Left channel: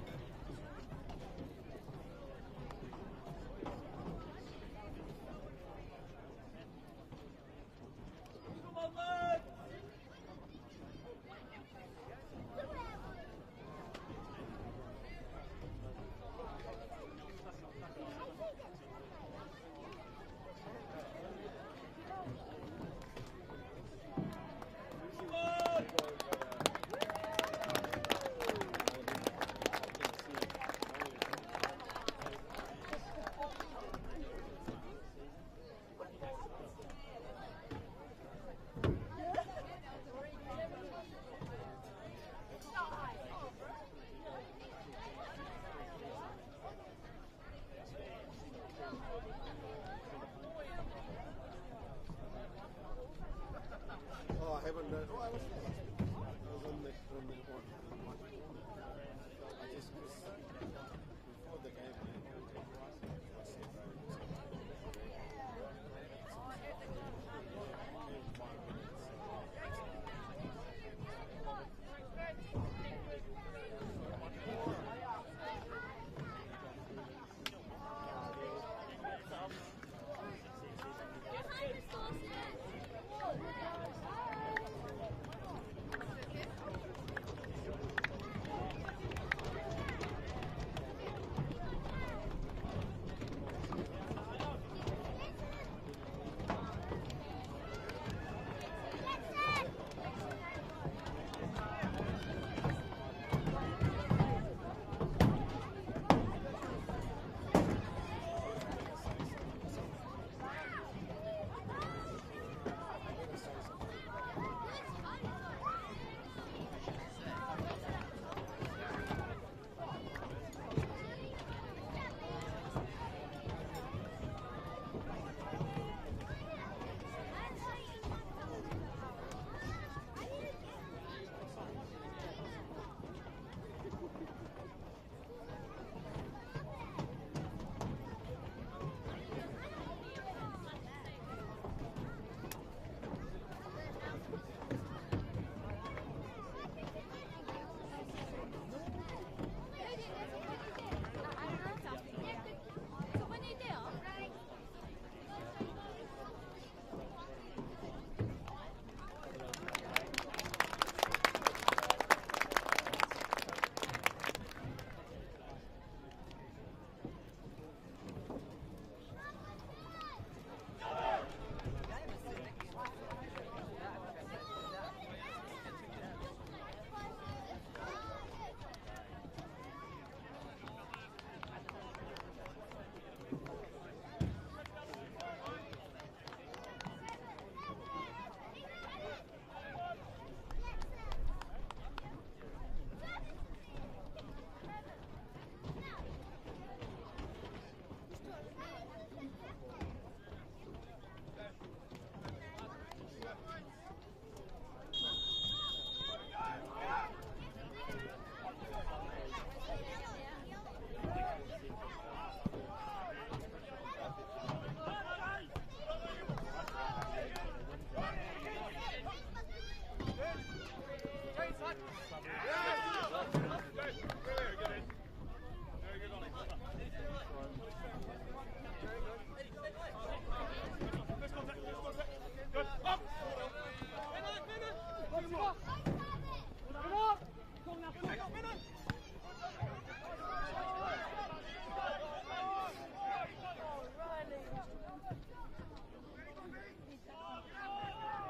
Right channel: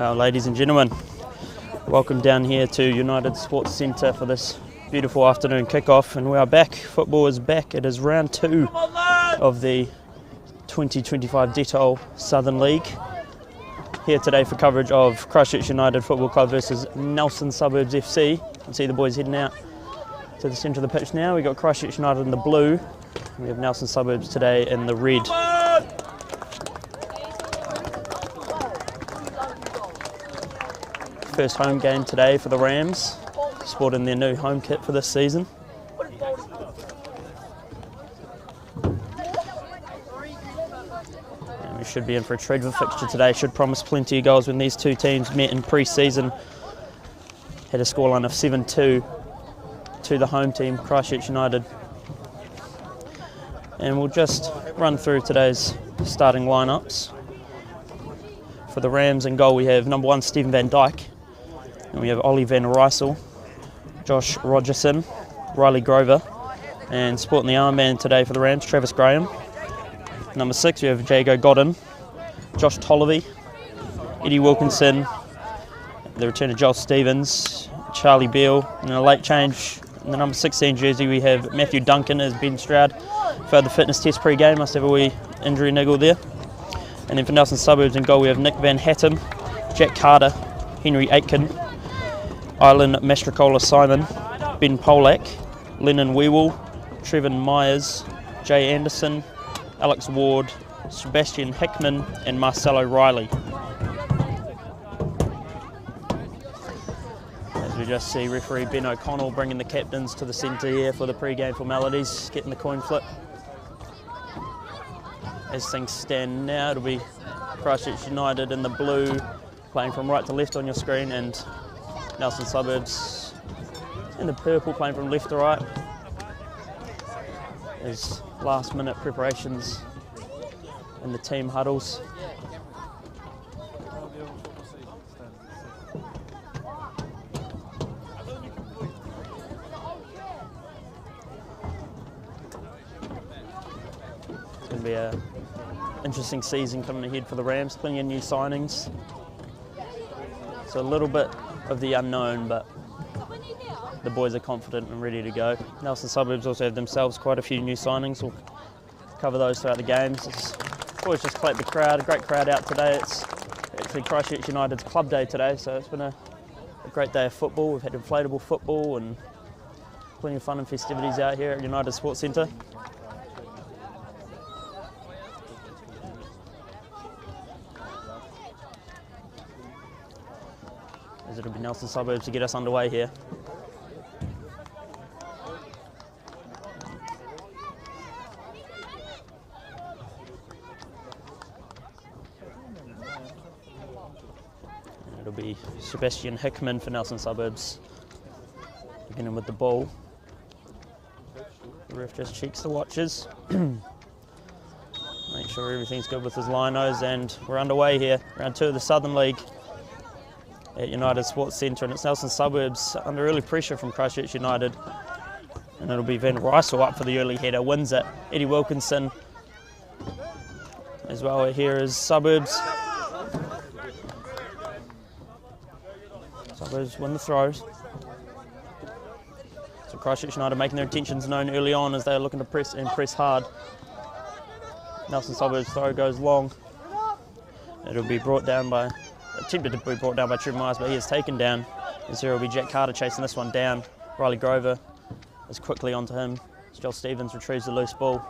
Well, ladies and gentlemen, welcome down here to United Sports Centre for this beautiful afternoon kickoff, and we are back. Football is back. It is round 2 of the 2025 Detol Southern League. Here today for coverage of Christchurch United Football Club versus Nelson Suburbs FC. You can see the boys heading out to the centre of the pitch now. We've got Christchurch United in the blue. We have Nelson Suburbs today in the red. First home game today for the Rams, sporting their new home kit for this season. And we should be in for a treated fixture today. Should promise plenty of goals when these two teams met in pre-season. Had a scoreline of 7-2 to the home team, Christchurch United. And we'll just run through today's starting lineups. For the Rams in goal we have number 1 Stephen Van Dyke. And we have Ollie Van Rysel, Josh Rogerson, Riley Grover, and sporting the armband today for the Rams, Travis Graham. Number 6 we have Jago Godden, Josh Tolliver, Eddie Wilkinson, the return of Joel Stevens, Charlie Beale, and a late change in the number 16 jersey we have Matthew Duncan as Ben Stroud. For the fitness test pre-game, must have a wee injury niggle there. And then for Nelson Suburbs in goal we have Nick Van Hattem, Jack Carter, Henry Aitken, Ilan Mastracola Simon, Ben Polak, Lennon Wewell, Trevin Myers, Jay Anderson, Alex Ward, Sebastian Hickman and Marcelo Riley. As we just see referee Ben O'Connell bringing the captains to the centre here for the pre-game formalities, getting the coin flip. As things stand now, it'll be Christchurch United in the blue, playing from right to left on your screen, and Nelson Suburbs in the purple, playing from left to right. There's last minute preparations in the team huddles. It's going to be an interesting season coming ahead for the Rams, plenty of new signings. So a little bit of the unknown, but the boys are confident and ready to go. Nelson Suburbs also have themselves quite a few new signings. We'll cover those throughout the games. It's always just collect the crowd, a great crowd out today. It's actually Christchurch United's club day today, so it's been a great day of football. We've had inflatable football and plenty of fun and festivities out here at United Sports Centre. As it'll be Nelson Suburbs to get us underway here. And it'll be Sebastian Hickman for Nelson Suburbs, beginning with the ball. The ref just checks the watches. Make sure everything's good with his linos, and we're underway here. Round 2 of the Southern League at United Sports Centre, and it's Nelson Suburbs under early pressure from Christchurch United, and it'll be Van Rysel up for the early header, wins it. Eddie Wilkinson as well. Here is Suburbs. Suburbs win the throws. So Christchurch United making their intentions known early on as they're looking to press and press hard. Nelson Suburbs throw goes long. It'll be brought down by attempted to be brought down by Trevin Myers, but he is taken down. As there will be Jack Carter chasing this one down. Riley Grover is quickly onto him. Joel Stevens retrieves the loose ball,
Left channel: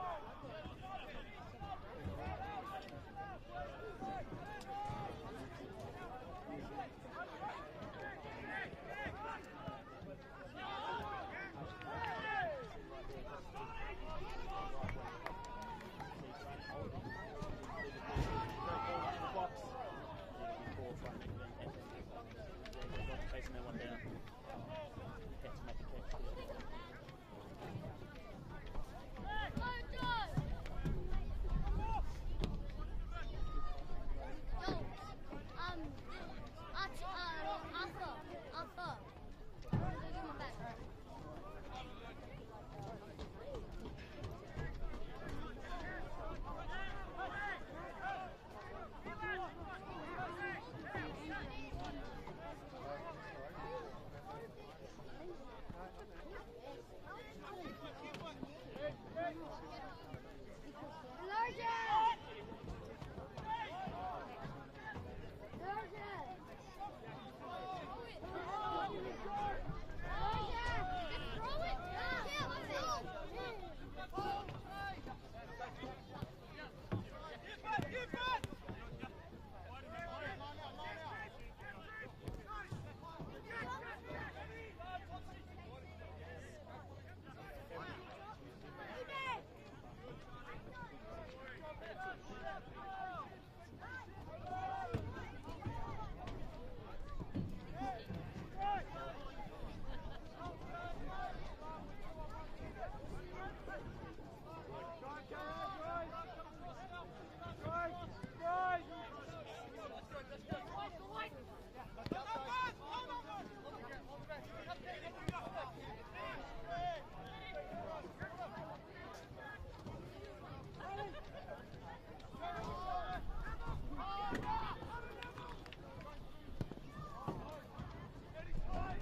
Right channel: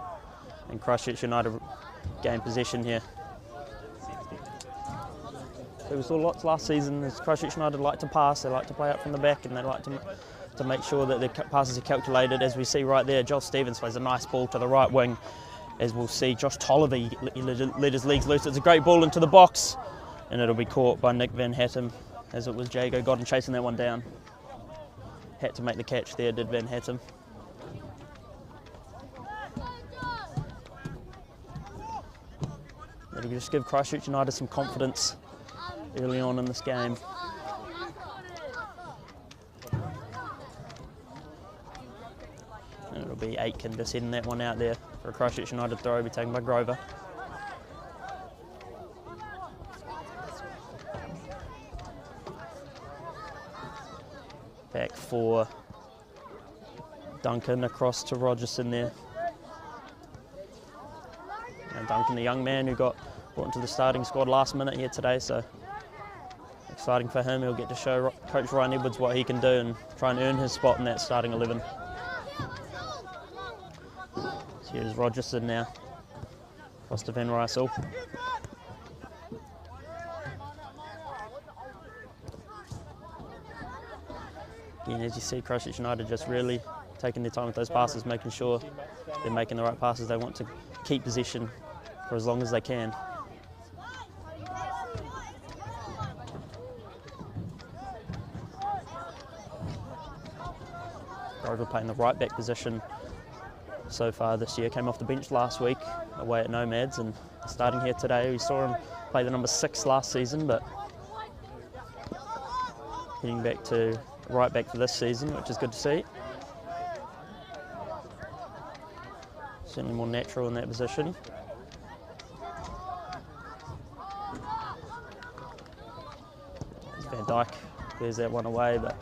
and Christchurch United gain possession here. So we saw lots last season as Christchurch United like to pass, they like to play up from the back, and they like to make sure that their passes are calculated. As we see right there, Joel Stevens plays a nice ball to the right wing. As we'll see, Josh Tolliver let his legs loose. It's a great ball into the box, and it'll be caught by Nick Van Hattem, as it was Jago Godden chasing that one down. Had to make the catch there, did Van Hattem. It'll just give Christchurch United some confidence early on in this game. And it'll be Aitken just heading that one out there for a Christchurch United throw, will be taken by Grover. Back for Duncan, across to Rogerson there. And Duncan, the young man who got brought into the starting squad last minute here today, so exciting for him. He'll get to show Coach Ryan Edwards what he can do and try and earn his spot in that starting 11. So here's Rogerson now, across to Van Rysel. Again, as you see, Christchurch United just really taking their time with those passes, making sure they're making the right passes. They want to keep possession for as long as they can. Grover playing the right back position so far this year. Came off the bench last week away at Nomads and starting here today. We saw him play the number 6 last season, but heading back to right back for this season, which is good to see. Certainly more natural in that position. Van Dijk clears that one away, but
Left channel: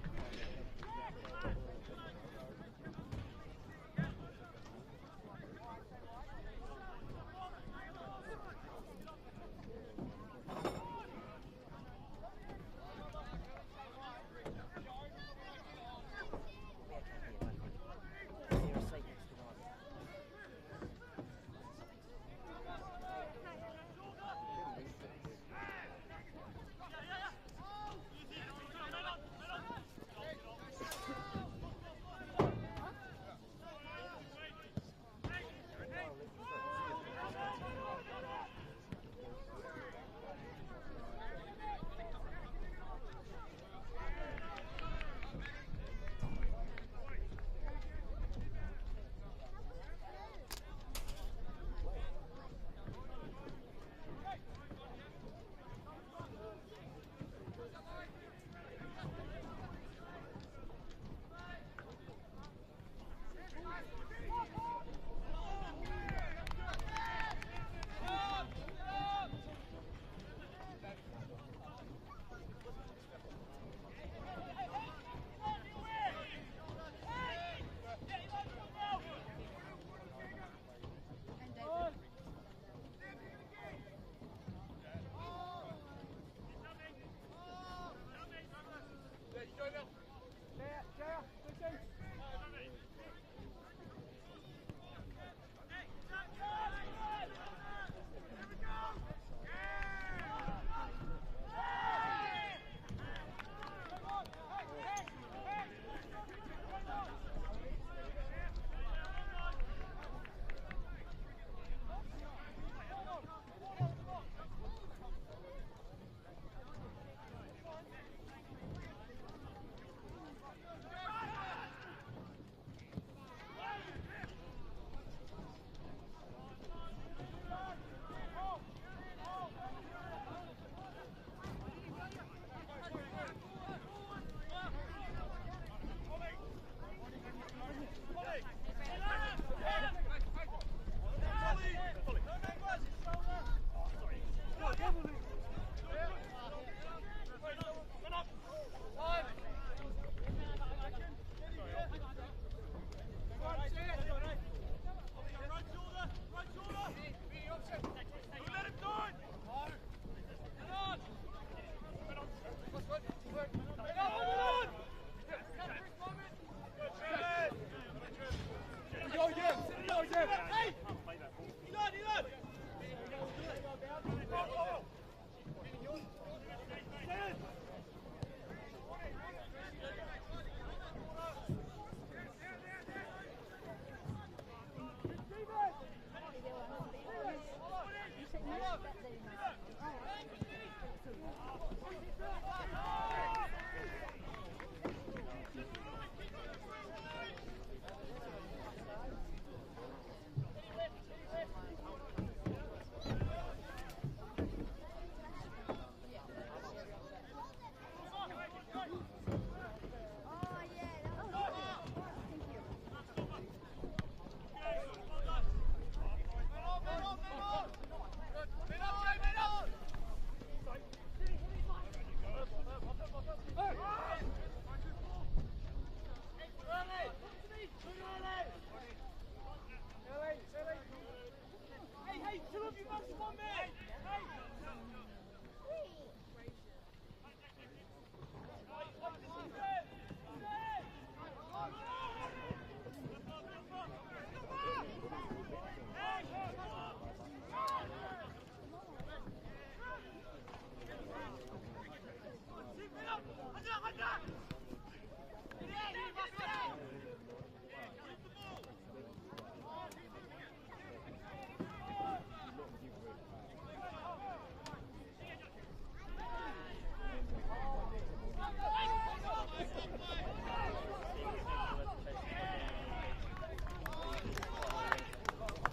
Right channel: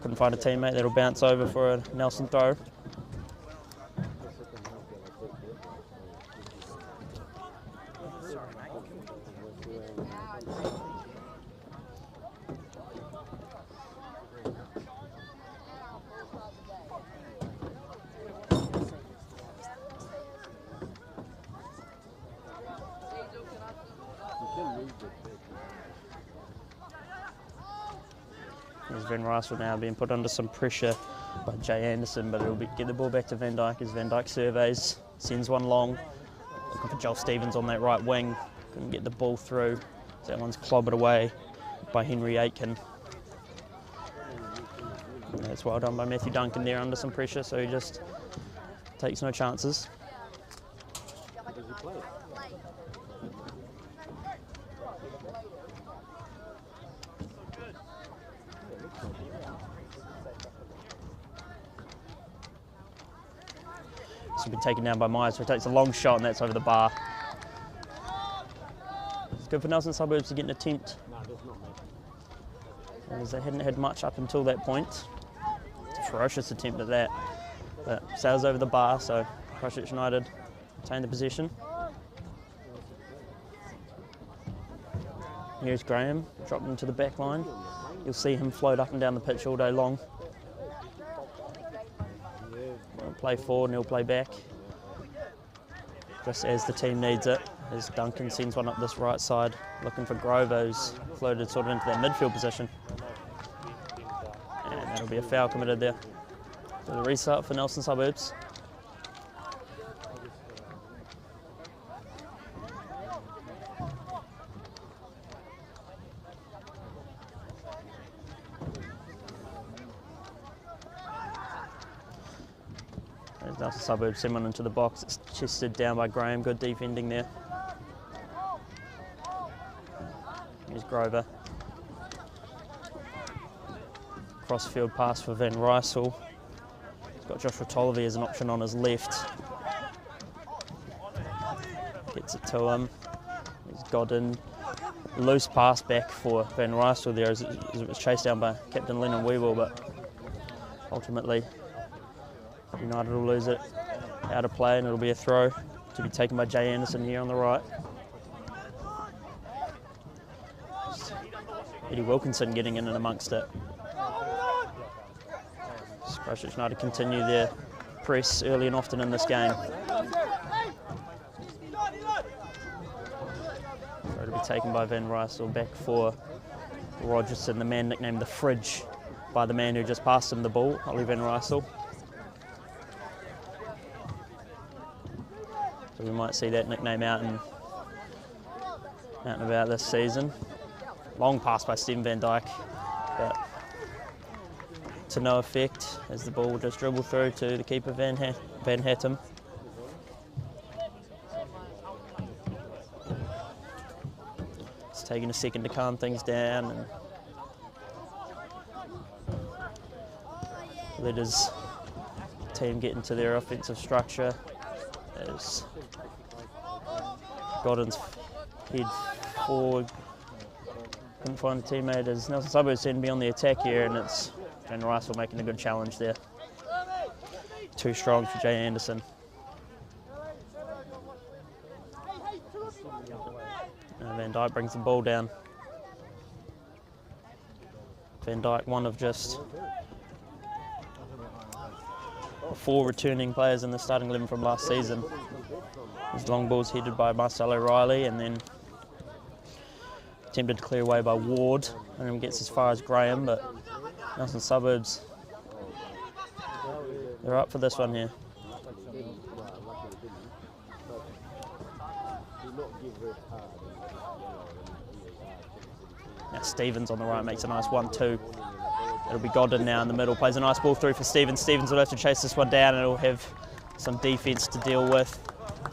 couldn't find a teammate that'll bounce over for a Nelson throw. There's Van Rysel now being put under some pressure by Jay Anderson, but it'll get the ball back to Van Dijk as Van Dijk surveys, sends one long, looking for Joel Stevens on that right wing, couldn't get the ball through, so that one's clobbered away by Henry Aitken. And that's well done by Matthew Duncan there under some pressure, so he just takes no chances. Been taken down by Myers, so he takes a long shot and that's over the bar. It's good for Nelson Suburbs to get an attempt, as they hadn't had much up until that point. It's a ferocious attempt at that, but sails over the bar, so Christchurch United retain the possession. Here's Graham, dropped into the back line. You'll see him float up and down the pitch all day long. Won't play forward and he'll play back, just as the team needs it, as Duncan sends one up this right side, looking for Grover, who's floated sort of into that midfield position. And that'll be a foul committed there. So the restart for Nelson Suburbs. Nelson Suburbs send one into the box. It's chested down by Graham. Good defending there. Here's Grover. Crossfield pass for Van Rysel. He's got Joshua Tolliver as an option on his left. Gets it to him. He's got in. Loose pass back for Van Rysel there as it was chased down by Captain Lennon Weevil, but ultimately United will lose it out of play and it'll be a throw to be taken by Jay Anderson here on the right. Eddie Wilkinson getting in and amongst it. Christchurch United continue their press early and often in this game. So it'll be taken by Van Rysel, back for Rogerson, the man nicknamed the Fridge by the man who just passed him the ball, Ollie Van Rysel. So we might see that nickname out and about this season. Long pass by Stephen Van Dijk, but to no effect as the ball just dribbled through to the keeper Van Hattem. It's taking a second to calm things down and let his team get into their offensive structure as Godden's head forward couldn't find a teammate as Nelson Suburbs seem to be on the attack here, and it's Van Rysel making a good challenge there. Too strong for Jay Anderson. Now Van Dyke brings the ball down. Van Dyke, one of just 4 returning players in the starting 11 from last season. His long ball's headed by Marcelo Riley and then attempted to clear away by Ward, and then gets as far as Graham, but Nelson Suburbs, they're up for this one here. Now Stevens on the right makes a nice 1-2. It'll be Godden now in the middle, plays a nice ball through for Stevens. Stevens will have to chase this one down and it'll have some defence to deal with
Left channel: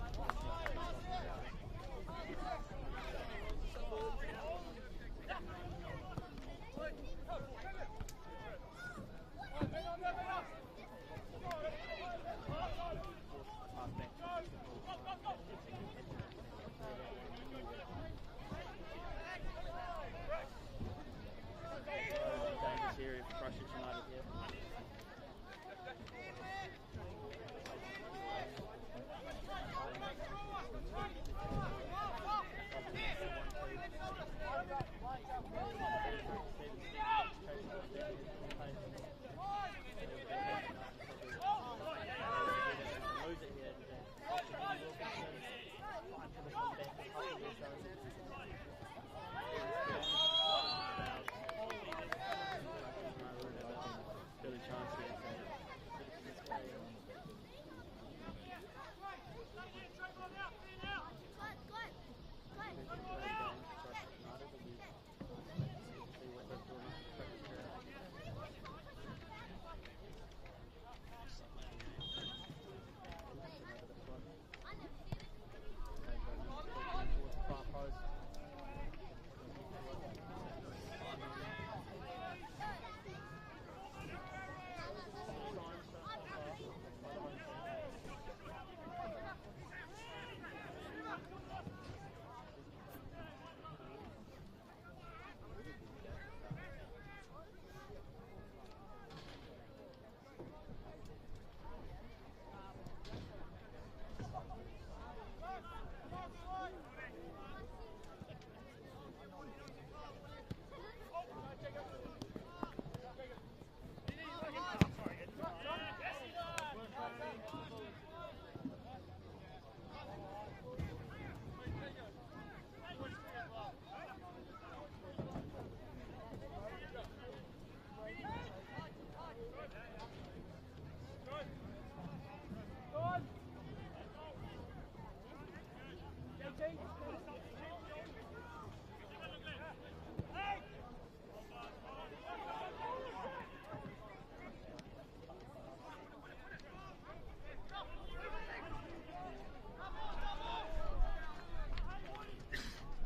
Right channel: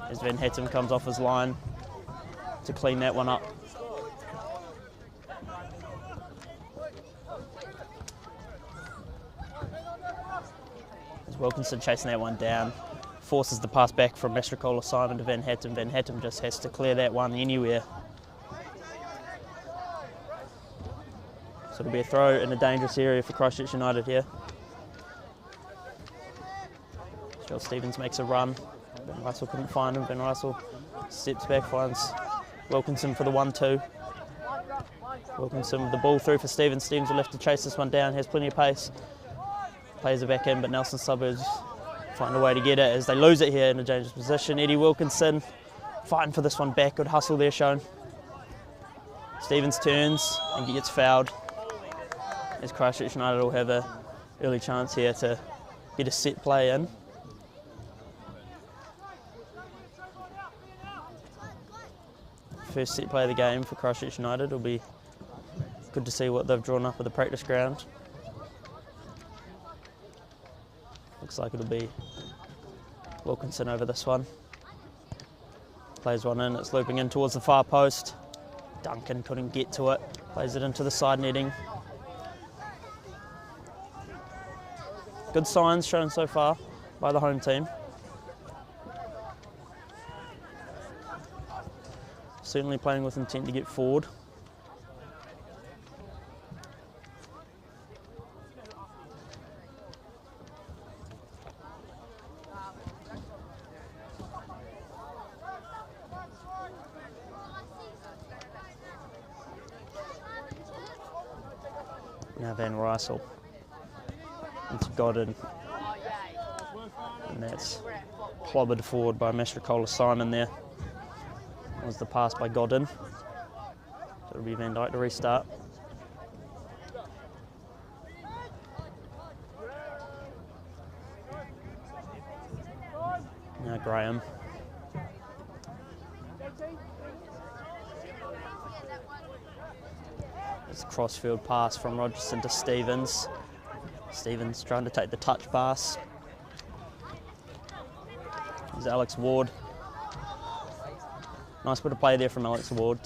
as Van Hattem comes off his line to clean that one up. As Wilkinson chasing that one down, forces the pass back from Mastrocola Simon to Van Hattem. Van Hattem just has to clear that one anywhere. So it'll be a throw in a dangerous area for Christchurch United here. Joel Stevens makes a run. Van Rysel couldn't find him. Van Rysel steps back, finds Wilkinson for the 1-2. Wilkinson with the ball through for Stevens. Stevens will have to chase this one down, has plenty of pace. Plays it back in, but Nelson Suburbs find a way to get it as they lose it here in a dangerous position. Eddie Wilkinson fighting for this one back. Good hustle there shown. Stevens turns and gets fouled, as Christchurch United will have an early chance here to get a set play in. First set play of the game for Christchurch United. It'll be good to see what they've drawn up at the practice ground. Looks like it'll be Wilkinson over this one. Plays one in, it's looping in towards the far post. Duncan couldn't get to it, plays it into the side netting. Good signs shown so far by the home team. Certainly playing with intent to get forward. Now Van Rysel into Godden, and that's clobbered forward by Mastrocola Simon there. That was the pass by Godden. So it'll be Van Dyke to restart. Now Graham. It's a crossfield pass from Rogerson to Stevens. Stevens trying to take the touch pass. There's Alex Ward. Nice bit of play there from Alex Ward.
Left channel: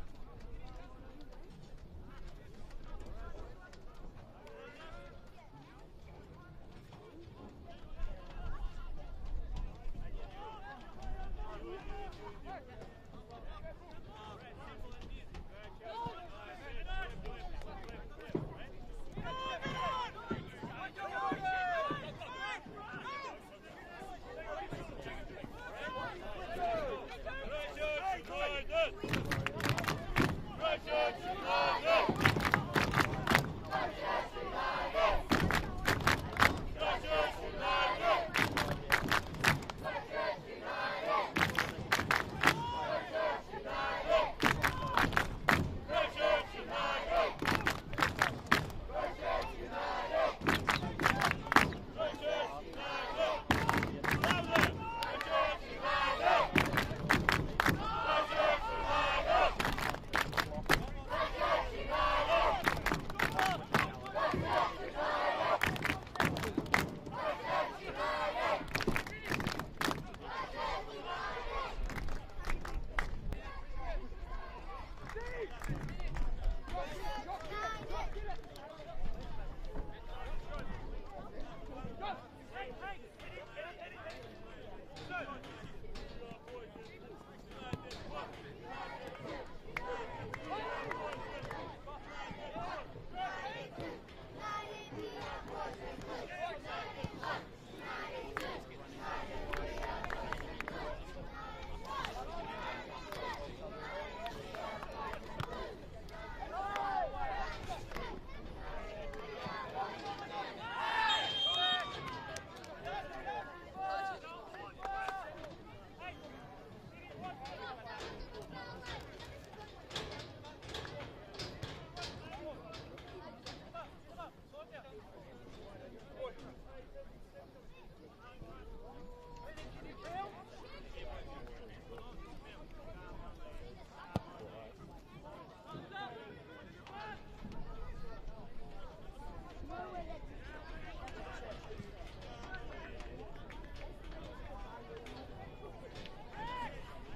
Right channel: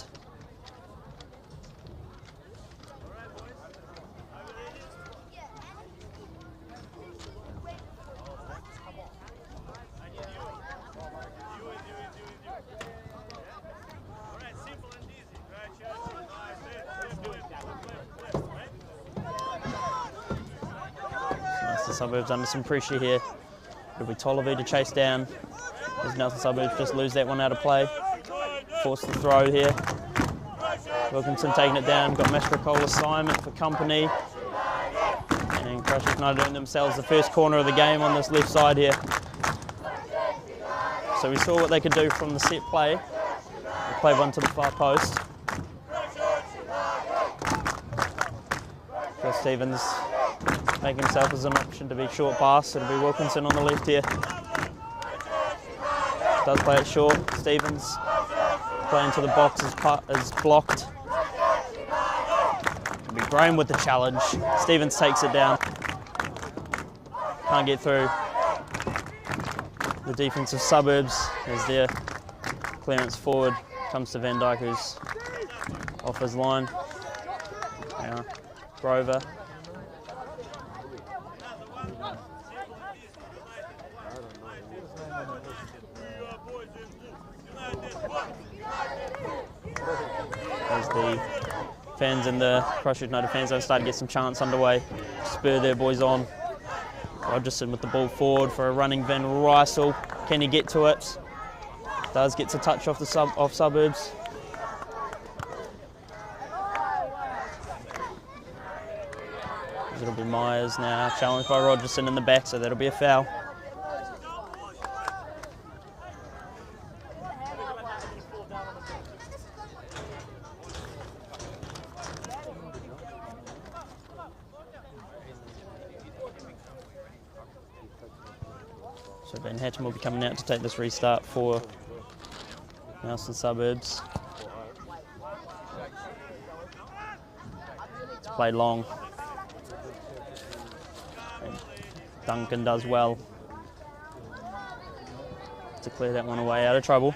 Suburbs under some pressure here. It'll be Tolliver to chase down as Nelson Suburbs just lose that one out of play. Force the throw here. Wilkinson taking it down. Got Mastrocola Simon for company. And Christchurch United doing themselves the first corner of the game on this left side here. So we saw what they could do from the set play. They played one to the far post. So Stevens making himself as an option to be short pass. It'll be Wilkinson on the left here. Does play it short. Stevens playing to the box is blocked. It'll be Graham with the challenge. Stevens takes it down. Can't get through. The defensive Suburbs as their clearance forward comes to Van Dyke, who's off his line. Now Grover. As the fans and the Christchurch United fans are starting to get some chants underway, spur their boys on. Rogerson with the ball forward for a running Van Rysel. Can he get to it? Does, gets a touch off the off Suburbs. It'll be Myers now, challenged by Rogerson in the back, so that'll be a foul. So Ben Hatton will be coming out to take this restart for Nelson Suburbs. It's played long. Duncan does well to clear that one away out of trouble.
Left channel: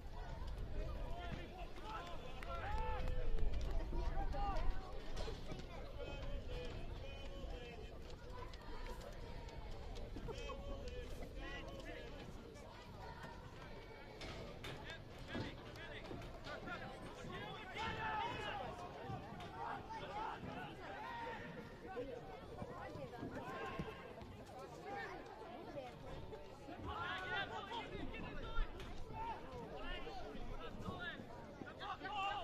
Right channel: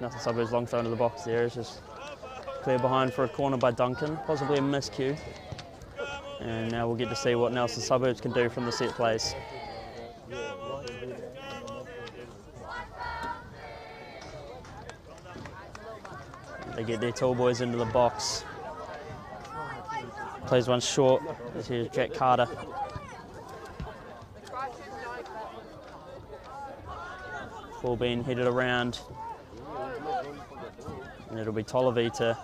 Nothing Suburbs long throw into the box there. It's just clear behind for a corner by Duncan, possibly a miscue. And now we'll get to see what Nelson Suburbs can do from the set plays. They get their tall boys into the box. Plays one short. Here's Jack Carter. Ball being headed around. And it'll be Tolliver to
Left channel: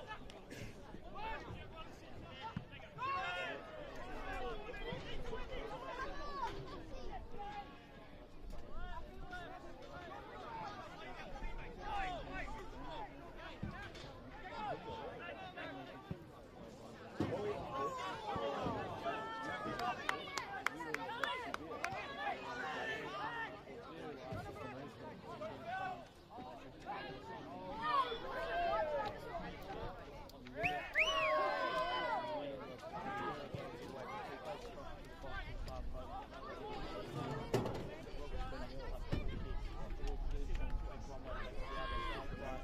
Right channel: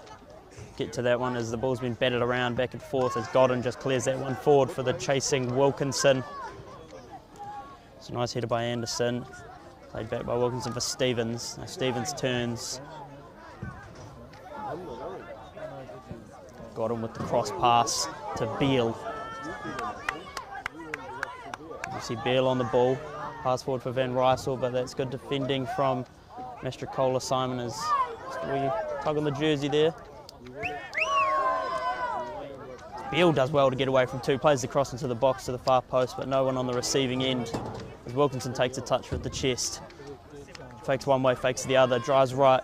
get to that one as the ball's been batted around back and forth as Godden just clears that one forward for the chasing Wilkinson. It's a nice header by Anderson. Played back by Wilkinson for Stevens. Now Stevens turns. Godden with the cross pass to Beale. You see Beale on the ball. Pass forward for Van Rysel, but that's good defending from Mastrocola. Simon is tug on the jersey there. Beale does well to get away from two, plays the cross into the box to the far post, but no one on the receiving end as Wilkinson takes a touch with the chest. Fakes one way, fakes the other, drives right,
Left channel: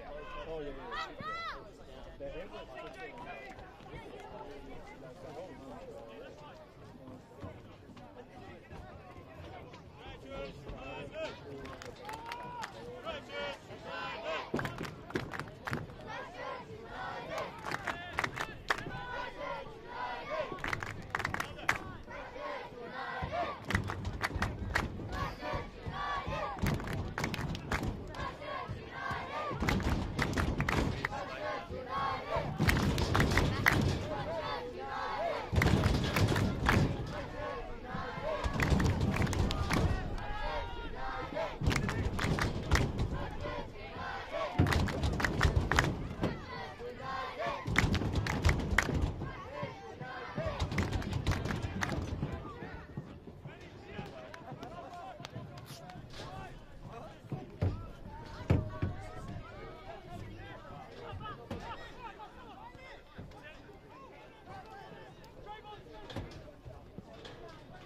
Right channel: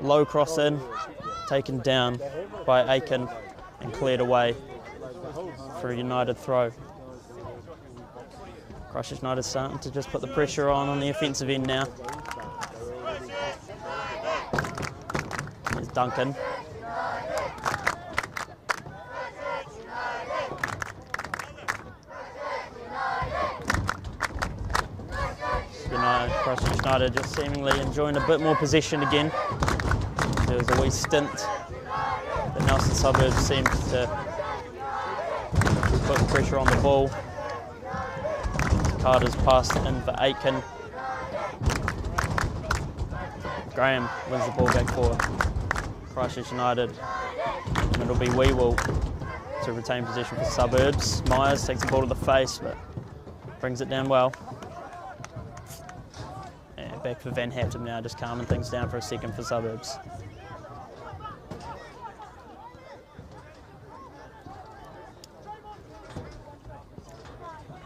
low cross in, taken down by Aiken and cleared away for a United throw. Christchurch United starting to just put the pressure on the offensive end now. There's Duncan. Christchurch United just seemingly enjoying a bit more possession again. There was a wee stint that Nelson Suburbs seemed to put pressure on the ball. Carter's passed in for Aitken. Graham wins the ball back forward. Christchurch United, and it'll be Weewell to retain possession for Suburbs. Myers takes the ball to the face, but brings it down well. And back for Van Hatton now, just calming things down for a second for Suburbs.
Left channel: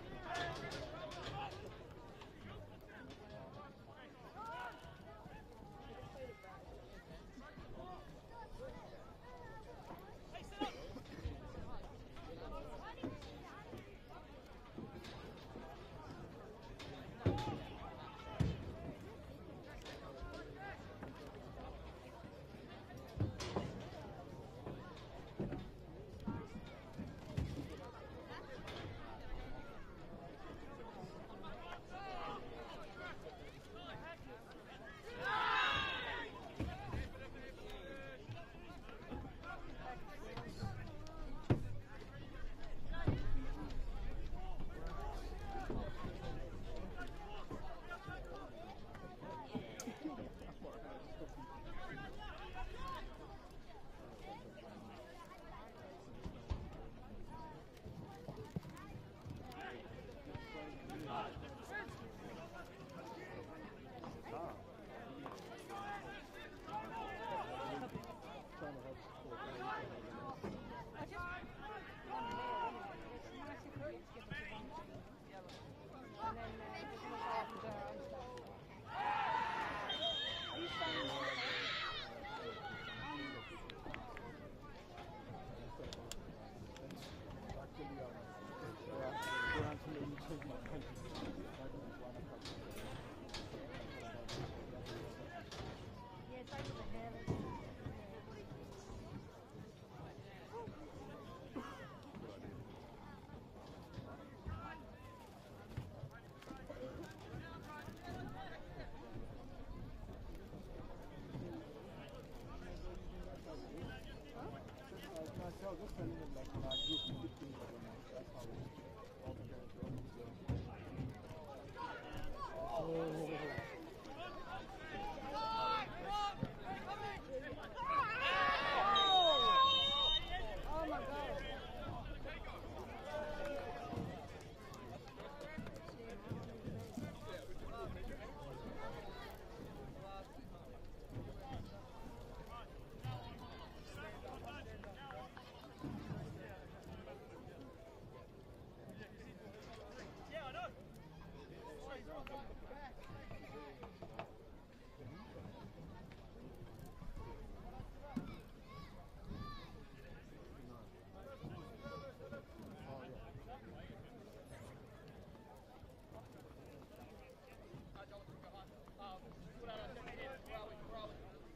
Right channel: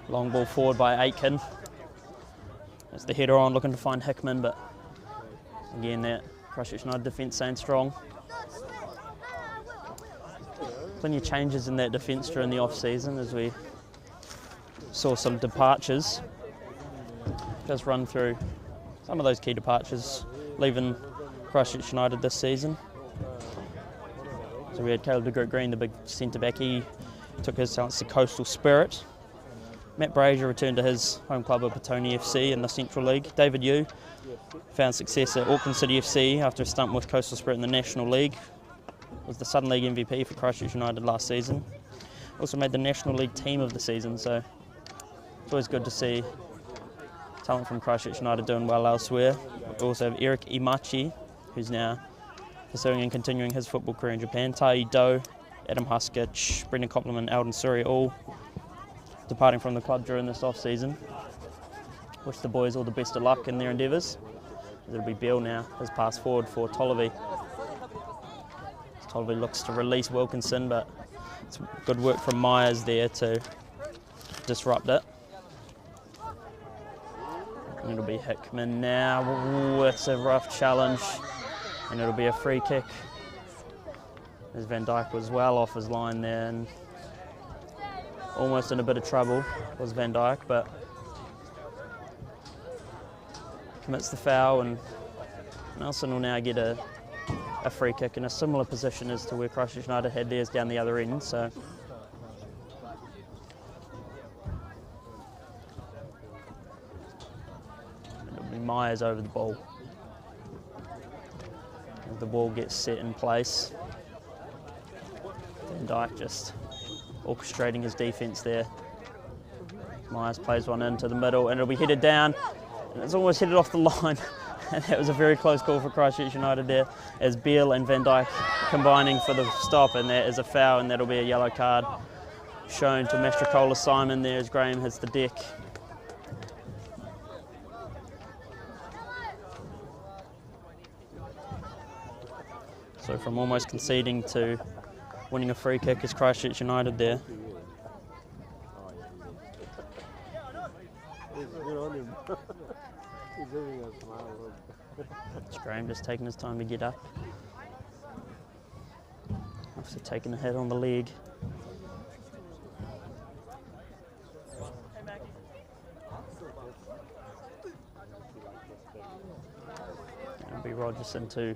Long ball forward by Aitken. There's the header on, looking to find Hickman, but again, that Christchurch United defence staying strong. Plenty of changes in that defence during the off-season as we saw some departures. Just run through some of those key departures leaving Christchurch United this season. So we had Caleb de Groot Green, the big centre-back. He took his talents to Coastal Spirit. Matt Brazier returned to his home club of Petone FC in the Central League. David Yu found success at Auckland City FC after a stint with Coastal Spirit in the National League. Was the Southern League MVP for Christchurch United last season. Also made the National League team of the season, so it's always good to see talent from Christchurch United doing well elsewhere. We also have Eric Imachi, who's now pursuing and continuing his football career in Japan. Tai Do, Adam Huskich, Brendan Copland, Alden Surrey, all departing from the club during this off-season. Wish the boys all the best of luck in their endeavours. It'll be Beale now, his pass forward for Tolliver. Tolliver looks to release Wilkinson, but it's good work from Myers there to disrupt it. And it'll be Hickman now. Ooh, it's a rough challenge. And it'll be a free kick. As Van Dijk was well off his line there and almost in a bit of trouble was Van Dijk, but commits the foul, and Nelson will now get a free kick in a similar position as to where Christchurch United had theirs down the other end. So it'll be Myers over the ball. As the ball gets set in place, Van Dijk just orchestrating his defence there. Myers plays one into the middle and it'll be headed down. It's almost headed off the line. And that was a very close call for Christchurch United there, as Beale and Van Dijk combining for the stop, and that is a foul, and that'll be a yellow card shown to Mastrocola Simon there as Graham hits the deck. So from almost conceding to winning a free kick is Christchurch United there. It's Graham just taking his time to get up after taking a hit on the leg. It'll be Rogerson to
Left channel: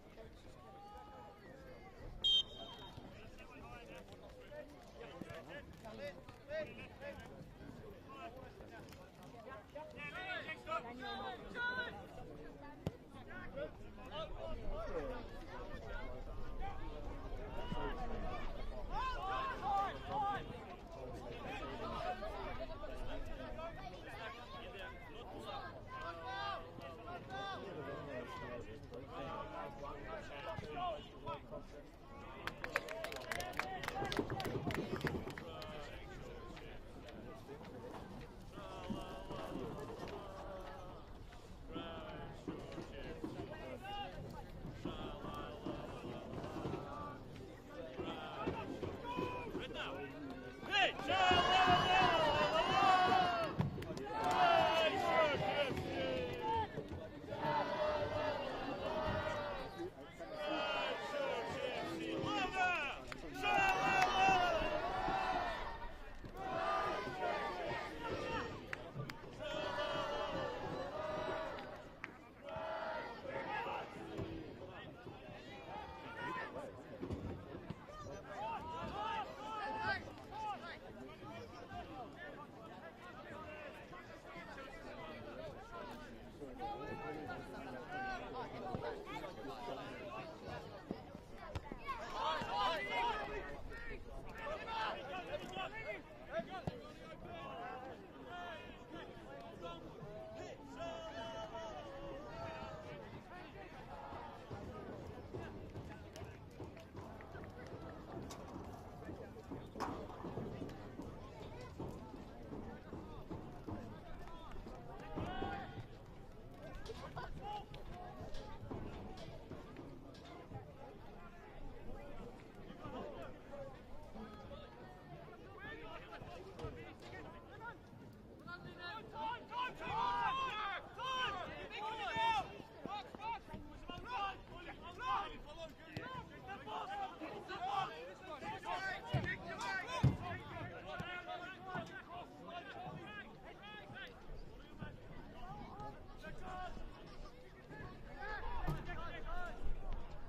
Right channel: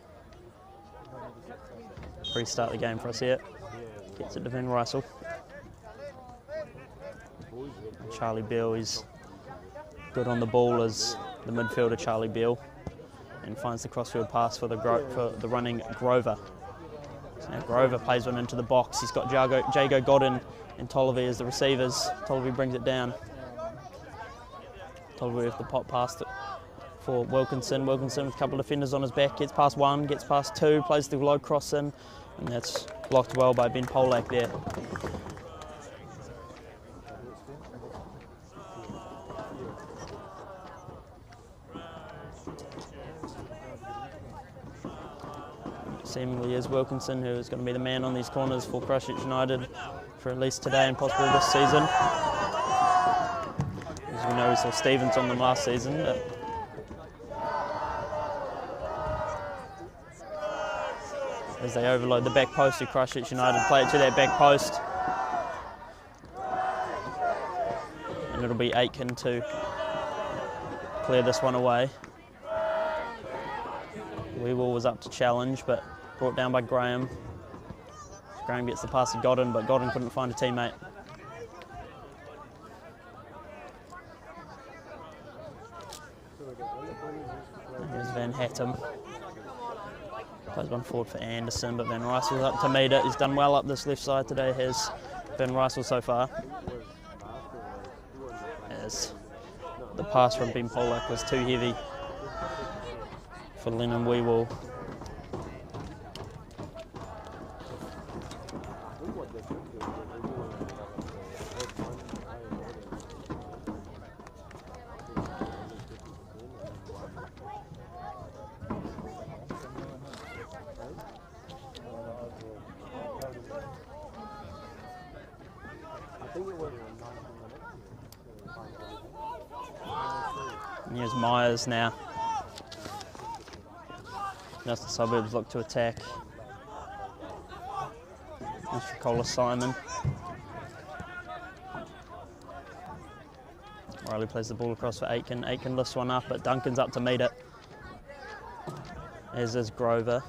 restart the game for us here. Gets it to Van Russell. Charlie Beale is good on the ball as the midfielder Charlie Beale, and finds the crossfield pass for the running Grover. So now Grover plays one into the box. He's got Jago Godin and Tolliver as the receivers. Tolliver brings it down. Tolliver with the pop past it for Wilkinson. Wilkinson with a couple of defenders on his back. Gets past one, gets past two, plays the low cross in, and that's blocked well by Ben Polak there. Seemingly is Wilkinson, who is going to be the man on these corners for Christchurch United for at least today and possibly this season. As we know, we saw Stevens on them last season. But as they overload the back post of Christchurch United, play it to that back post. And it'll be Aitken to clear this one away. Weewell was up to challenge, but brought down by Graham. Graham gets the pass to Godin, but Godin couldn't find a teammate. There's Van Hattem. Plays one forward for Anderson, but Van Russell's up to meet it. He's done well up this left side today, has Van Russell so far. As the pass from Ben Polak was too heavy for Lennon Weewell. And here's Myers now. As the Suburbs look to attack. Mastrocola Simon. Riley plays the ball across for Aitken. Aitken lifts one up, but Duncan's up to meet it. As is Grover.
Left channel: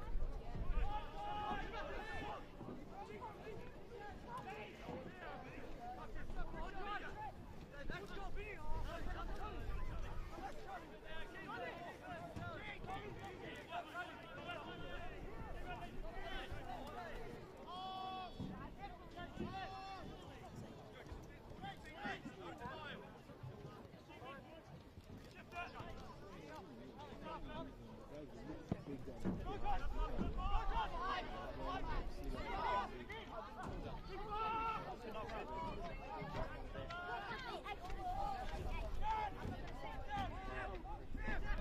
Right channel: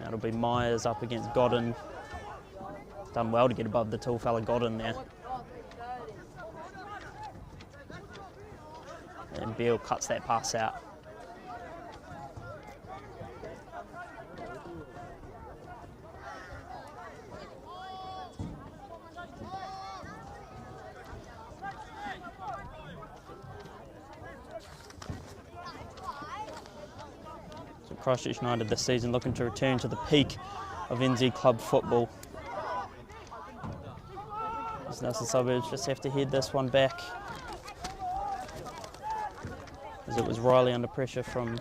That'll be Myers up against Godin. Done well to get above the tall fella Godin there. And Beale cuts that pass out. So Christchurch United this season looking to return to the peak of NZ club football. Now the Suburbs just have to head this one back, as it was Riley under pressure from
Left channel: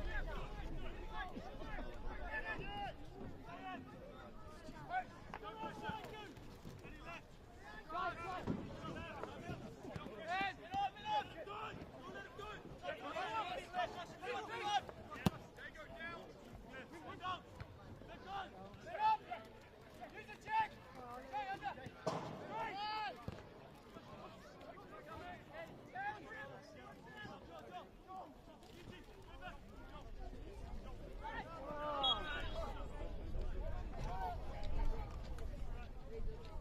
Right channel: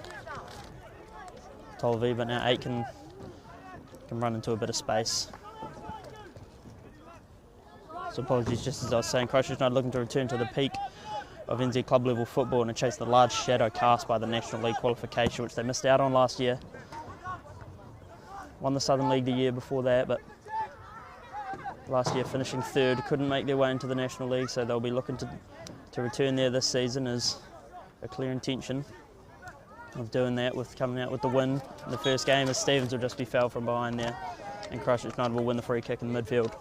Tolvi, but now Aitken can run into a bit of space. So apologies, just as I was saying, Christchurch United looking to return to the peak of NZ club level football and to chase the large shadow cast by the National League qualification, which they missed out on last year. Won the Southern League the year before that, but last year finishing third, couldn't make their way into the National League, so they'll be looking to return there this season as a clear intention of doing that, with coming out with the win in the first game, as Stevens will just be fouled from behind there, and Christchurch United will win the free kick in the midfield.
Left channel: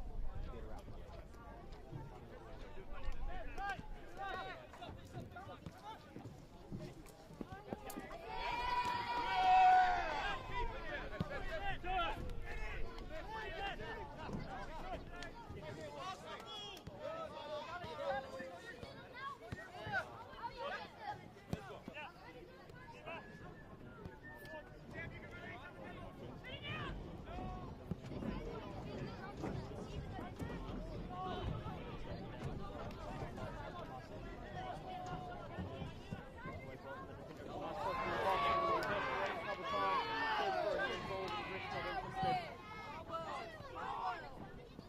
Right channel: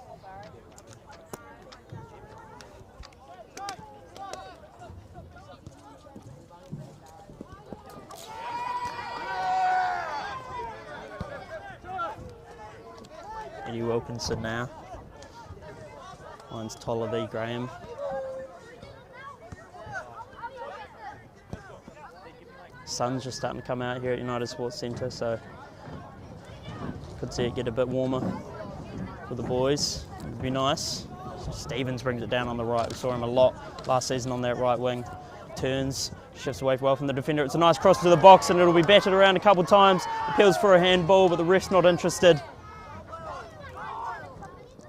Eddie Wilkinson now. Mine's Toller v Graham. Sun's just starting to come out here at United Sports Centre, so could see it get a bit warmer for the boys. It'd be nice. So Stevens brings it down on the right. We saw him a lot last season on that right wing. Turns, shifts away well from the defender. It's a nice cross to the box and it'll be batted around a couple of times. Appeals for a handball, but the ref's not interested.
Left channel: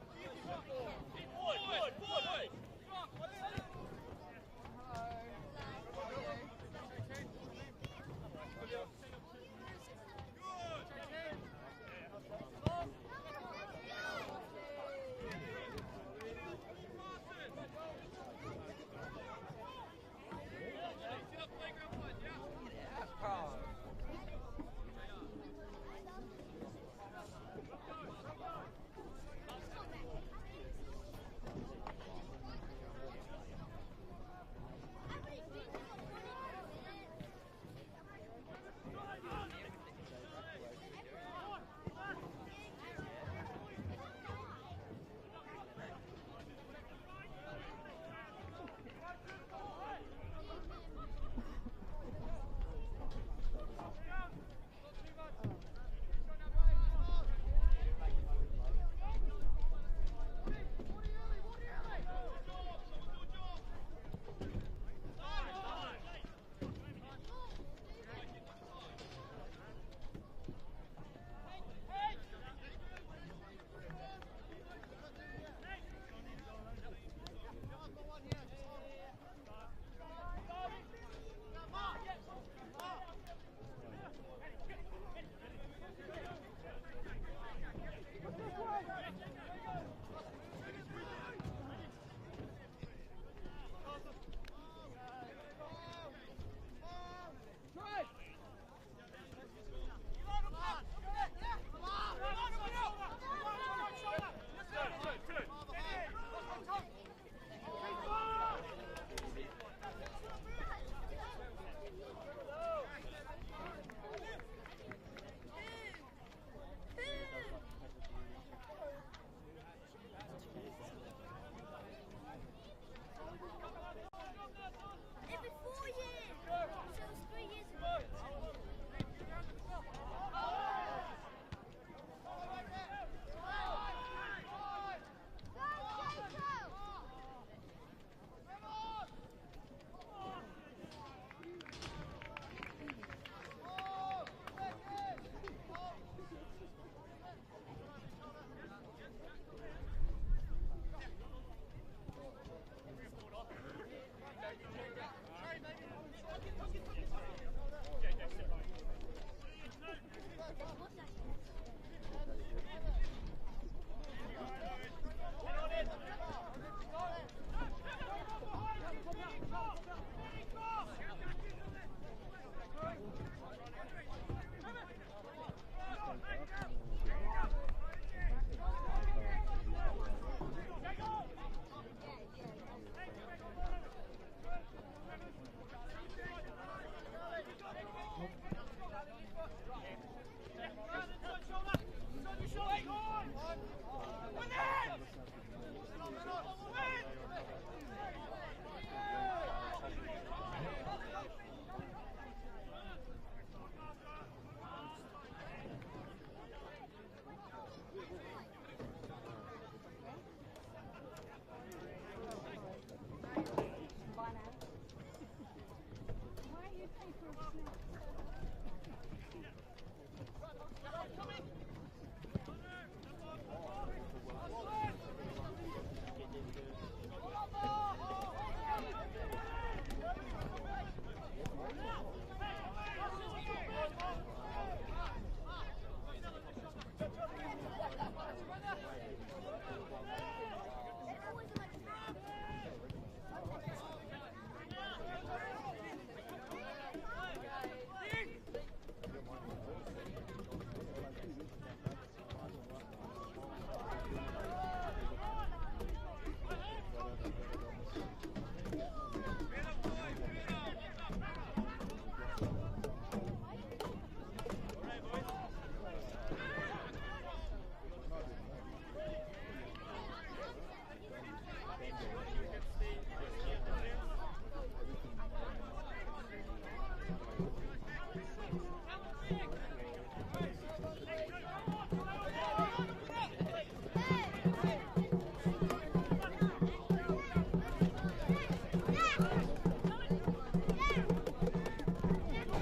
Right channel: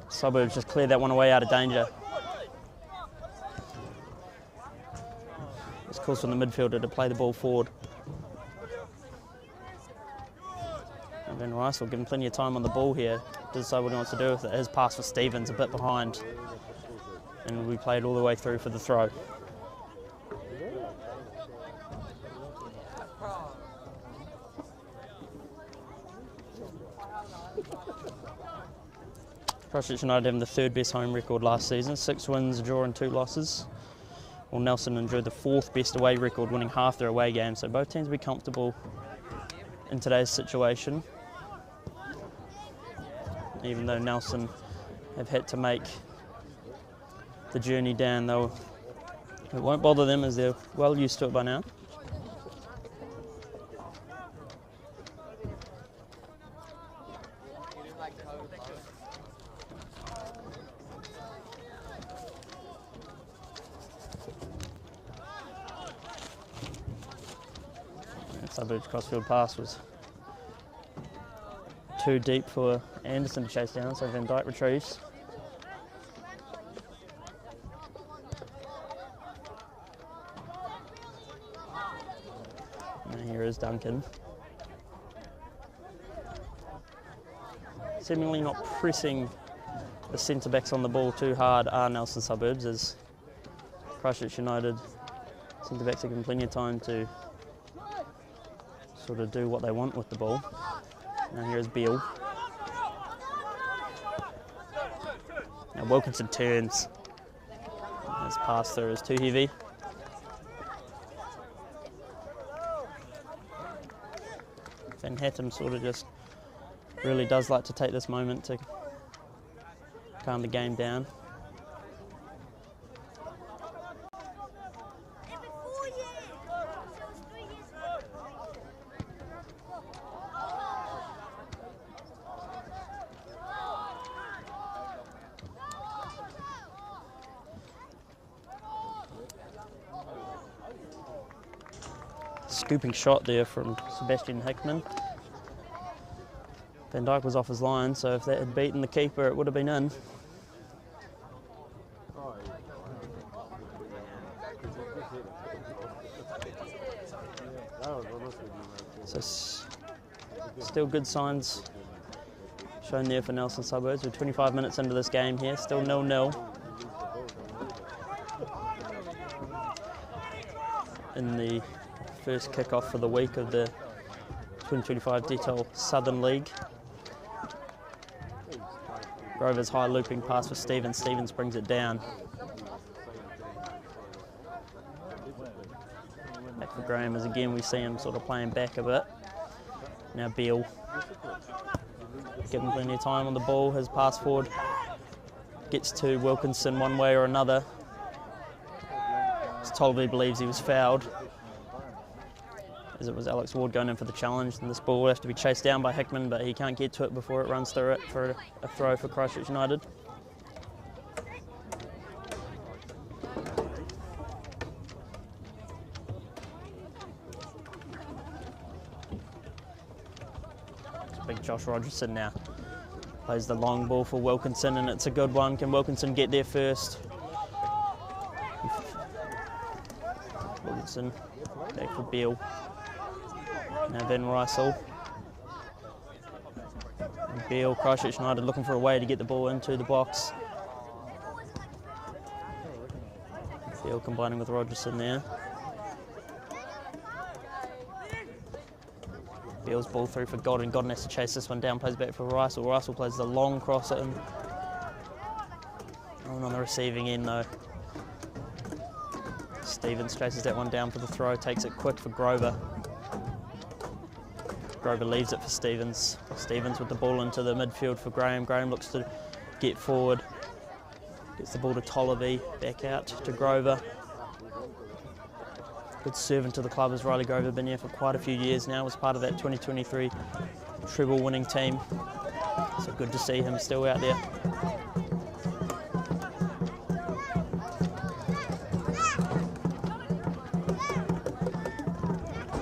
Suburbs just cleared that one away out of danger. This calls for the midfielder to play the ball forward. And then Rice will give him plenty of time on the ball here to decide what he wants to do with it. His pass for Stevens a bit behind, and we played all the way through for the throw. Christchurch United having the third best home record last season, 6 wins, a draw and 2 losses. While Nelson enjoyed the 4th best away record, winning half their away games, so both teams will be comfortable in today's situation. Even though Nelson have had to make the journey down, it won't bother them as they're well used to it by now. Suburbs crossfield pass was too deep for Anderson to chase down, so Van Dijk retrieves. And here is Duncan. Seemingly not pressing the centre-backs on the ball too hard are Nelson Suburbs, as Christchurch United centre-backs are given plenty of time to sort of do what they want with the ball. Now here's Beale. Now Wilkinson turns. His pass through is too heavy. Van Hattem sort of just really does like to take this moment to calm the game down. Scooping shot there from Sebastian Hickman. Van Dijk was off his line, so if that had beaten the keeper, it would have been in. So still good signs shown there for Nelson Suburbs. We're 25 minutes into this game here, still 0-0. In the first kick-off for the week of the 2025 Detail Southern League. Grover's high looping pass for Stevens. Stevens brings it down. Back for Graham as again we see him sort of playing back a bit. Now Beale. Given plenty of time on the ball. His pass forward gets to Wilkinson one way or another. As Tolby believes he was fouled, as it was Alex Ward going in for the challenge, and this ball will have to be chased down by Hickman, but he can't get to it before it runs through it for a throw for Christchurch United. Big Josh Rogerson now plays the long ball for Wilkinson, and it's a good one. Can Wilkinson get there first? Johnson, back for Beale. Now Van Rysel. Beale, Christchurch United looking for a way to get the ball into the box. Beale combining with Rogerson there. Beale's ball through for Godden. Godden has to chase this one down, plays back for Rysel. Rysel plays the long cross in. On the receiving end though. Stevens chases that one down for the throw, takes it quick for Grover. Grover leaves it for Stevens. Stevens with the ball into the midfield for Graham. Graham looks to get forward. Gets the ball to Tolliver, back out to Grover. Good servant to the club as Riley Grover, been here for quite a few years now, was part of that 2023 treble winning team. So good to see him still out there.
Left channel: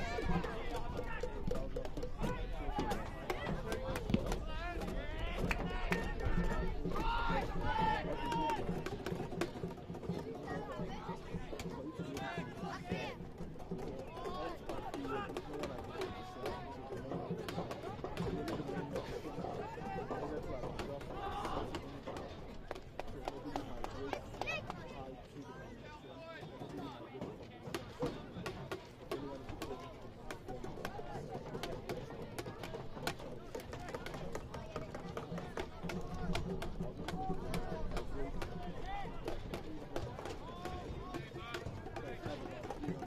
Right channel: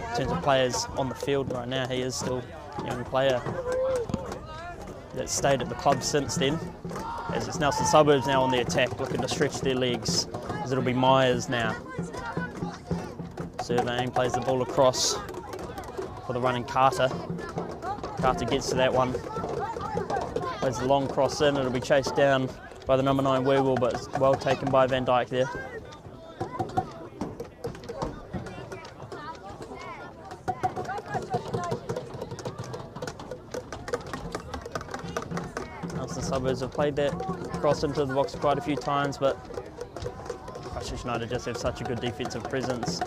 In terms of players on the field right now, he is still a young player that's stayed at the club since then. As it's Nelson Suburbs now on the attack, looking to stretch their legs, as it'll be Myers now. Surveying, plays the ball across for the running Carter. Carter gets to that one, plays the long cross in, it'll be chased down by the number 9 Werewolf, but it's well taken by Van Dyke there. Suburbs have played that cross into the box quite a few times, but Christchurch United just have such a good defensive presence.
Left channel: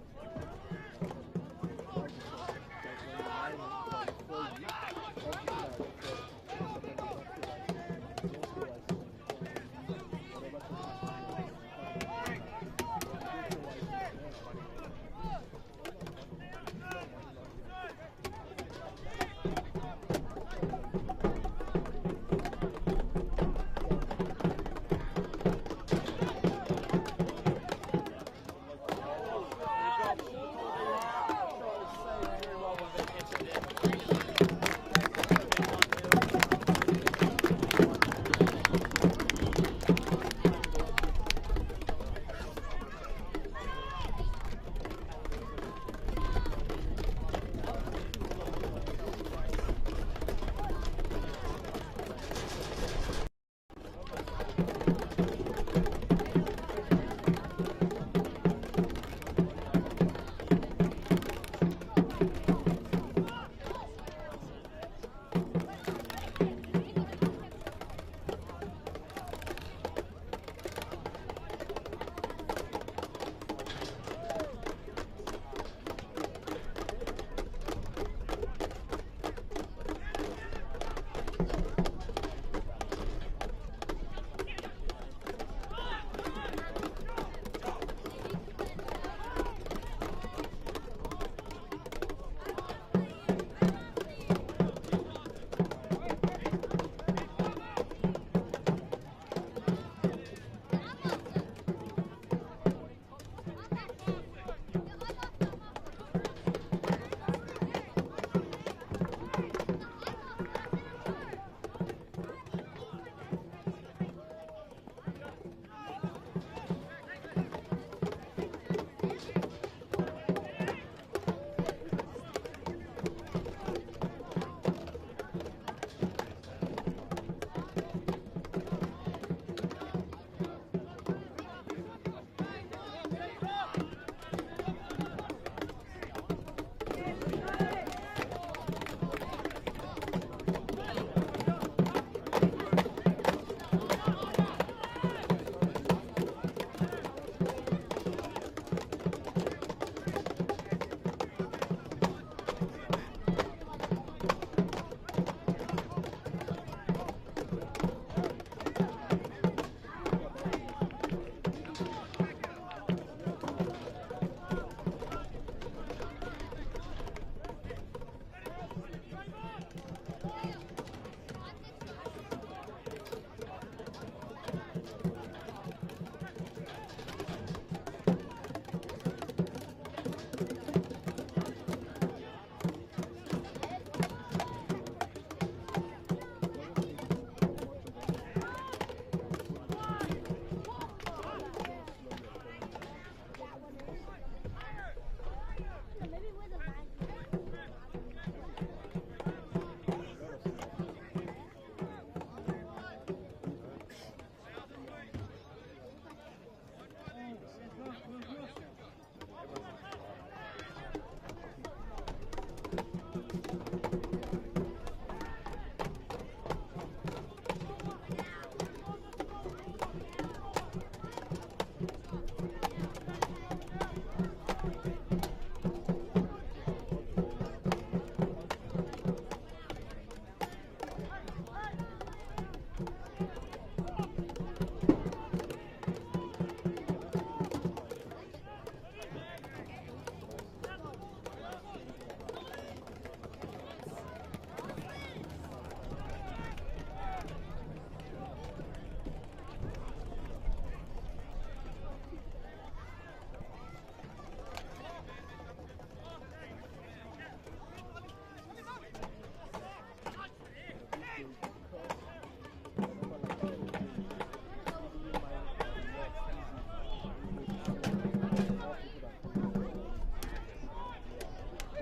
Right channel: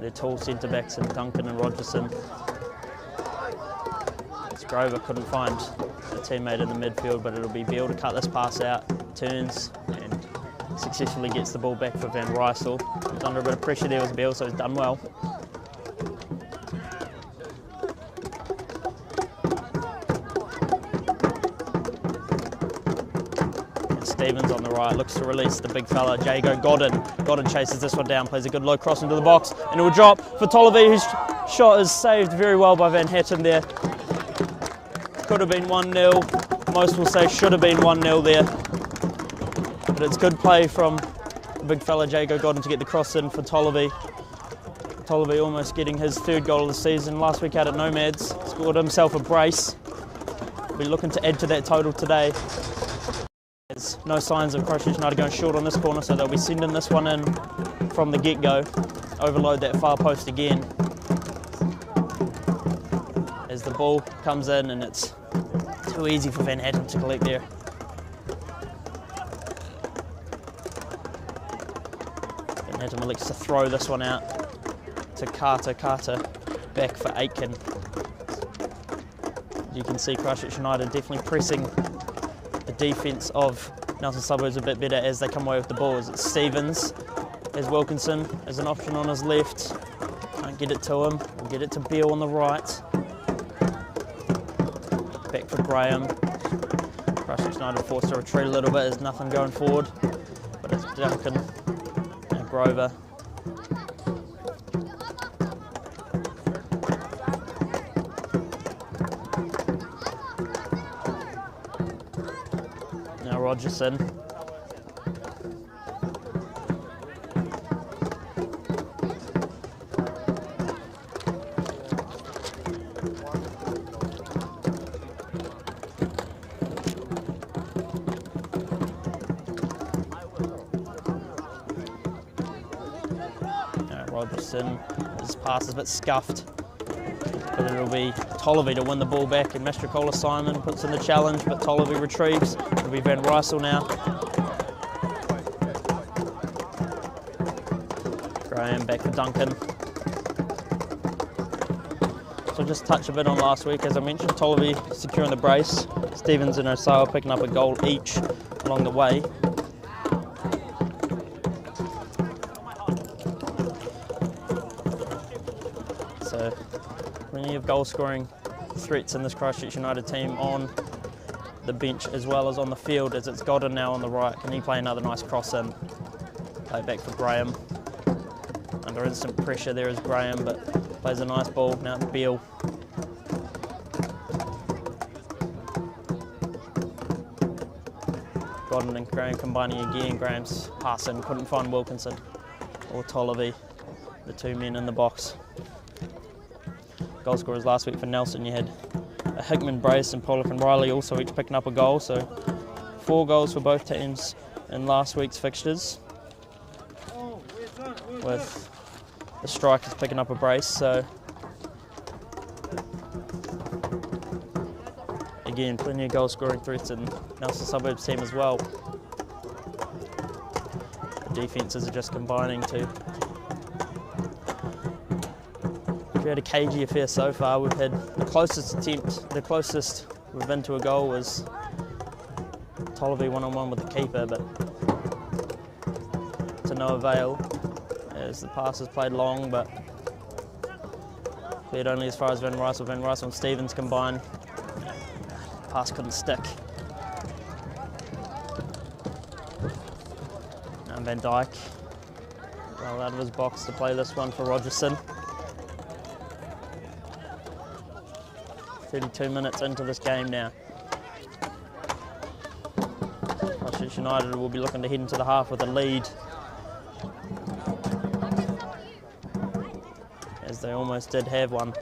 Their tall centre backs in Duncan and Rogerson. Grover couldn't find a teammate in the midfield, but it'll be Beale to cut this pass out, turns and successfully gets the ball back for Van Rysel. Was under a bit of pressure there was Beale, so he's done well. Stevens on the right, looks to release the big fella, Jago Godden. Godden chases this one down, plays a good low cross into the box, and it will drop for Tolliver, whose shot is saved very well by Van Hatton there. Could have been 1-0, most will say should have been 1-0 there. But it's good play from the big fella, Jago Godden, to get the cross in for Tolliver. Tolliver almost getting his 3rd goal of the season. Last week out at Nomads, scored himself a brace. We'll be looking to add to that total today. There's no signs of Christchurch United going short on this corner, so they'll be sending this one in from the get-go. Overload that far post again. As the ball comes in, and it's too easy for Van Hatton to collect there. Van Hatton elects to throw this one out to Carter. Carter back for Aitken. You can see Christchurch United definitely pressing the defence of Nelson Suburbs a bit better as they come away with the ball. As it's Stevens, as Wilkinson as an option on his left. Can't get it to him. We'll get it to Beale on the right. Back for Graham. Christchurch United forced to retreat a little bit. There's nothing going forward, but it's Duncan and Grover. Rogerson. Rogerson, his pass is a bit scuffed, but it'll be Tolliver to win the ball back, and Mastrocola Simon puts in the challenge, but Tolliver retrieves. It'll be Van Rysel now. Graham back to Duncan. So just touch a bit on last week, as I mentioned, Tolliver securing the brace, Stevens and Osawa picking up a goal each along the way. So plenty of goal scoring threats in this Christchurch United team on the bench as well as on the field, as it's Godden now on the right. Can he play another nice cross in? Play back for Graham. Under instant pressure there is Graham, but plays a nice ball now to Beale. Godden and Graham combining again. Graham's passing, couldn't find Wilkinson or Tolliver. the two men in the box. Goal scorers last week for Nelson, you had a Hickman brace and Pollock and Riley also each picking up a goal, so 4 goals for both teams in last week's fixtures, with the strikers picking up a brace. So again, plenty of goal scoring threats in Nelson Suburbs team as well. The defences are just combining to create a cagey affair so far. We've had the closest we've been to a goal was Tolliver one-on-one with the keeper, but to no avail as the pass is played long, but cleared only as far as Van Rysel. Van Rysel and Stevens combine. Pass couldn't stick. And Van Dyke well out of his box to play this one for Rogerson. 32 minutes into this game now. Christchurch United will be looking to head into the half with a lead, as they almost did have one.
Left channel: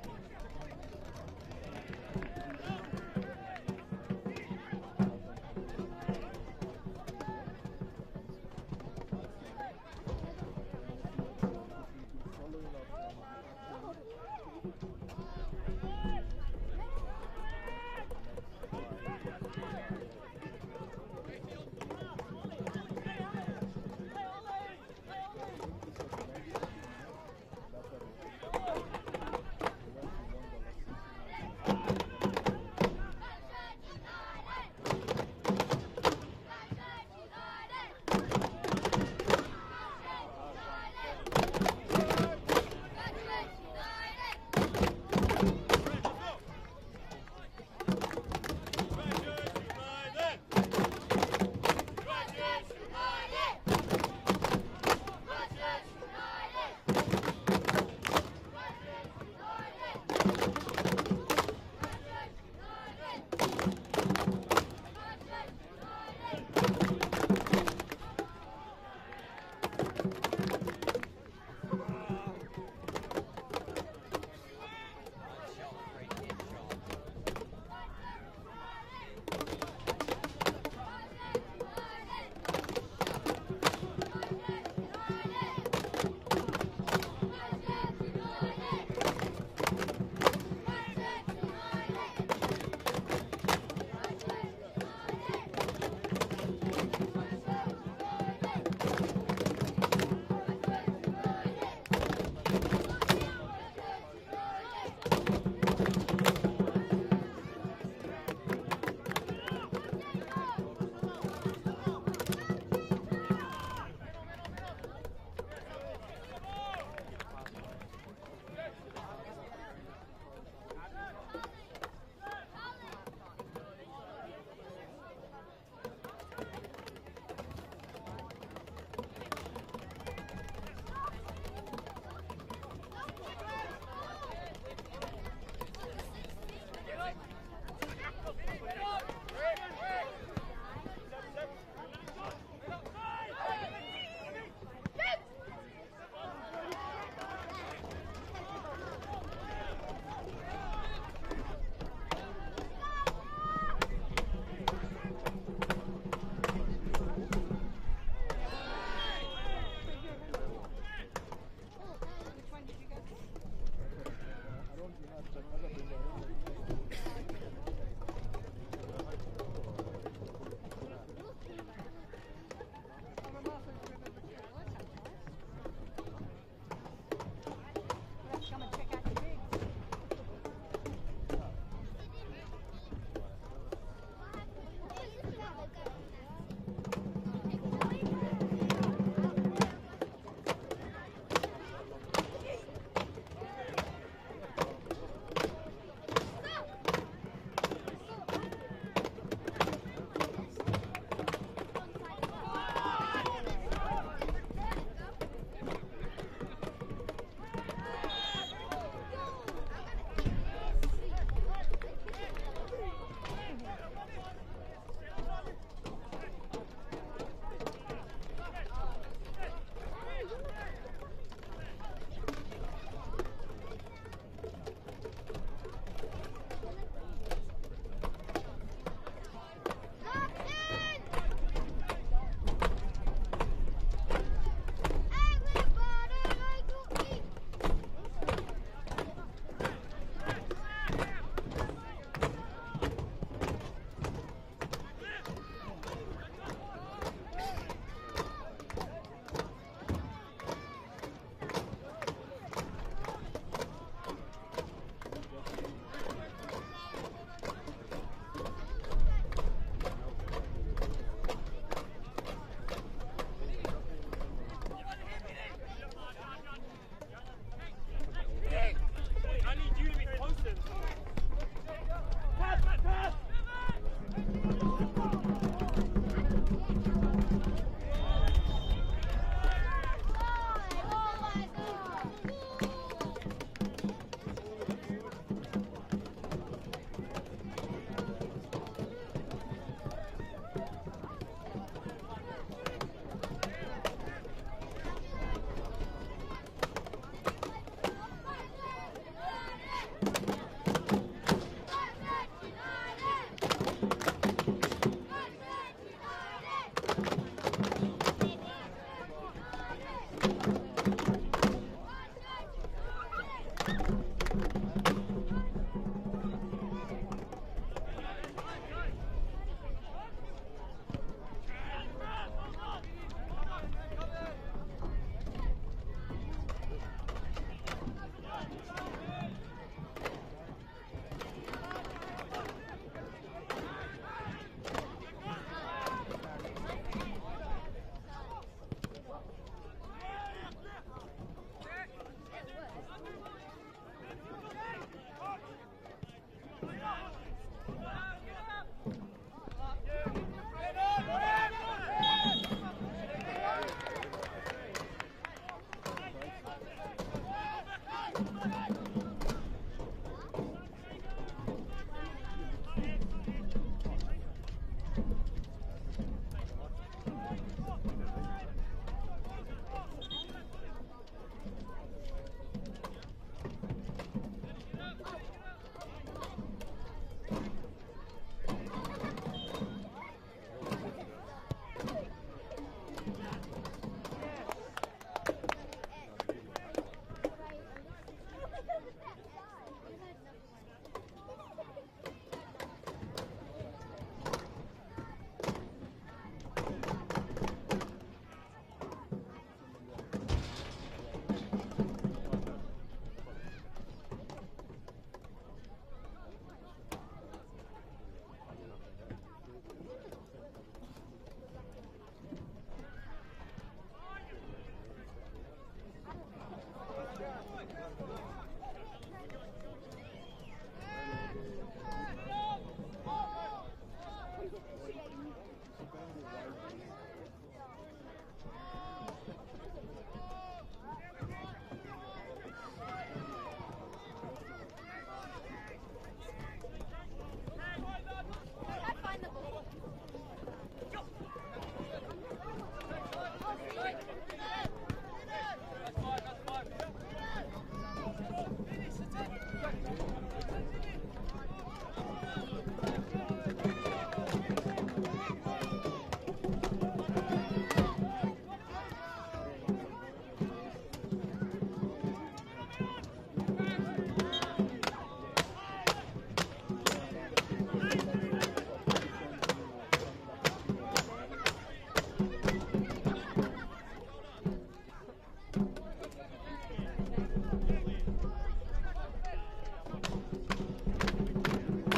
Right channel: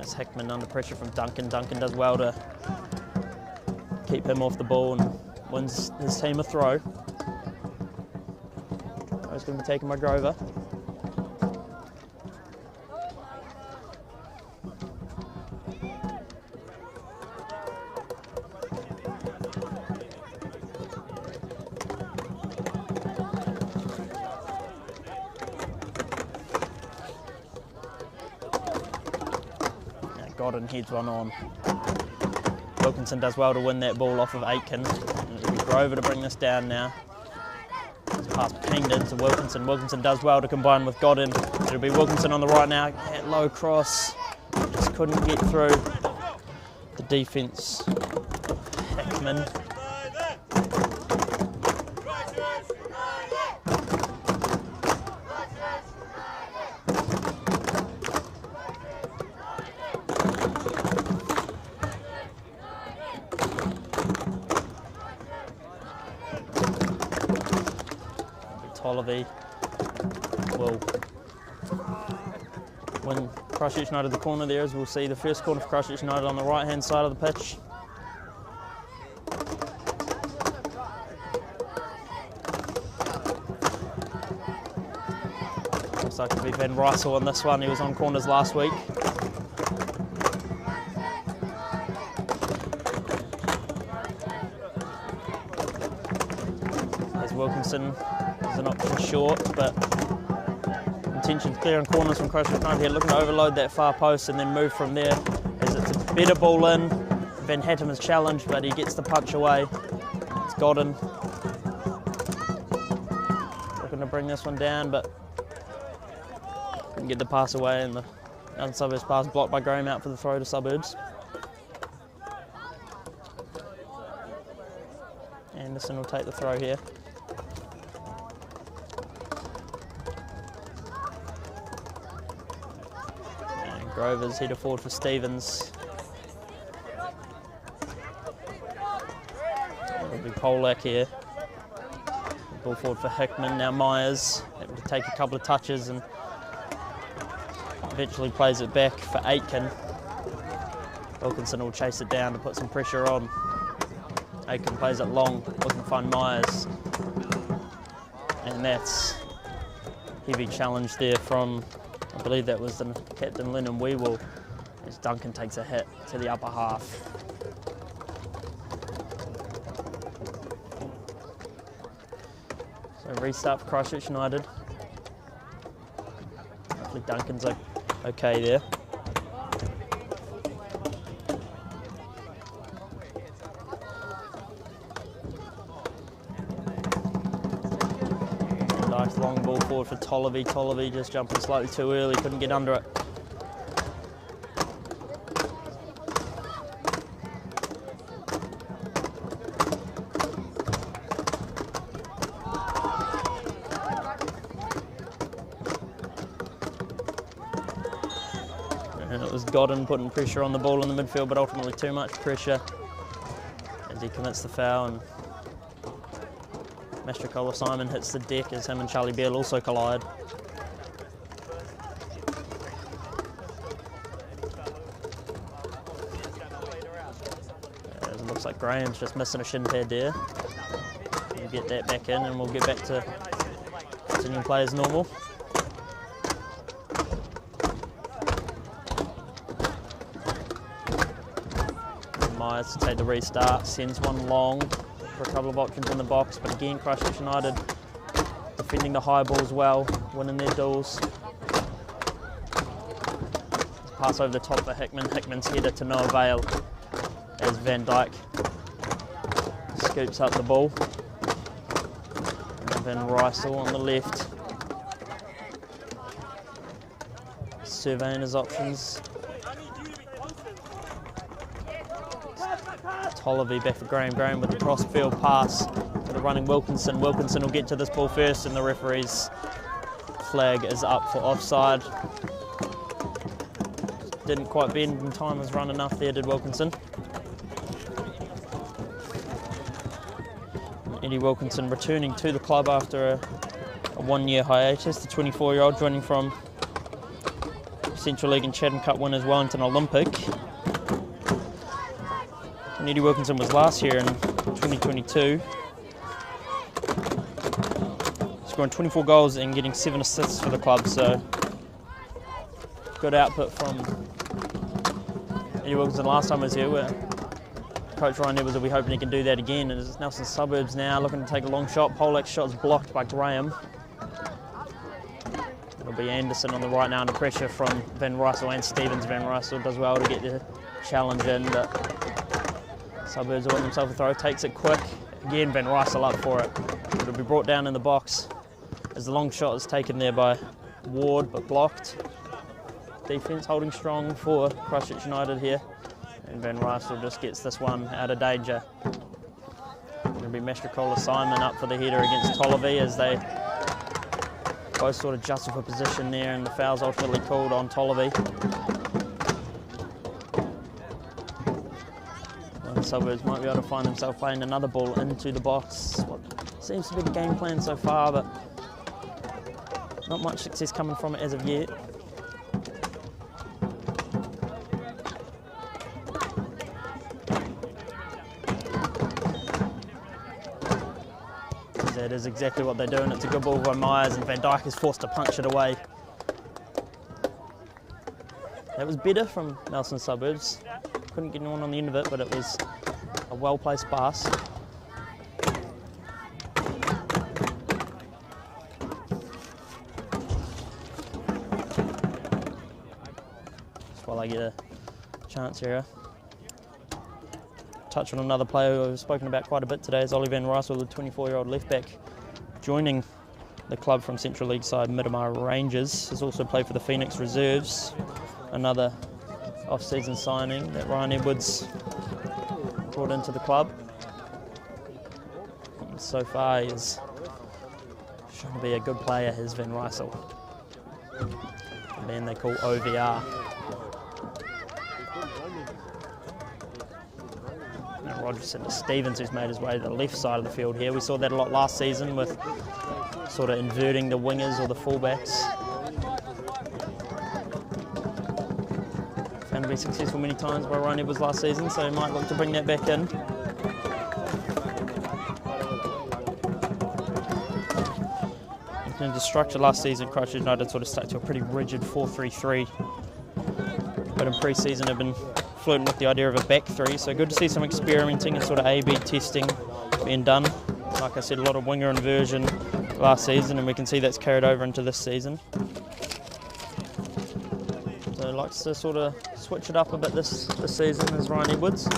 As Hickman under pressure from Duncan. Duncan does well to keep him off the ball and wins his team a throw. It's going to be taken by Grover. Godden heads one on. Wilkinson does well to win that ball off of Aitken. It'll be Grover to bring this down now. Pass Kingdon to Wilkinson. Wilkinson does well to combine with Godden. It'll be Wilkinson on the right now. At low cross. Just couldn't get through the defence. Hickman. Will win Christchurch United the corner there, as we'll see the first corner for Christchurch United on the right hand side of the pitch. Looks like it'll be Van Rysel on this one. He was on corners last week. As Wilkinson is an option short, but intention to clear on corners from Christchurch United here, looking to overload that far post and then move from there, as it's a better ball in. Van Hattem is challenged, but he gets the punch away. It's Godden looking to bring this one down, but can get the pass away, and the Suburbs pass blocked by Graham out for the throw to Suburbs. Anderson will take the throw here. Grover's header forward for Stevens. It'll be Polak here. Ball forward for Hickman. Now Myers able to take a couple of touches and eventually plays it back for Aitken. Wilkinson will chase it down to put some pressure on. Aitken plays it long, looking to find Myers. And that's heavy challenge there from, I believe that was the captain Lennon Weewell, as Duncan takes a hit to the upper half. So restart for Christchurch United. Hopefully Duncan's okay there. Nice long ball forward for Tolliver. Tolliver just jumping slightly too early, couldn't get under it. And it was Godden putting pressure on the ball in the midfield, but ultimately too much pressure as he commits the foul, and Mastricola Simon hits the deck as him and Charlie Beale also collide. It looks like Graham's just missing a shin pad there. We'll get that back in and we'll get back to continuing play as normal. Myers to take the restart, sends one long for a couple of options in the box, but again Christchurch United defending the high balls well, winning their duels. Pass over the top for Hickman, Hickman's header to no avail as Van Dyke scoops up the ball. And Van Rysel on the left, surveying his options. Tolliver back for Graham. Graham with the cross-field pass to the running Wilkinson. Wilkinson will get to this ball first and the referee's flag is up for offside. Didn't quite bend in time, was run enough there, did Wilkinson. Eddie Wilkinson returning to the club after a one-year hiatus, the 24-year-old joining from Central League and Chatham Cup winners Wellington Olympic. Eddie Wilkinson was last year in 2022, scoring 24 goals and getting 7 assists for the club, so good output from Eddie Wilkinson last time he was here. Where Coach Ryan Edwards will be hoping he can do that again, and it's Nelson Suburbs now looking to take a long shot. Polak's shot's blocked by Graham. It'll be Anderson on the right now under pressure from Van Rysel and Stevens. Van Rysel does well to get the challenge in, but Suburbs will win himself a throw, takes it quick. Again, Van Rysel up for it. It'll be brought down in the box as the long shot is taken there by Ward, but blocked. Defence holding strong for Christchurch United here. And Van Rysel just gets this one out of danger. It'll be Mastricola Simon up for the header against Tolliver as they both sort of jostle for position there, and the foul's ultimately called on Tolliver. Suburbs might be able to find himself playing another ball into the box. What seems to be the game plan so far, but not much success coming from it as of yet. That is exactly what they're doing. It's a good ball by Myers, and Van Dyke is forced to punch it away. That was better from Nelson Suburbs. Couldn't get anyone on the end of it, but it was a well-placed pass. Just while I get a chance here. Touch on another player who we've spoken about quite a bit today is Ollie Van Rysel, the 24-year-old left-back, joining the club from Central League side Miramar Rangers. Has also played for the Phoenix Reserves, another off-season signing that Ryan Edwards brought into the club. And so far he's shown to be a good player, is Van Rysel. The man they call OVR. Now Rogerson to Stevens, who's made his way to the left side of the field here. We saw that a lot last season with sort of inverting the wingers or the fullbacks. Found to be successful many times by Ryan Edwards last season, so he might look to bring that back in. In the structure last season, Christchurch United sort of stuck to a pretty rigid 4-3-3, but in pre-season have been flirting with the idea of a back three, so good to see some experimenting and sort of A/B testing being done. Like I said, a lot of winger inversion last season, and we can see that's carried over into this season. So likes to sort of switch it up a bit this season is Ryan Edwards.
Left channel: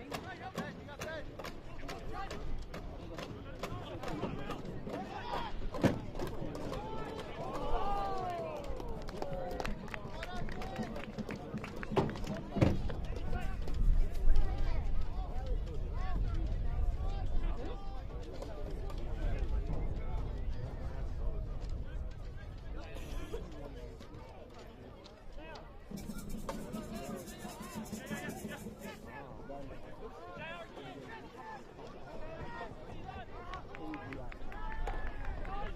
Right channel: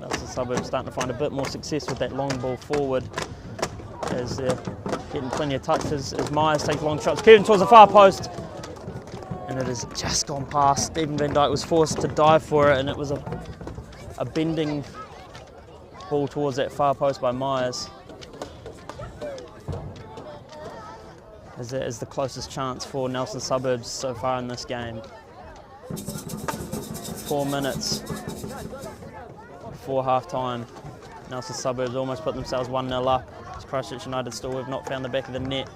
That's the Suburbs starting to find a bit more success with that long ball forward as they're getting plenty of touches as Myers takes long shots, curving towards the far post, and it has just gone past. Stephen Van Dyke was forced to dive for it, and it was a bending ball towards that far post by Myers. As that is the closest chance for Nelson Suburbs so far in this game. 4 minutes before half-time. Now the Suburbs almost put themselves 1-0 up. As Christchurch United still have not found the back of the net.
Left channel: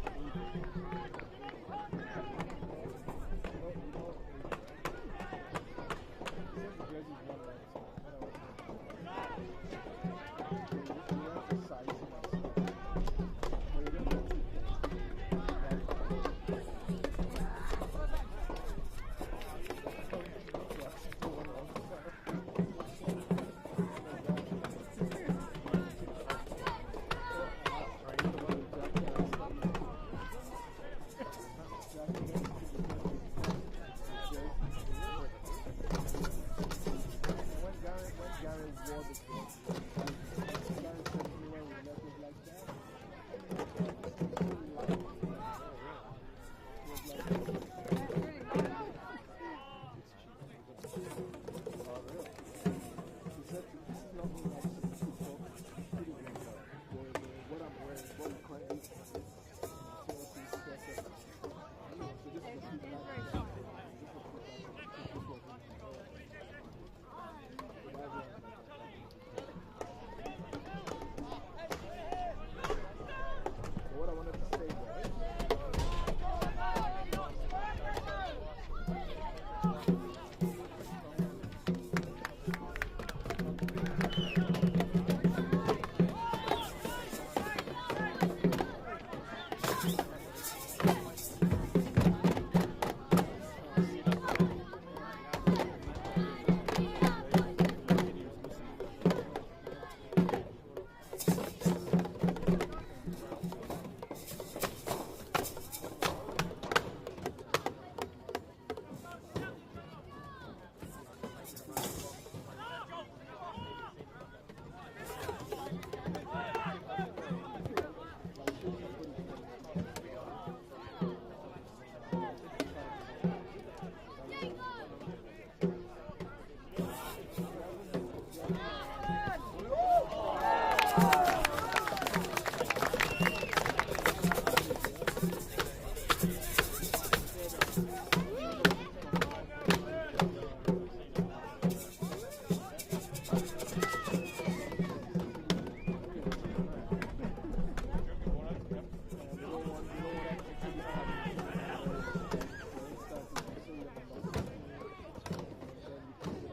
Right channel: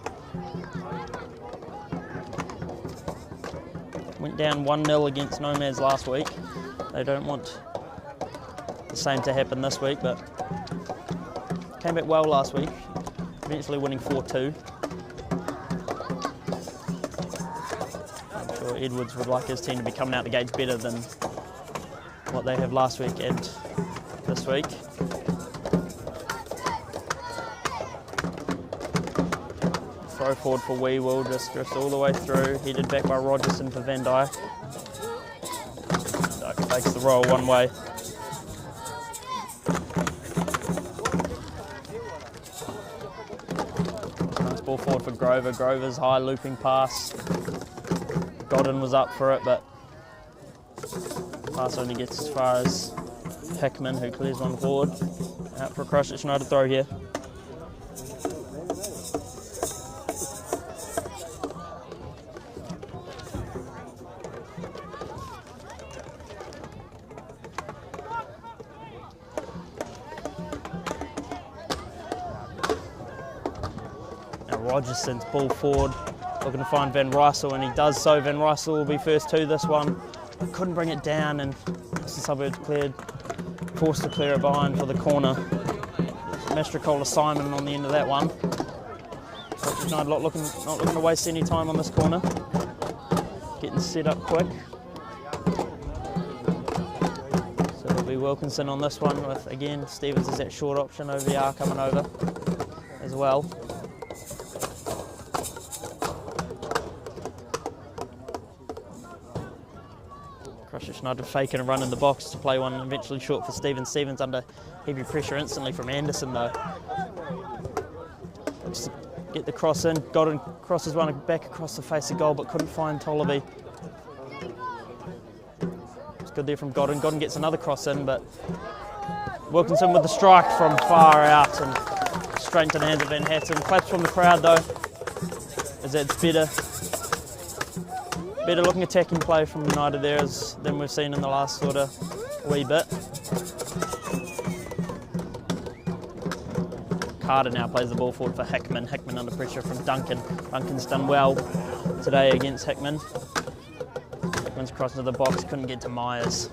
Went down 1-0 against Nomads last week. They don't want the same to happen this week, but came back well last week, eventually winning 4-2. I'm sure Edwards would like his team to be coming out the gates better than what they have last week and this week. Throw forward for Weewell, just drifts all the way through, headed back by Rogerson for Van Dyke. Van Dyke takes the roll one way. Nice ball forward for Grover. Grover's high looping pass. Godden was up for it, but pass only gets as far as Hickman, who clears one forward. Out for a Christchurch United throw here. Rogerson's ball forward, looking to find Van Rysel, and he does so. Van Rysel will be first to this one. Couldn't bring it down, and the Suburbs forced to clear it behind for the corner. Mastrocola Simon on the end of that one. Christchurch United not looking to waste any time on this corner. Getting set up quick. So it'll be Wilkinson on this one with, again, Stevens is that short option, OVR coming over as well. Christchurch United faking a run in the box to play one eventually short for Stevens. Stevens under heavy pressure instantly from Anderson though. Just get the cross in. Godden crosses one back across the face of goal but couldn't find Tollaby. It's good there from Godden. Godden gets another cross in, but Wilkinson with the strike from far out and straight into the hands of Van Hatton. Claps from the crowd though, as that's better looking attacking play from United there than we've seen in the last sort of wee bit. Carter now plays the ball forward for Hickman. Hickman under pressure from Duncan. Duncan's done well today against Hickman. Hickman's crossed into the box, couldn't get to Myers.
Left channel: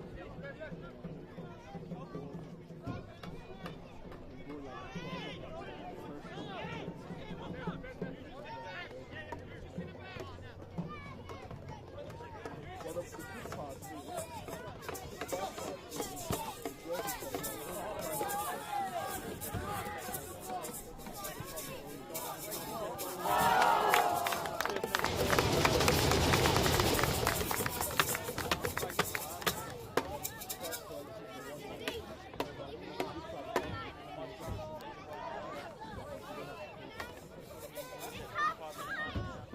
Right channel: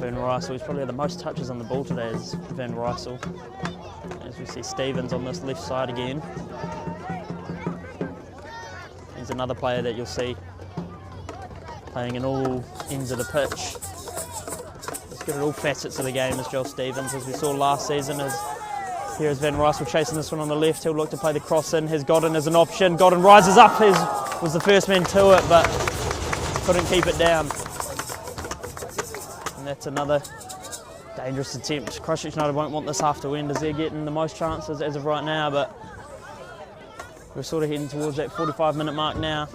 Van Rysel, he's probably had the most touches on the ball today is Van Rysel. As we see Stevens on this left side again. He's another player that you'll see playing in all ends of the pitch. He's good at all facets of the game as Joel Stevens, as we saw last season. Here's Van Rysel chasing this one on the left. He'll look to play the cross in. Has Godden as an option. Godden rises up, was the first man to it, but couldn't keep it down. That's another dangerous attempt. Christchurch United won't want this half to end as they're getting the most chances as of right now, but we're sort of heading towards that 45-minute mark now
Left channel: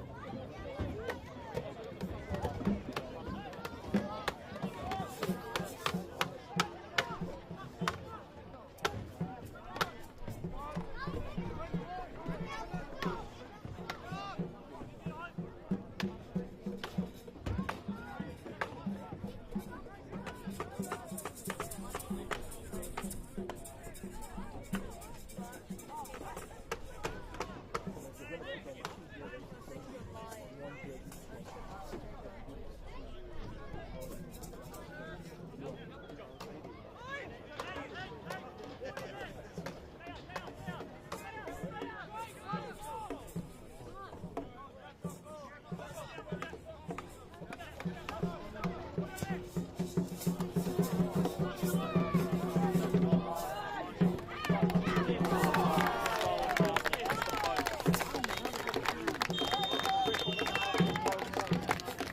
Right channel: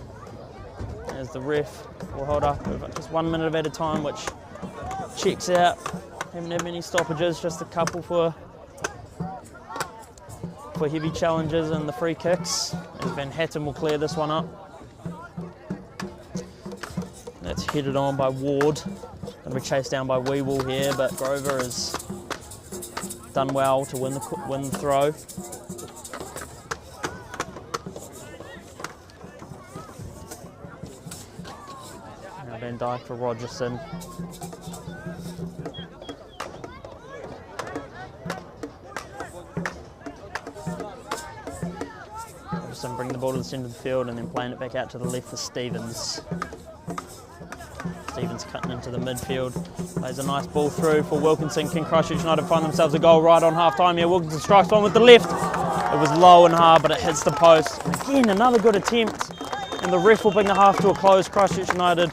as the ref will hold up just 1 minute at a time, which checks out. Haven't had many stoppages, just a couple for heavy challenges and the free kicks. And Van Hatton will clear this one up. That's headed on by Ward. Going to be chased down by Weewell here, but Grover has done well to win the throw. Now Van Dyke for Rogerson. Rogerson bring the ball to the centre of the field and then playing it back out to the left for Stevens. Stevens cutting into the midfield, plays a nice ball through for Wilkinson. Can Christchurch United find themselves a goal right on half time here? Wilkinson strikes one with the left. It was low and hard, but it hits the post. Again, another good attempt, and the ref will bring the half to a close. Christchurch United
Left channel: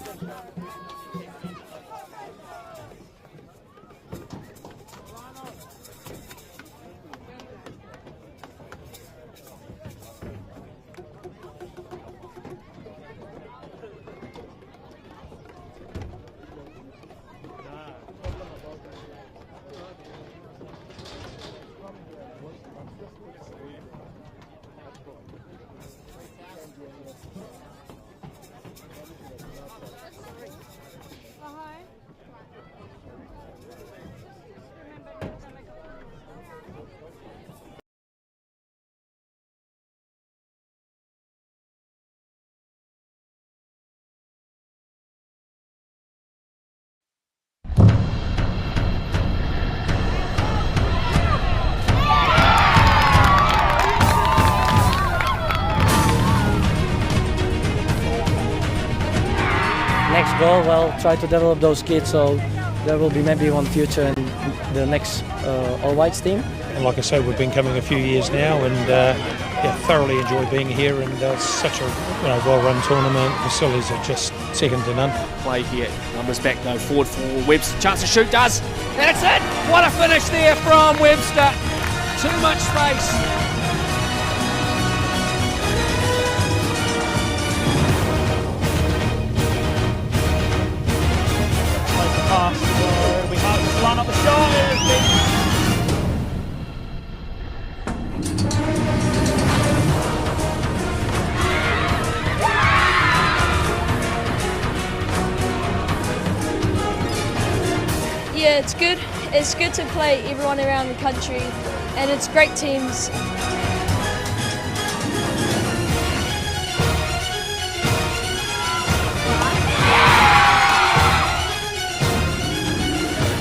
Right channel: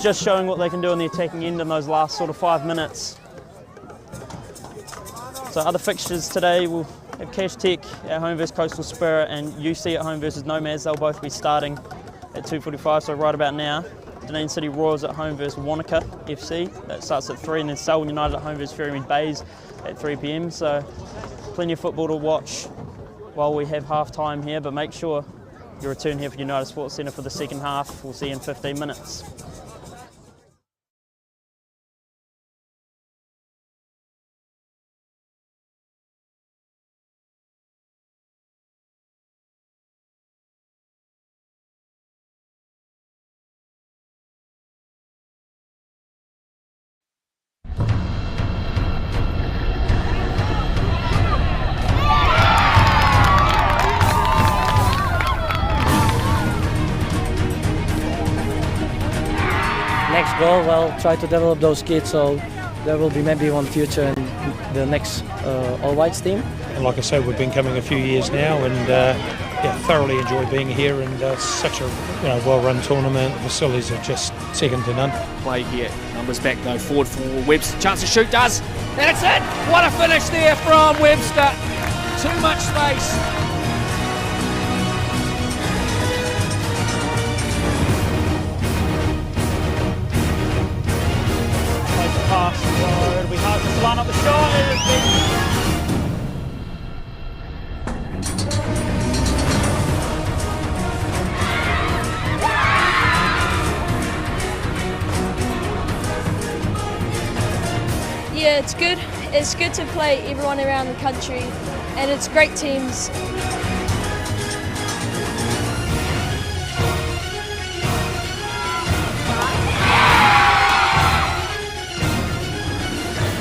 just showing what they can do on the attacking end in those last sort of 5 minutes. So other fixtures today, we'll have Cash Tech at home versus Coastal Spirit and UC at home versus Nomads. They'll both be starting at 2:45, so right about now. Dunedin City Royals at home versus Wanaka FC. That starts at 3, and then Selwyn United at home versus Ferrymead Bays at 3 p.m. So plenty of football to watch while we have half time here, but make sure you return here for United Sports Centre for the second half. We'll see you in 15 minutes. Next goal, well, try to develop those kids so there will be maybe one future in the next All Whites team. And like I say, we've been coming a few years now, and thoroughly enjoy being here. And such a well-run tournament. The facilities are just second to none. Play here, numbers back though, forward for Webster. Chance to shoot, does, and it's in. What a finish there from Webster. Too much space. Plays the pass, so it'll be hard to line up the shot. Yeah, it's good. It's good to play everyone around the country, and it's great teams.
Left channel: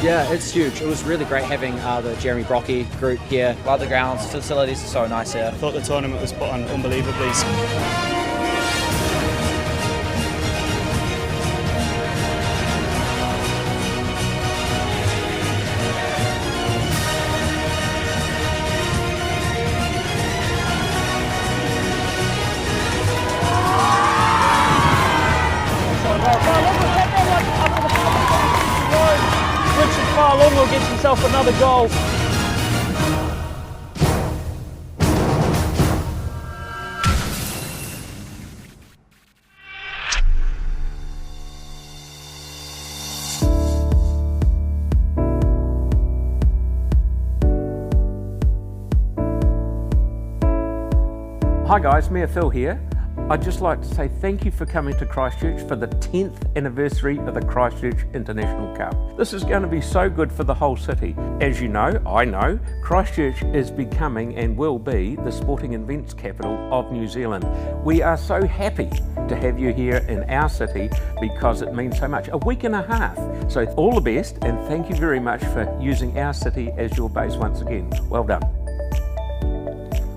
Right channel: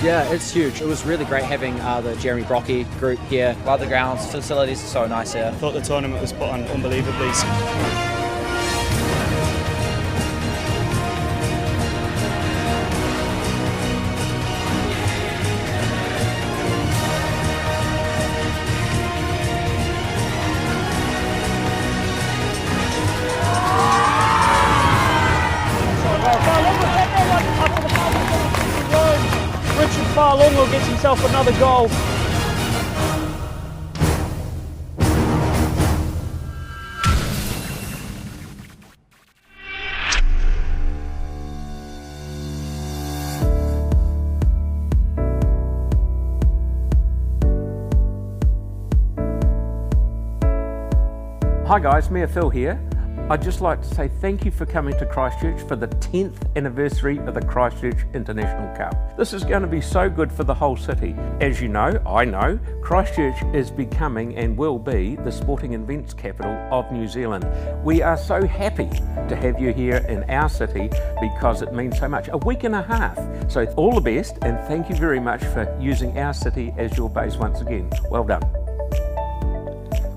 Yeah, it's huge. It was really great having the Jeremy Brocky group here. Love the grounds, facilities are so nice here. I thought the tournament was put on unbelievably. Richard Farlongo gets himself another goal. Hi guys, Mayor Phil here. I'd just like to say thank you for coming to Christchurch for the 10th anniversary of the Christchurch International Cup. This is going to be so good for the whole city. As you know, I know, Christchurch is becoming and will be the sporting events capital of New Zealand. We are so happy to have you here in our city because it means so much. A week and a half. So all the best, and thank you very much for using our city as your base once again. Well done.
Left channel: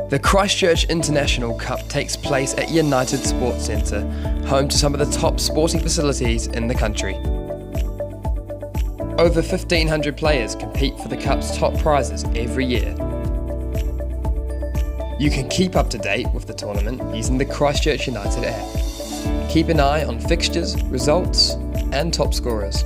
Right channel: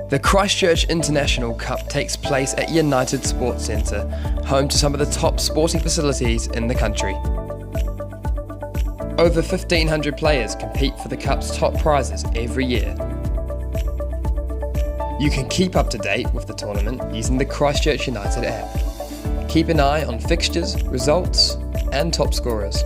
The Christchurch International Cup takes place at United Sports Centre, home to some of the top sporting facilities in the country. Over 1,500 players compete for the Cup's top prizes every year. You can keep up to date with the tournament using the Christchurch United app. Keep an eye on fixtures, results, and top scorers.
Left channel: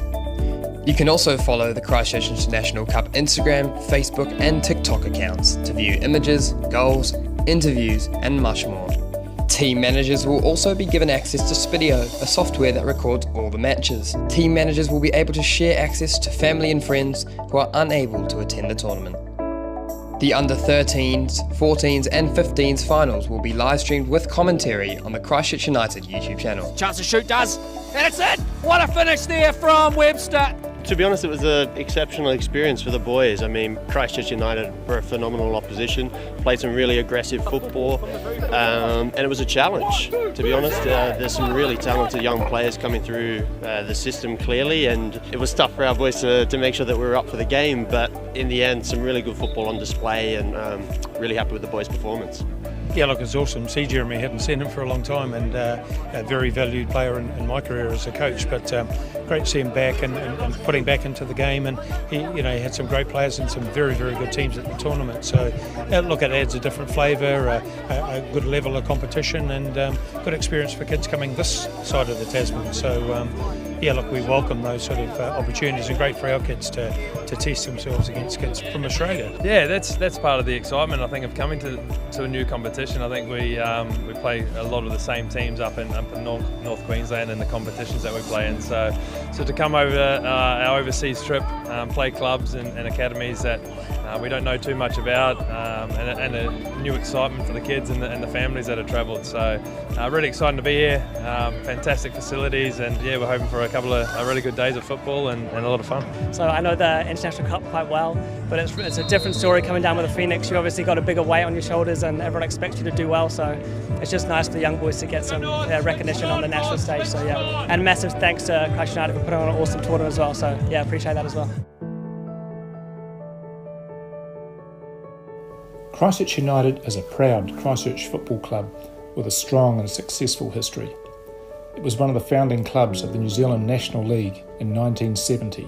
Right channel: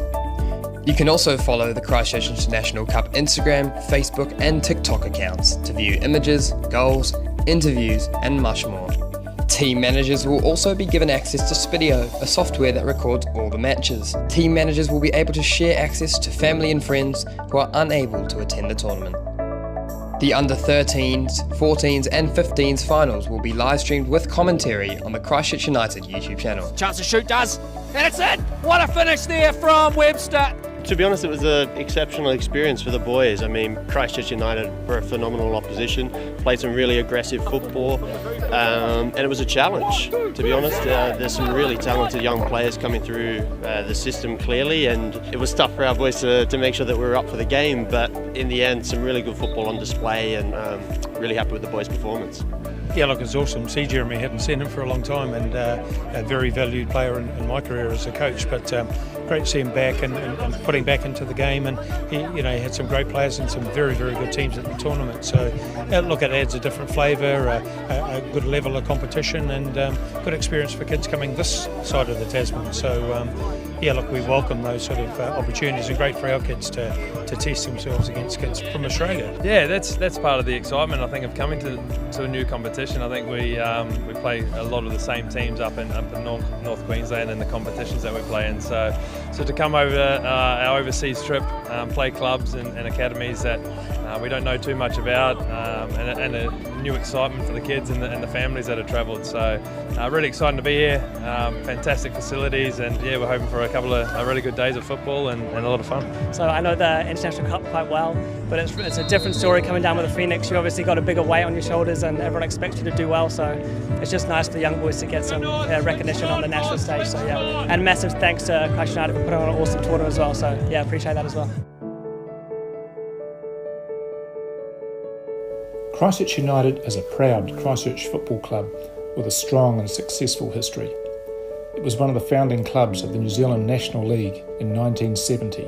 You can also follow the Christchurch International Cup Instagram, Facebook and TikTok accounts to view images, goals, interviews and much more. Team managers will also be given access to Spidio, a software that records all the matches. Team managers will be able to share access to family and friends who are unable to attend the tournament. The under 13s, 14s and 15s finals will be live streamed with commentary on the Christchurch United YouTube channel. Chance to shoot, does, and it's in. What a finish there from Webster. To be honest, it was an exceptional experience for the boys. I mean, Christchurch United were a phenomenal opposition, played some really aggressive football, and it was a challenge, to be honest. There's some really talented young players coming through the system clearly, and it was tough for our boys to make sure that we were up for the game, but in the end, some really good football on display, and really happy with the boys' performance. Yeah, look, it's awesome. See, Jeremy, hadn't seen him for a long time, and a very valued player in my career as a coach. But great to see him back and putting back into the game. And he had some great players and some very, very good teams at the tournament. So look, it adds a different flavour, a good level of competition, and good experience for kids coming this side of the Tasman. So yeah, look, we welcome those sort of opportunities, and great for our kids to test themselves against kids from Australia. Yeah, that's part of the excitement, I think, of coming to a new competition. I think we play a lot of the same teams up in North Queensland in the competitions that we play in. So to come over our overseas trip, play clubs and academies that we don't know too much about, and a new excitement for the kids and the families that have travelled. So really excited to be here. Fantastic facilities, and yeah, we're hoping for a couple of really good days of football and a lot of fun. So I know the International Cup quite well, but it's a different story coming down with the Phoenix. You obviously got a bigger weight on your shoulders and everyone expects you to do well, so it's just nice for the young boys to get some recognition on the national stage. So yeah, and massive thanks to Christchurch United for putting on an awesome tournament as well, so yeah, appreciate that as well. Christchurch United is a proud Christchurch football club with a strong and successful history. It was one of the founding clubs of the New Zealand National League in 1970.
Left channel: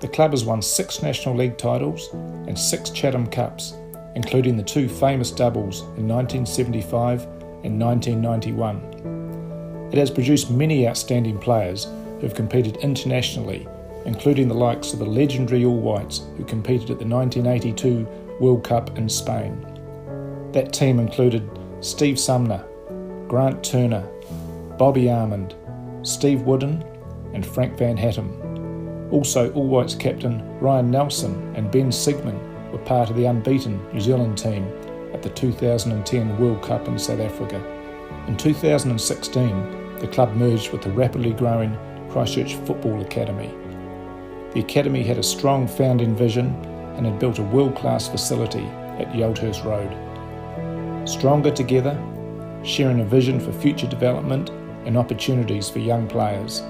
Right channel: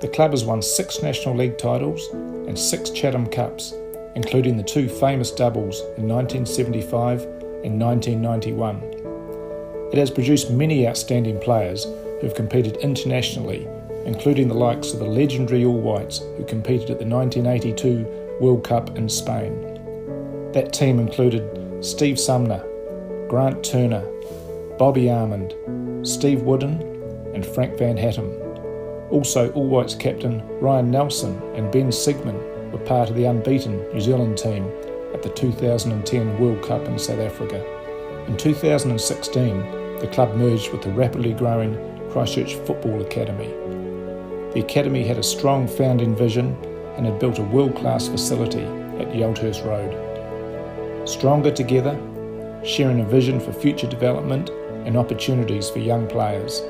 The club has won 6 National League titles and 6 Chatham Cups, including the 2 famous doubles in 1975 and 1991. It has produced many outstanding players who have competed internationally, including the likes of the legendary All Whites who competed at the 1982 World Cup in Spain. That team included Steve Sumner, Grant Turner, Bobby Armand, Steve Wooden and Frank Van Hattem. Also, All Whites captain Ryan Nelson and Ben Sigmund were part of the unbeaten New Zealand team at the 2010 World Cup in South Africa. In 2016, the club merged with the rapidly growing Christchurch Football Academy. The academy had a strong founding vision and had built a world-class facility at Yaldhurst Road. Stronger together, sharing a vision for future development and opportunities for young players.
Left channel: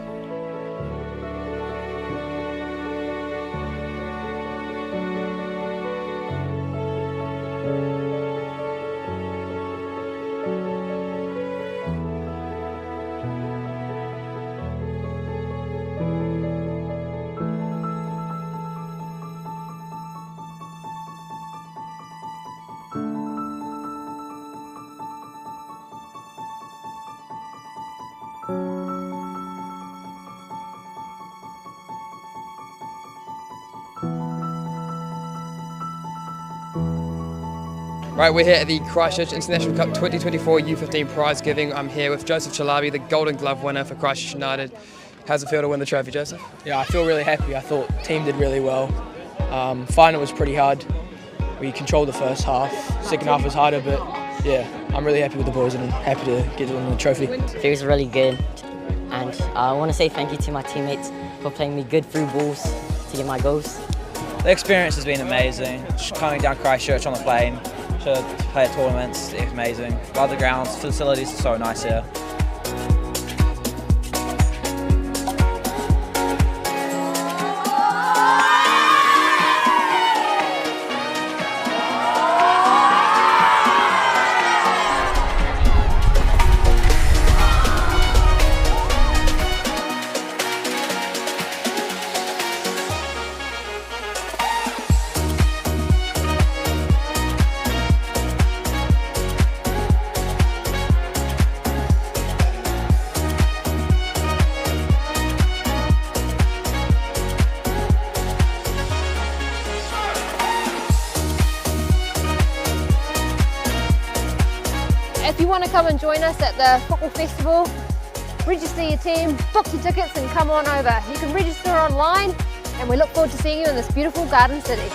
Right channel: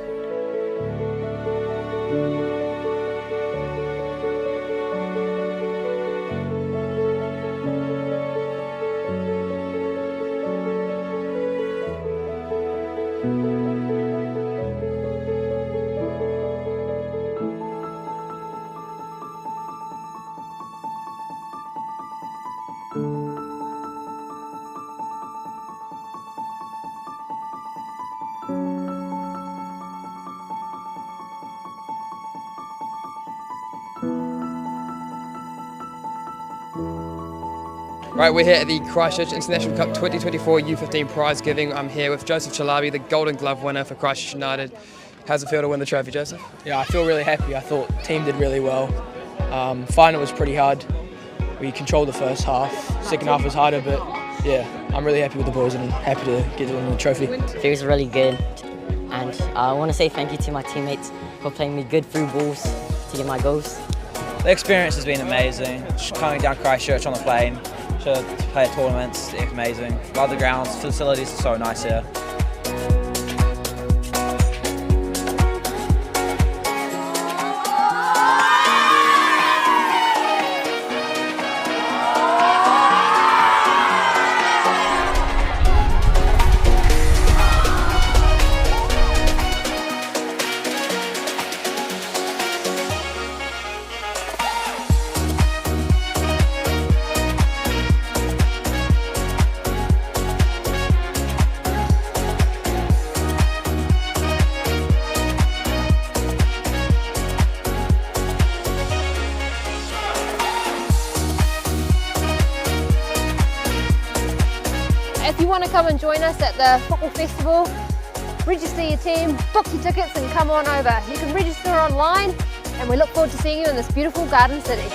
Right, we're here at the Christchurch International Cup 2024 U15 prize giving. I'm here with Joseph Chalabi, the Golden Glove winner for Christchurch United. How's it feel to win the trophy, Joseph? Yeah, I feel really happy. I thought the team did really well. Final was pretty hard. We controlled the first half. Second half was harder, but yeah, I'm really happy with the boys and happy to get to win the trophy. It feels really good, and I want to say thank you to my teammates for playing me good through balls to get my goals. The experience has been amazing. Just coming down Christchurch on the plane to play at tournaments, it's amazing. Love the grounds, facilities are so nice here. If you want to come and join us at the football festival, register your team, book your tickets and come on over. You can register online and we look forward to seeing you in this beautiful garden city.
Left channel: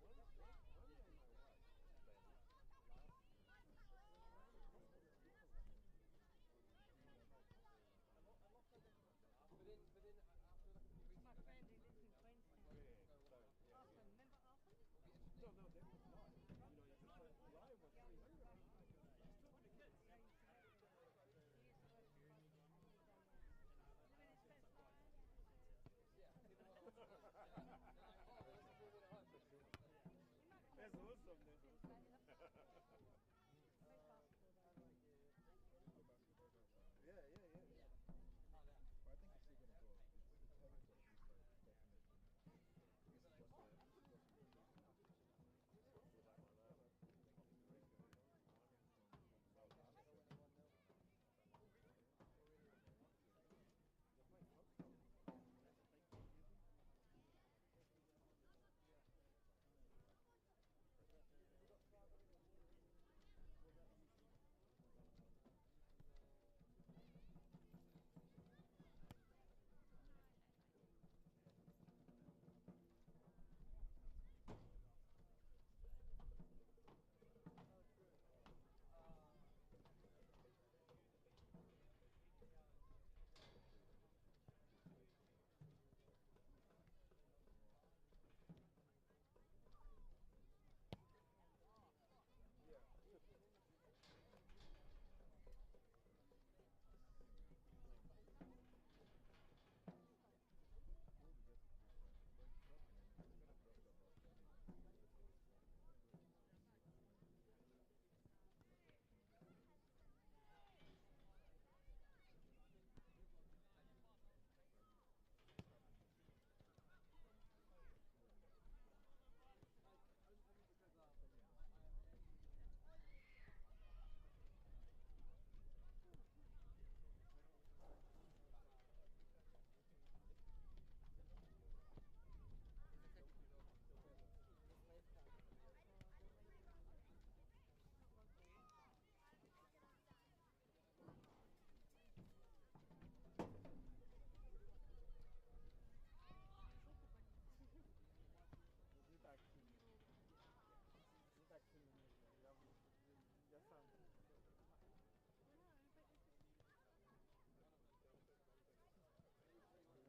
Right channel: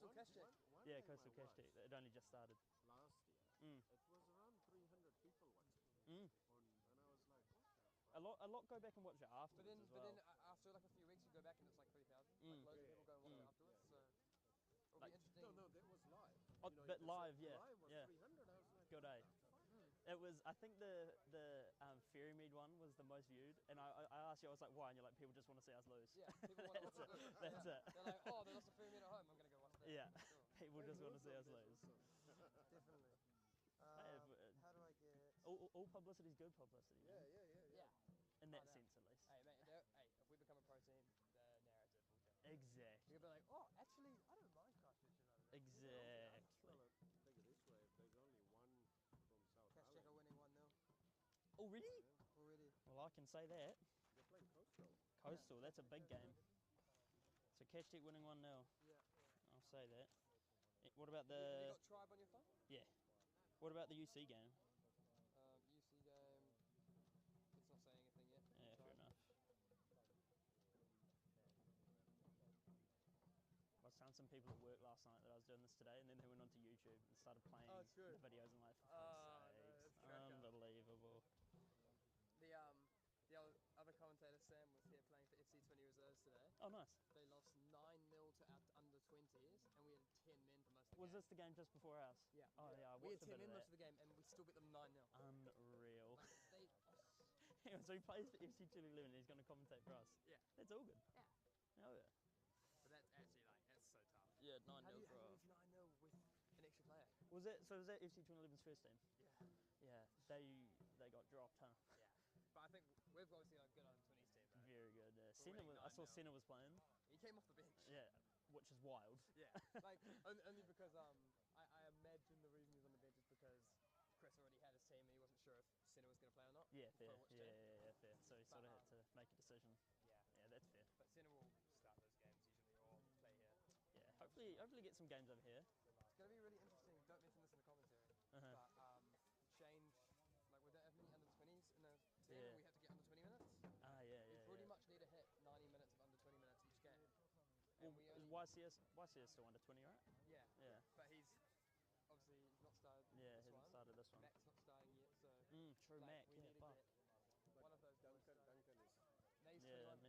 Yeah, Coastal Christchurch. It only just started. A lot go back and watch it afterwards. But then after like a few weeks, you go back and it's like 3,000. Like loads of people go and watch it afterwards. So it'll be interesting. No, that was live. But live, yeah. Good day. It was. I think the Ferrymead one was the most viewed, and I asked you, I was like, why? And you're like, people just want to see us lose. Yeah, people want to watch us lose. That's it. They're like, oh, there was some Ferrymead at home. We're gonna go watch that. Yeah, people just want to see us lose. How do I get? All publicity is good publicity. Yeah. In that sense, at least. Hey, we become a pro team. Narrative. Exactly. You'll be like, oh, actually, I don't mind Christchurch United. Exactly. Christchurch are winning 1-0. Oh, really? Already. Well, I can say that. Coastal, that's a big game. So Cashtec winning 1-0. Yeah. I'll say that. What about You the... got Tribe on your phone? Yeah. What about the UC game? UC game. It's not saying anything yet. Yeah, fair enough. I was telling some people at work last night that I was doing this today, and then they went onto YouTube and started playing videos. I'm like, unbelievable. The other commentator, Sam, was here playing for FC20 Reserves today. Oh, nice. They lost 9-0 to under the 20s, and we had 10 men for most of the Was game. this the game just before ours? Yeah. Oh, yeah. I We had watched a 10 bit men of most that. of the game, and we still beat them 9-0. Unreal. Hang on, so he plays for FC211 and he's going to commentate for us? Yeah. That's all good. Yeah. Oh, yeah. But that's actually, like, that's so tough. Yeah, 9-0 How do you for us. 9-0 with an extra player? Was that FC211's first team? Yeah. They got dropped, huh? Yeah. But I think we've obviously been on the 20s team. Right? Very good. I saw Senna was playing. He came off the bench. Yeah, which is wild. Yeah, like only because I imagine the reason he wouldn't bench is because Chris already had his team and he wasn't sure if Senna was going to play or not. Yeah, fair. Yeah, fair. So he sort of had to make a decision. Yeah, that's fair. But Senna will start those games. Yeah, hopefully get some games over here. It's going to be really interesting. Don't mention this in the commentary. Uh-huh. But the change, like we don't have any under 20s in the team. Yeah. We have to get under 20 minutes. Yeah. We pretty much need to hit 90 minutes of under 20 minutes each game. Well, YCS still under 20, right? Yeah. But he's obviously not started. Yeah, he hasn't started this one. Mac's not started yet, so. True, Mac. We need to Fuck. get one of those guys.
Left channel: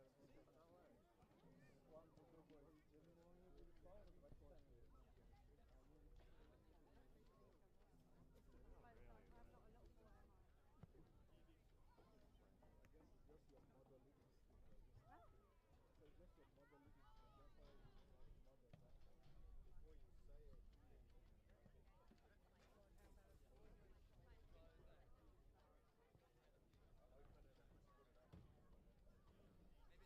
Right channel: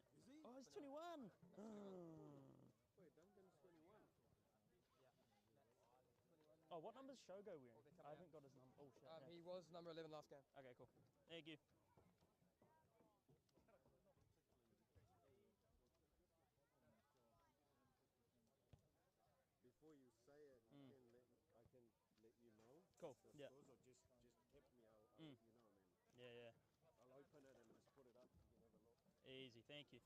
No, he's 21. Oh, he's 21. Oh, what number's Shogo wearing? I haven't got his number. Oh, shit. He was number 11 last game. Okay, cool. Thank you. Before you say it, I can let you know. Cool. Yeah. Yeah. I'll open it and just put it up. Easy. Thank you.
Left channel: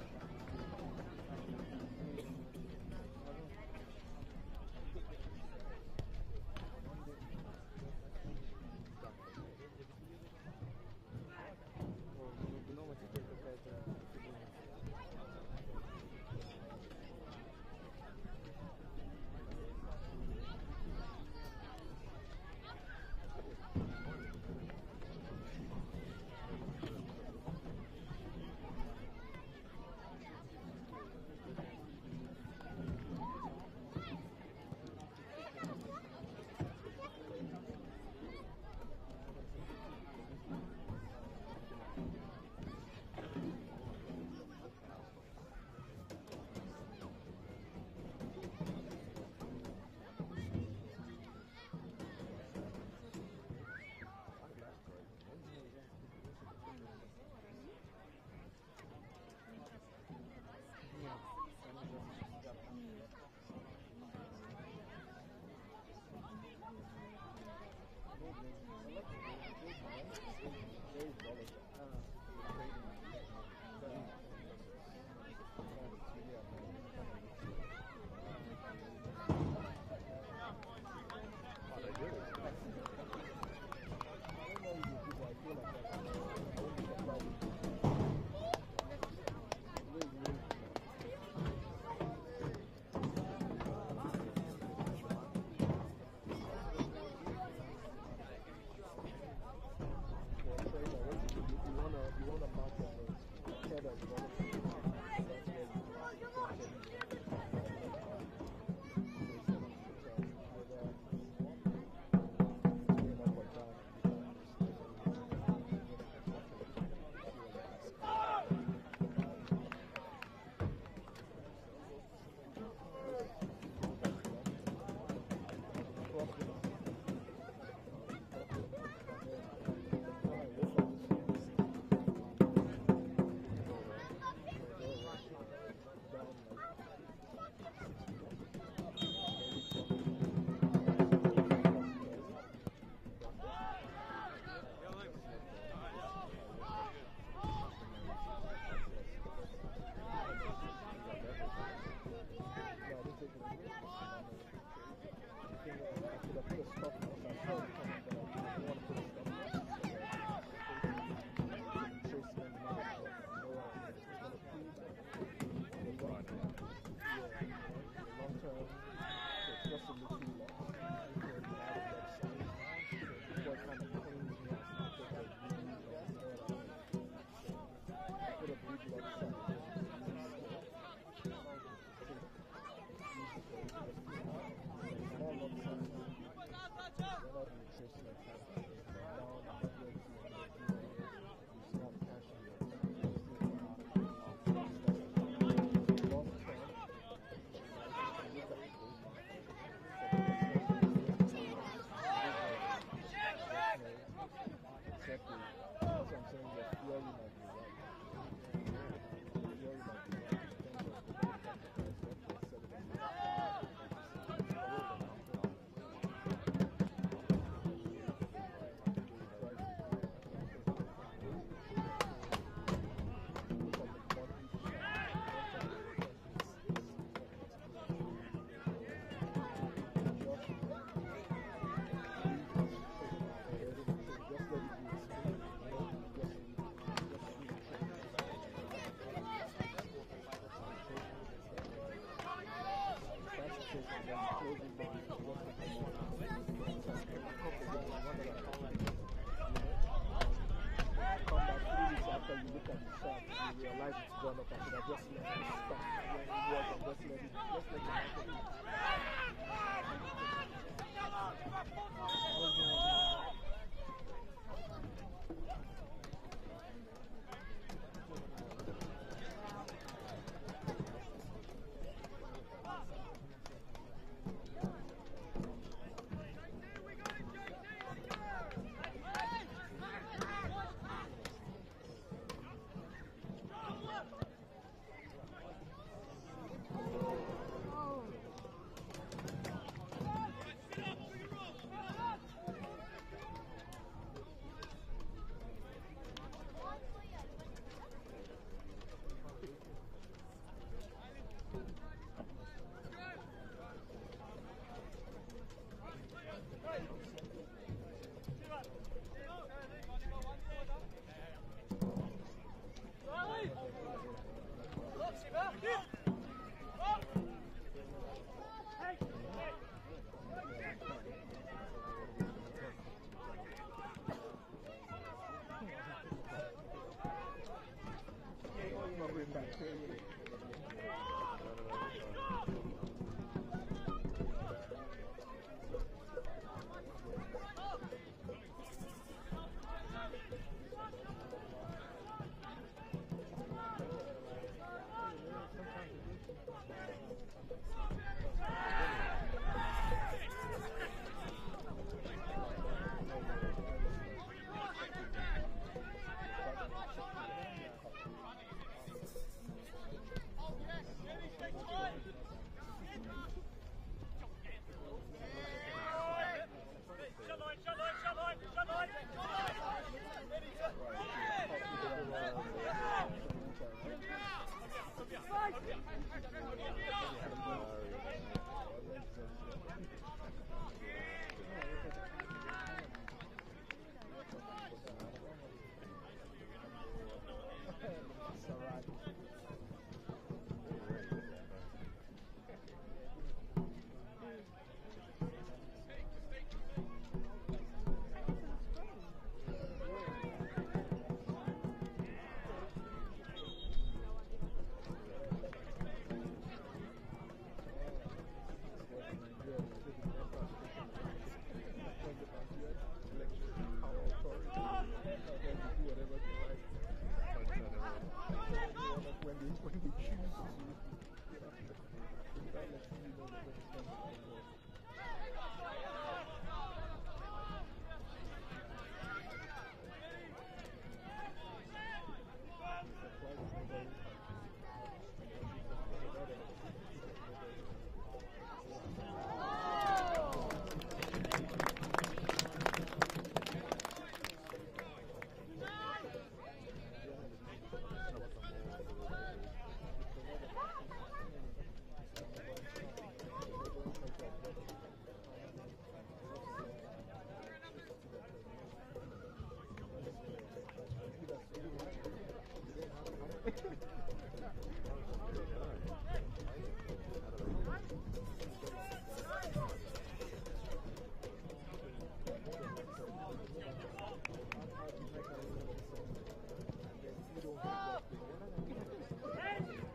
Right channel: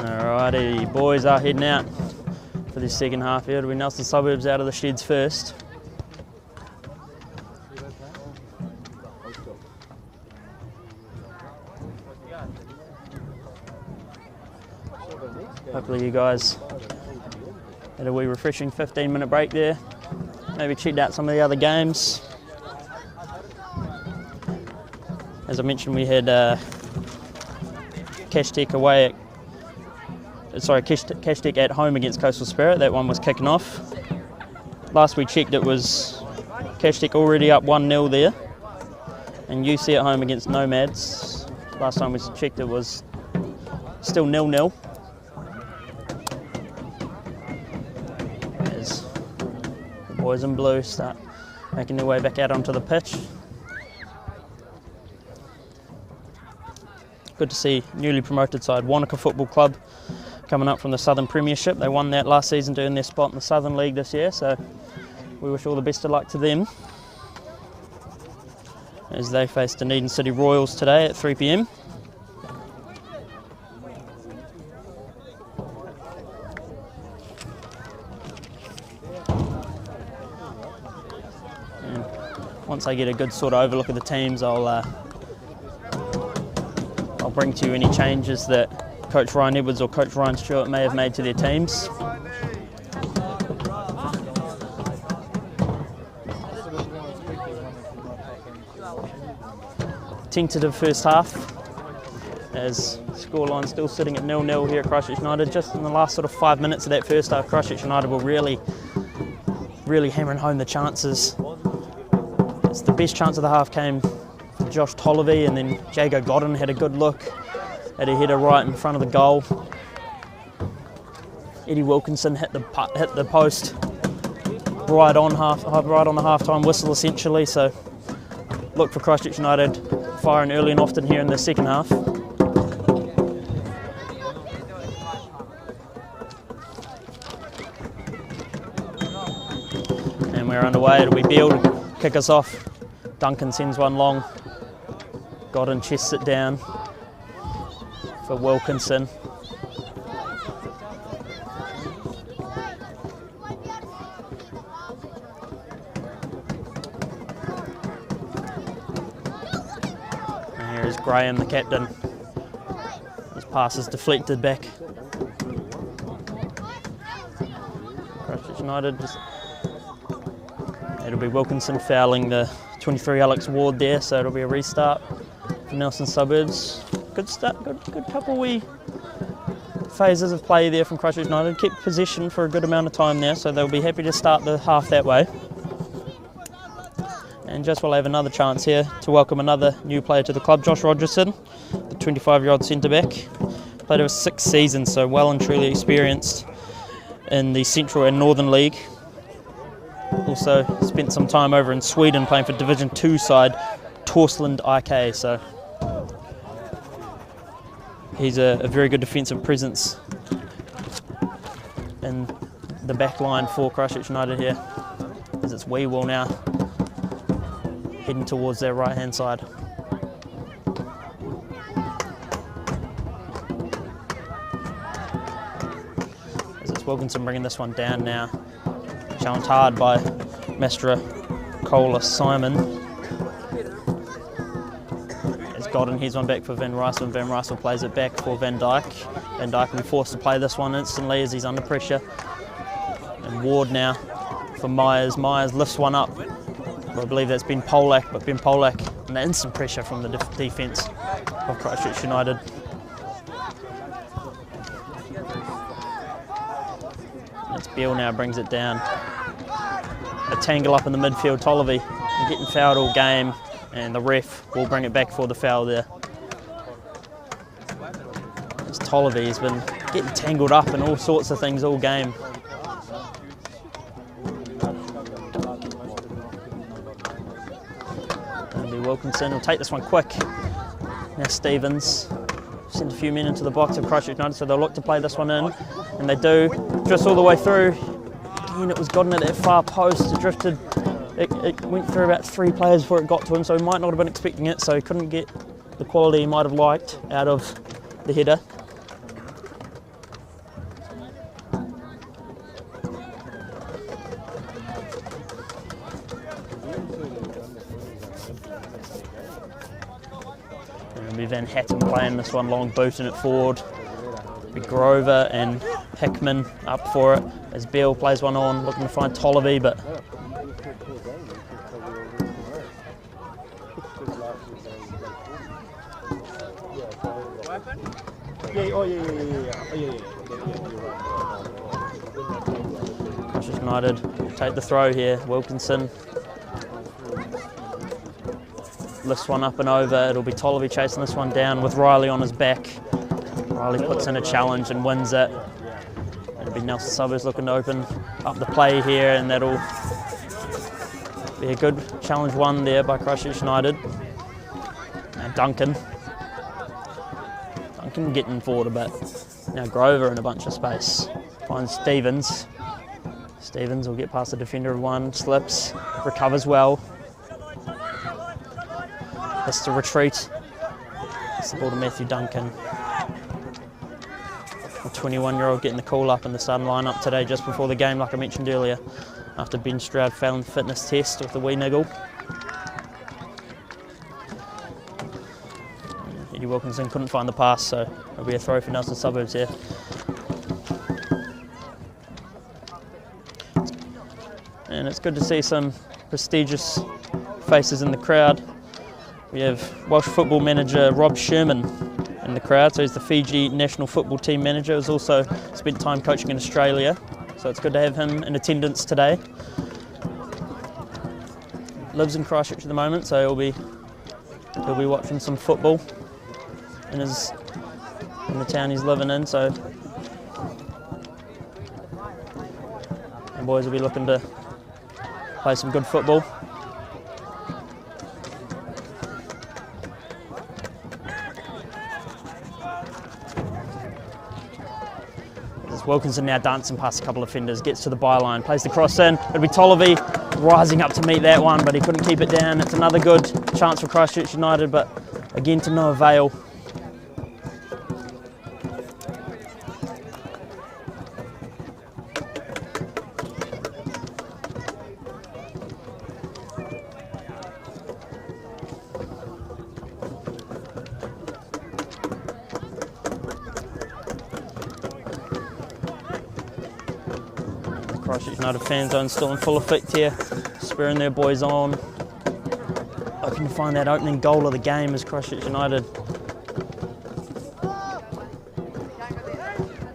Alrighty, boys are heading out for this second half here. It'll be Nelson Suburbs out of the sheds first. Hopefully you guys had a wee refreshing 15-minute break there. Maybe checked out some of the other games. As I mentioned, we had Cashtec Cashtec at home against Coastal Spirit. That one was kicking off. Last we checked, it was Cashtec already up 1-0 there, and UC at home against Nomads. Last time we checked, it was still 0-0. As the boys in blue start making their way back out onto the pitch. Good to see newly promoted side Wanaka Football Club coming up from the Southern Premiership. They won that last season, doing their spot in the Southern League this year, so we wish all the best of luck to them as they face Dunedin City Royals today at 3 p.m. And once I get a good sort of overlook of the teams, I'll bring to you any changes that Coach Ryan Edwards or Coach Ryan Stewart may have made to their teams. tentative first half, as scoreline still sitting at 0-0 here at Christchurch United. Just in the last sort of 5 minutes of that first half, Christchurch United were really hammering home the chances. It's the best chance of the half came from Josh Tolliver, and then Jago Godden had a good look at a header right in front of the goal. Eddie Wilkinson hit the post right on the half-time whistle essentially. So look for Christchurch United firing early and often here in the second half. And we're underway. It'll be Beale to kick us off. Duncan sends one long. Godden chests it down for Wilkinson. And here is Graham, the captain. His pass is deflected back. Christchurch United. It'll be Wilkinson fouling the 23 Alex Ward there, so it'll be a restart for Nelson Suburbs. Good start, good couple wee phases of play there from Christchurch United. Kept possession for a good amount of time there, so they'll be happy to start the half that way. And just will have another chance here to welcome another new player to the club, Josh Rogerson, the 25-year-old centre-back. Played over 6 seasons, so well and truly experienced in the Central and Northern League. Also spent some time over in Sweden playing for Division 2 side Torsland IK, so he's a very good defensive presence in the back line for Christchurch United here, as it's Weewell now heading towards their right hand side. As it's Wilkinson bringing this one down now. Challenged hard by Mestra Cola Simon. As Godden heads one back for Van Rysel, and Van Rysel plays it back for Van Dyke. Van Dyke will be forced to play this one instantly as he's under pressure. And Ward now for Myers. Myers lifts one up. I believe that's Ben Polak, but Ben Polak under instant pressure from the defence of Christchurch United. It's Beale now brings it down. A tangle up in the midfield, Tolliver getting fouled all game, and the ref will bring it back for the foul there. As Tolliver has been getting tangled up in all sorts of things all game. It'll be Wilkinson, will take this one quick. Now Stevens. Sent a few men into the box of Christchurch United, so they'll look to play this one in, and they do. Just all the way through. Again, it was gotten at that far post. It drifted. It went through about 3 players before it got to him, so he might not have been expecting it, so he couldn't get the quality he might have liked out of the header. Van Hatton playing this one long, booting it forward. Grover and Hickman up for it as Beale plays one on, looking to find Tolliver, but Christchurch United take the throw here. Wilkinson lifts one up and over. It'll be Tolliver chasing this one down with Riley on his back. Riley puts in a challenge and wins it. It'll be Nelson Suburbs looking to open up the play here, and that'll be a good challenge won there by Christchurch United. Now Duncan getting forward a bit. Now Grover in a bunch of space. Finds Stevens. Stevens will get past the defender of one, slips, recovers well. Has to retreat. It's the ball to Matthew Duncan. A 21-year-old getting the call up in the starting lineup today just before the game, like I mentioned earlier, after Ben Stroud failing the fitness test with the wee niggle. Eddie Wilkinson couldn't find the pass, so it'll be a throw for Nelson Suburbs here. And it's good to see some prestigious faces in the crowd. We have Welsh football manager Rob Sherman in the crowd, so he's the Fiji national football team manager. He's also spent time coaching in Australia, so it's good to have him in attendance today. Lives in Christchurch at the moment, so he'll be watching some football in the town he's living in. So, and boys will be looking to play some good football. Wilkinson now dancing past a couple of defenders, gets to the byline, plays the cross in. It'll be Tolliver rising up to meet that one, but he couldn't keep it down. It's another good chance for Christchurch United, but again to no avail. Christchurch United fan zone still in full effect here, spurring their boys on, looking to find that opening goal of the game as Christchurch United.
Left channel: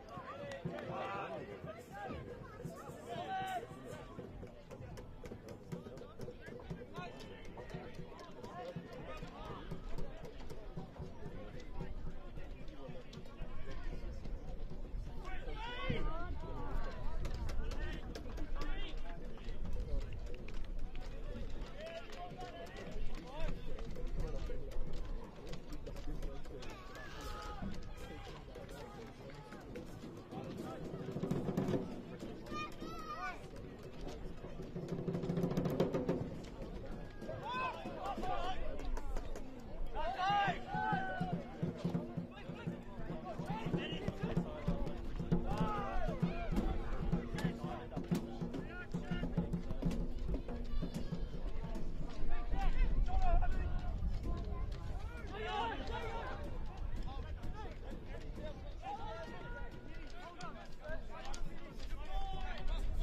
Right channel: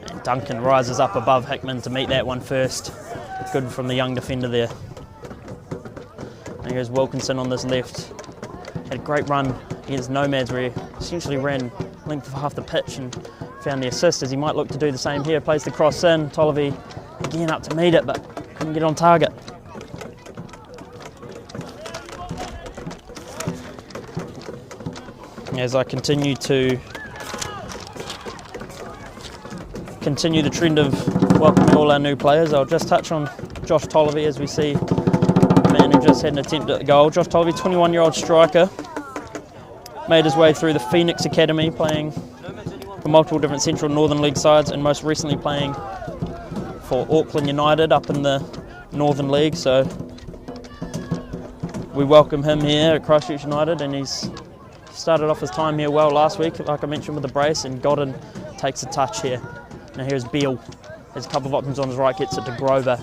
And Duncan rises up above Hickman to meet that one first. Good from the young defender there. And here's Wilkinson on this left. Had a great run against Nomads where he essentially ran length of half the pitch and found the assist, as he might look to do the same here. Plays the cross in, Tolliver again up to meet it, but couldn't get on target. As I continue the trend of welcoming all our new players, I'll just touch on Josh Tolliver as we see the man who just had an attempt at the goal. Josh Tolliver, 21-year-old striker, made his way through the Phoenix Academy, playing for multiple different Central and Northern League sides, and most recently playing for Auckland United up in the Northern League. So we welcome him here at Christchurch United, and he's started off his time here well last week, like I mentioned, with the brace, and Godden takes a touch here. Now here's Beale, has a couple of options on his right, gets it to Grover,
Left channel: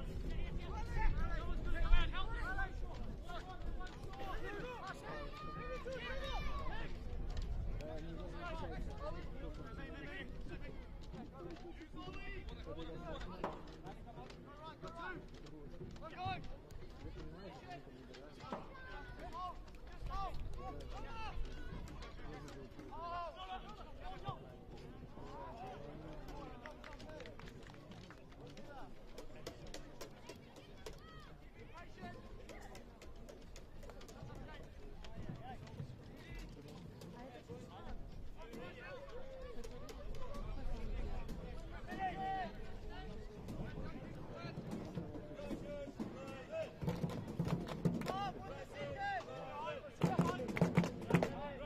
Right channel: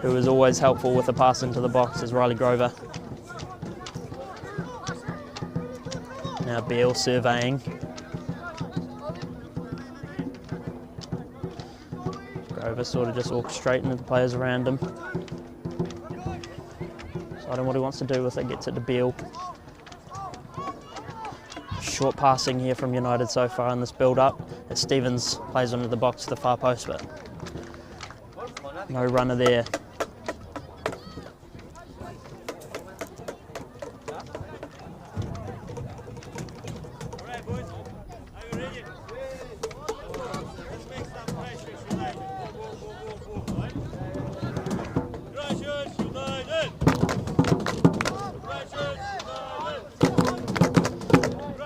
who is always helpful with a pass into the box, is Riley Grover. Now Beale surveying. Grover sort of just orchestrating the players around him. Deciding what he wants to do with it, gets it to Beale. Short passing here from United so far in this build-up, as Stevens plays under the box to the far post, but no runner there.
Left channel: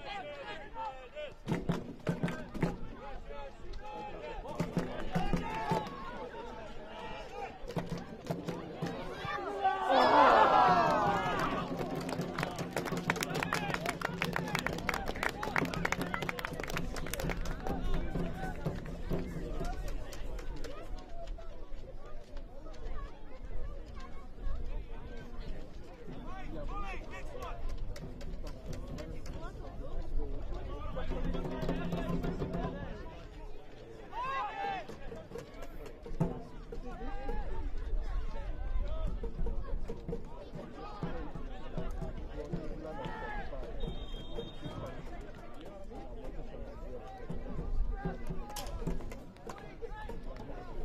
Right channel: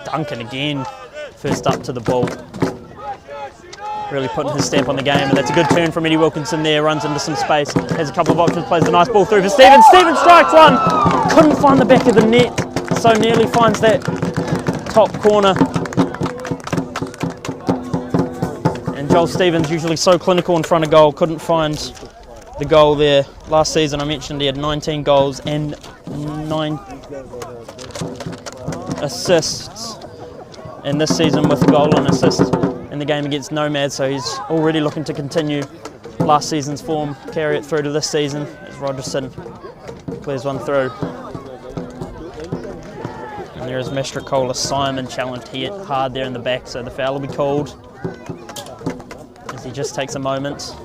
Duncan again, first up to the ball. Really putting his stamp on the game, and that's a good turn from Eddie Wilkinson there, runs into some space, has a couple of options, plays a nice ball through for Stevens. Stevens strikes one, couldn't find the back of the net, so nearly finds that top corner. And Joel Stevens, usually so clinical in front of goal, couldn't find the goal there. Last season I mentioned he had 19 goals and 9 assists. And this season with a goal and assist in the game against Nomads, so he's already looking to continue last season's form, carry it through to this season as Rogerson clears one through. And there is Mastrocola Simon challenged here hard there in the back, so the foul will be called as he just takes a moment.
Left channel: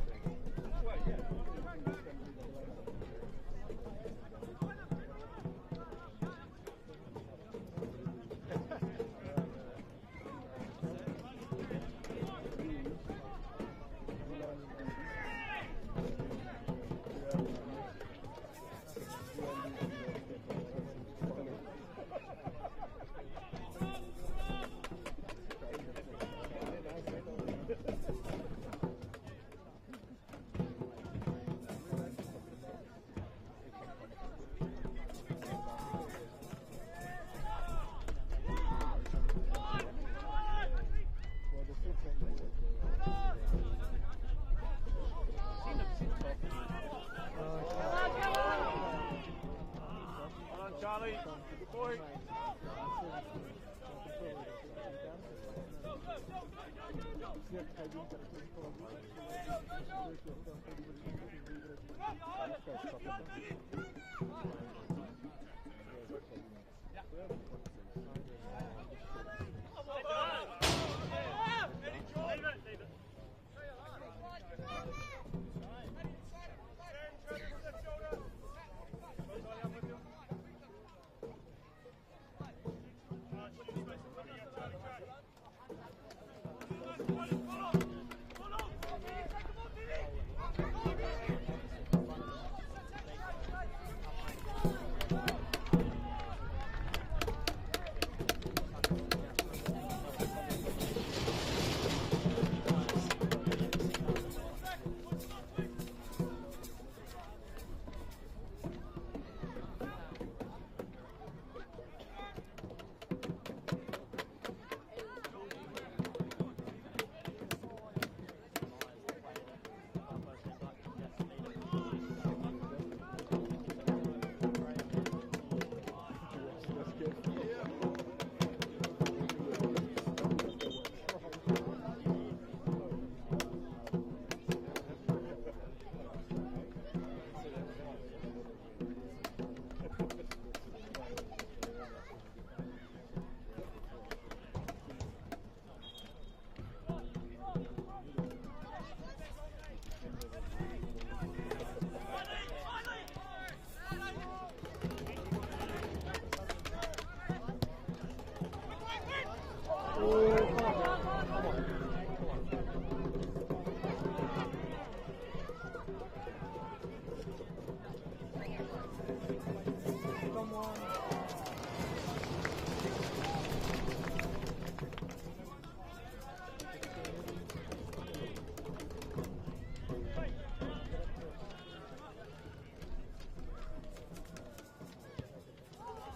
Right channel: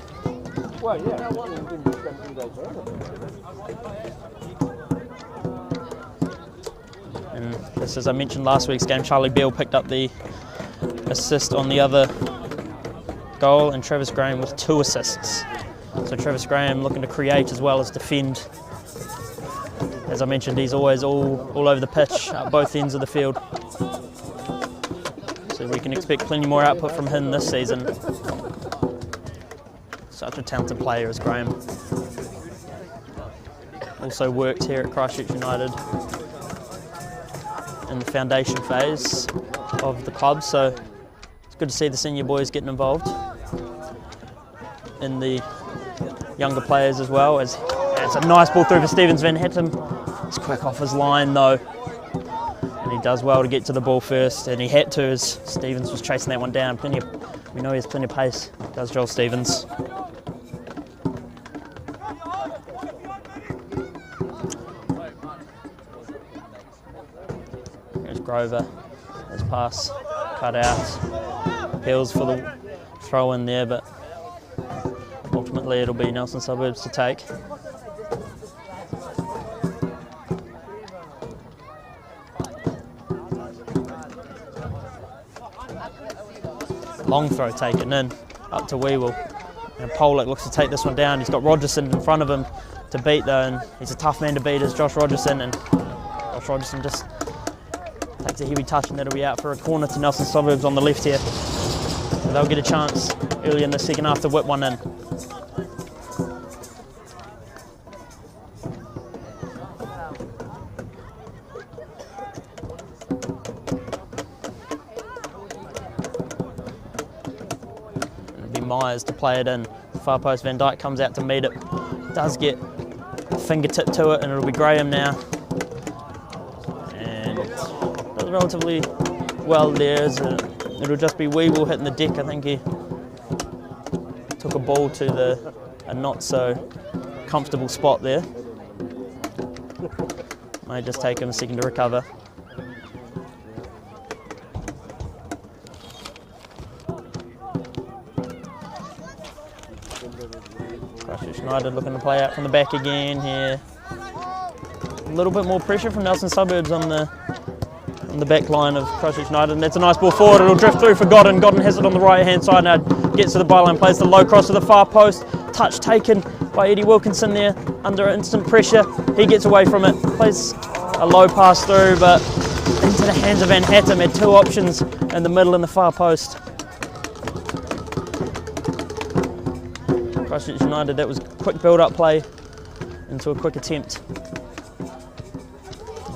And this, as I mentioned last week's game, Charlie Beale picked up the assist on the other goal, and Travis Graham with 2 assists. So Travis Graham looking to create as well as defend. As I mentioned, he's always all over the pitch at both ends of the field. So we can expect plenty more output from him this season. Such a talented player as Graham. Also worked here at Christchurch United in the foundation phase of the club, so it's good to see the senior boys getting involved in the younger players as well. As it's a nice ball through for Stevens. Van Hattem He's quick off his line though, and he does well to get to the ball first, and he had to as Stevens was chasing that one down. We know he has plenty of pace, does Joel Stevens. There's Grover, his pass cut out, Hills for the throw in there, but ultimately it'll be Nelson Suburbs to take. Long throw taken in, up to Weewell. And Pollock looks to take this one down. He's got Rogerson in front of him to beat though, and he's a tough man to beat as Josh Rogerson, and Josh Rogerson just takes a heavy touch, and that'll be out for a corner to Nelson Suburbs on the left here. So they'll get a chance early in the second half to whip one in. Myers to play it in. Far post, Van Dijk comes out to meet it. Does get a fingertip to it, and it'll be Graham now. And does relatively well there. It'll just be Weevil hitting the deck. I think he took a ball to a not so comfortable spot there. May just take him a second to recover. United looking to play out from the back again here. A little bit more pressure from Nelson Suburbs on the back line of Christchurch United, and that's a nice ball forward. It'll drift through for Godden. Godden has it on the right hand side now, gets to the byline, plays the low cross to the far post. Touch taken by Eddie Wilkinson there under instant pressure. He gets away from it, plays a low pass through, but into the hands of Van Hattem. Had two options in the middle and the far post. Christchurch United, that was a quick build-up play into a quick attempt.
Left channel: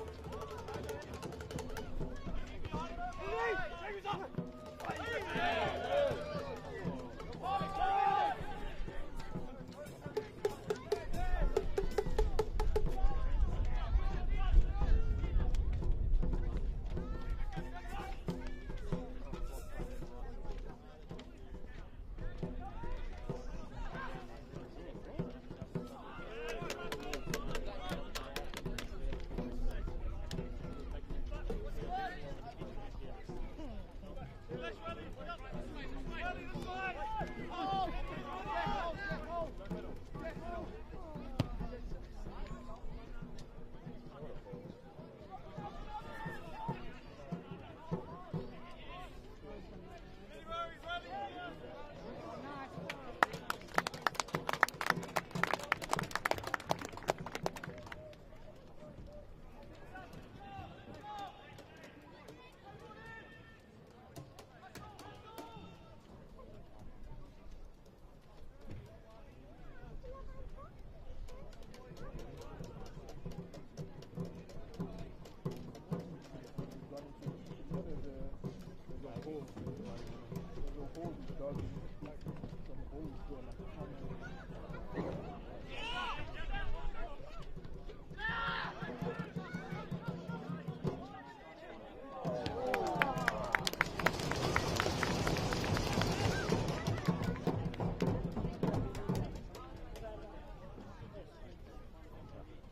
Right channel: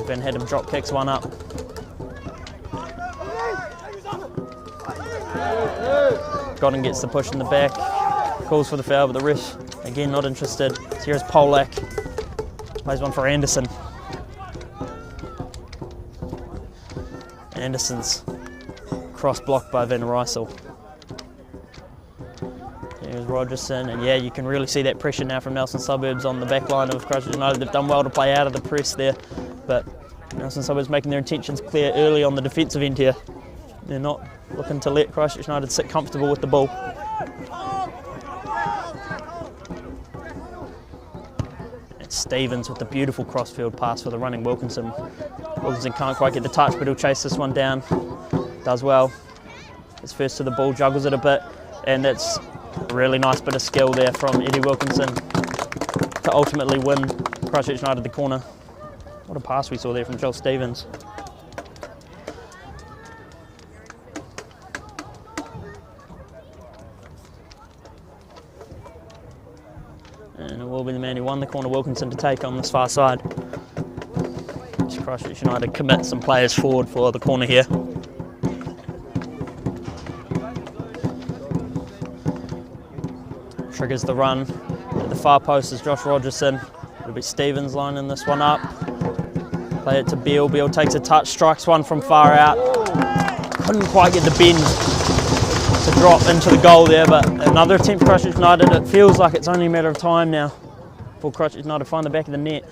Van Hattem drop kicks one up. Godden gets the push in the back, calls for the foul, but the ref, again, not interested. So here's Polak, plays one for Anderson. Anderson's cross blocked by Van Rysel. There's Rogerson, and yeah, you can really see that pressure now from Nelson Suburbs on the back line of Christchurch United. They've done well to play out of the press there, but Nelson Suburbs making their intentions clear early on the defensive end here. They're not looking to let Christchurch United sit comfortable with the ball. It's Stevens with the beautiful crossfield pass for the running Wilkinson. Wilkinson can't quite get the touch, but he'll chase this one down. Does well. Gets first to the ball, juggles it a bit, and it's a really nice bit of skill there from Eddie Wilkinson to ultimately win Christchurch United the corner. What a pass we saw there from Joel Stevens. And it will be the man who won the corner, Wilkinson, to take on this far side. Christchurch United commit some players forward for the corner here. Triggers the run. At the far post is Josh Rogerson. It'll be Stevens lining this one up. Play it to Beale. Beale takes a touch, strikes one from far out. Couldn't quite get the bend to drop into the goal there, but another attempt for Christchurch United. It feels like it's only a matter of time now for Christchurch United to find the back of the net.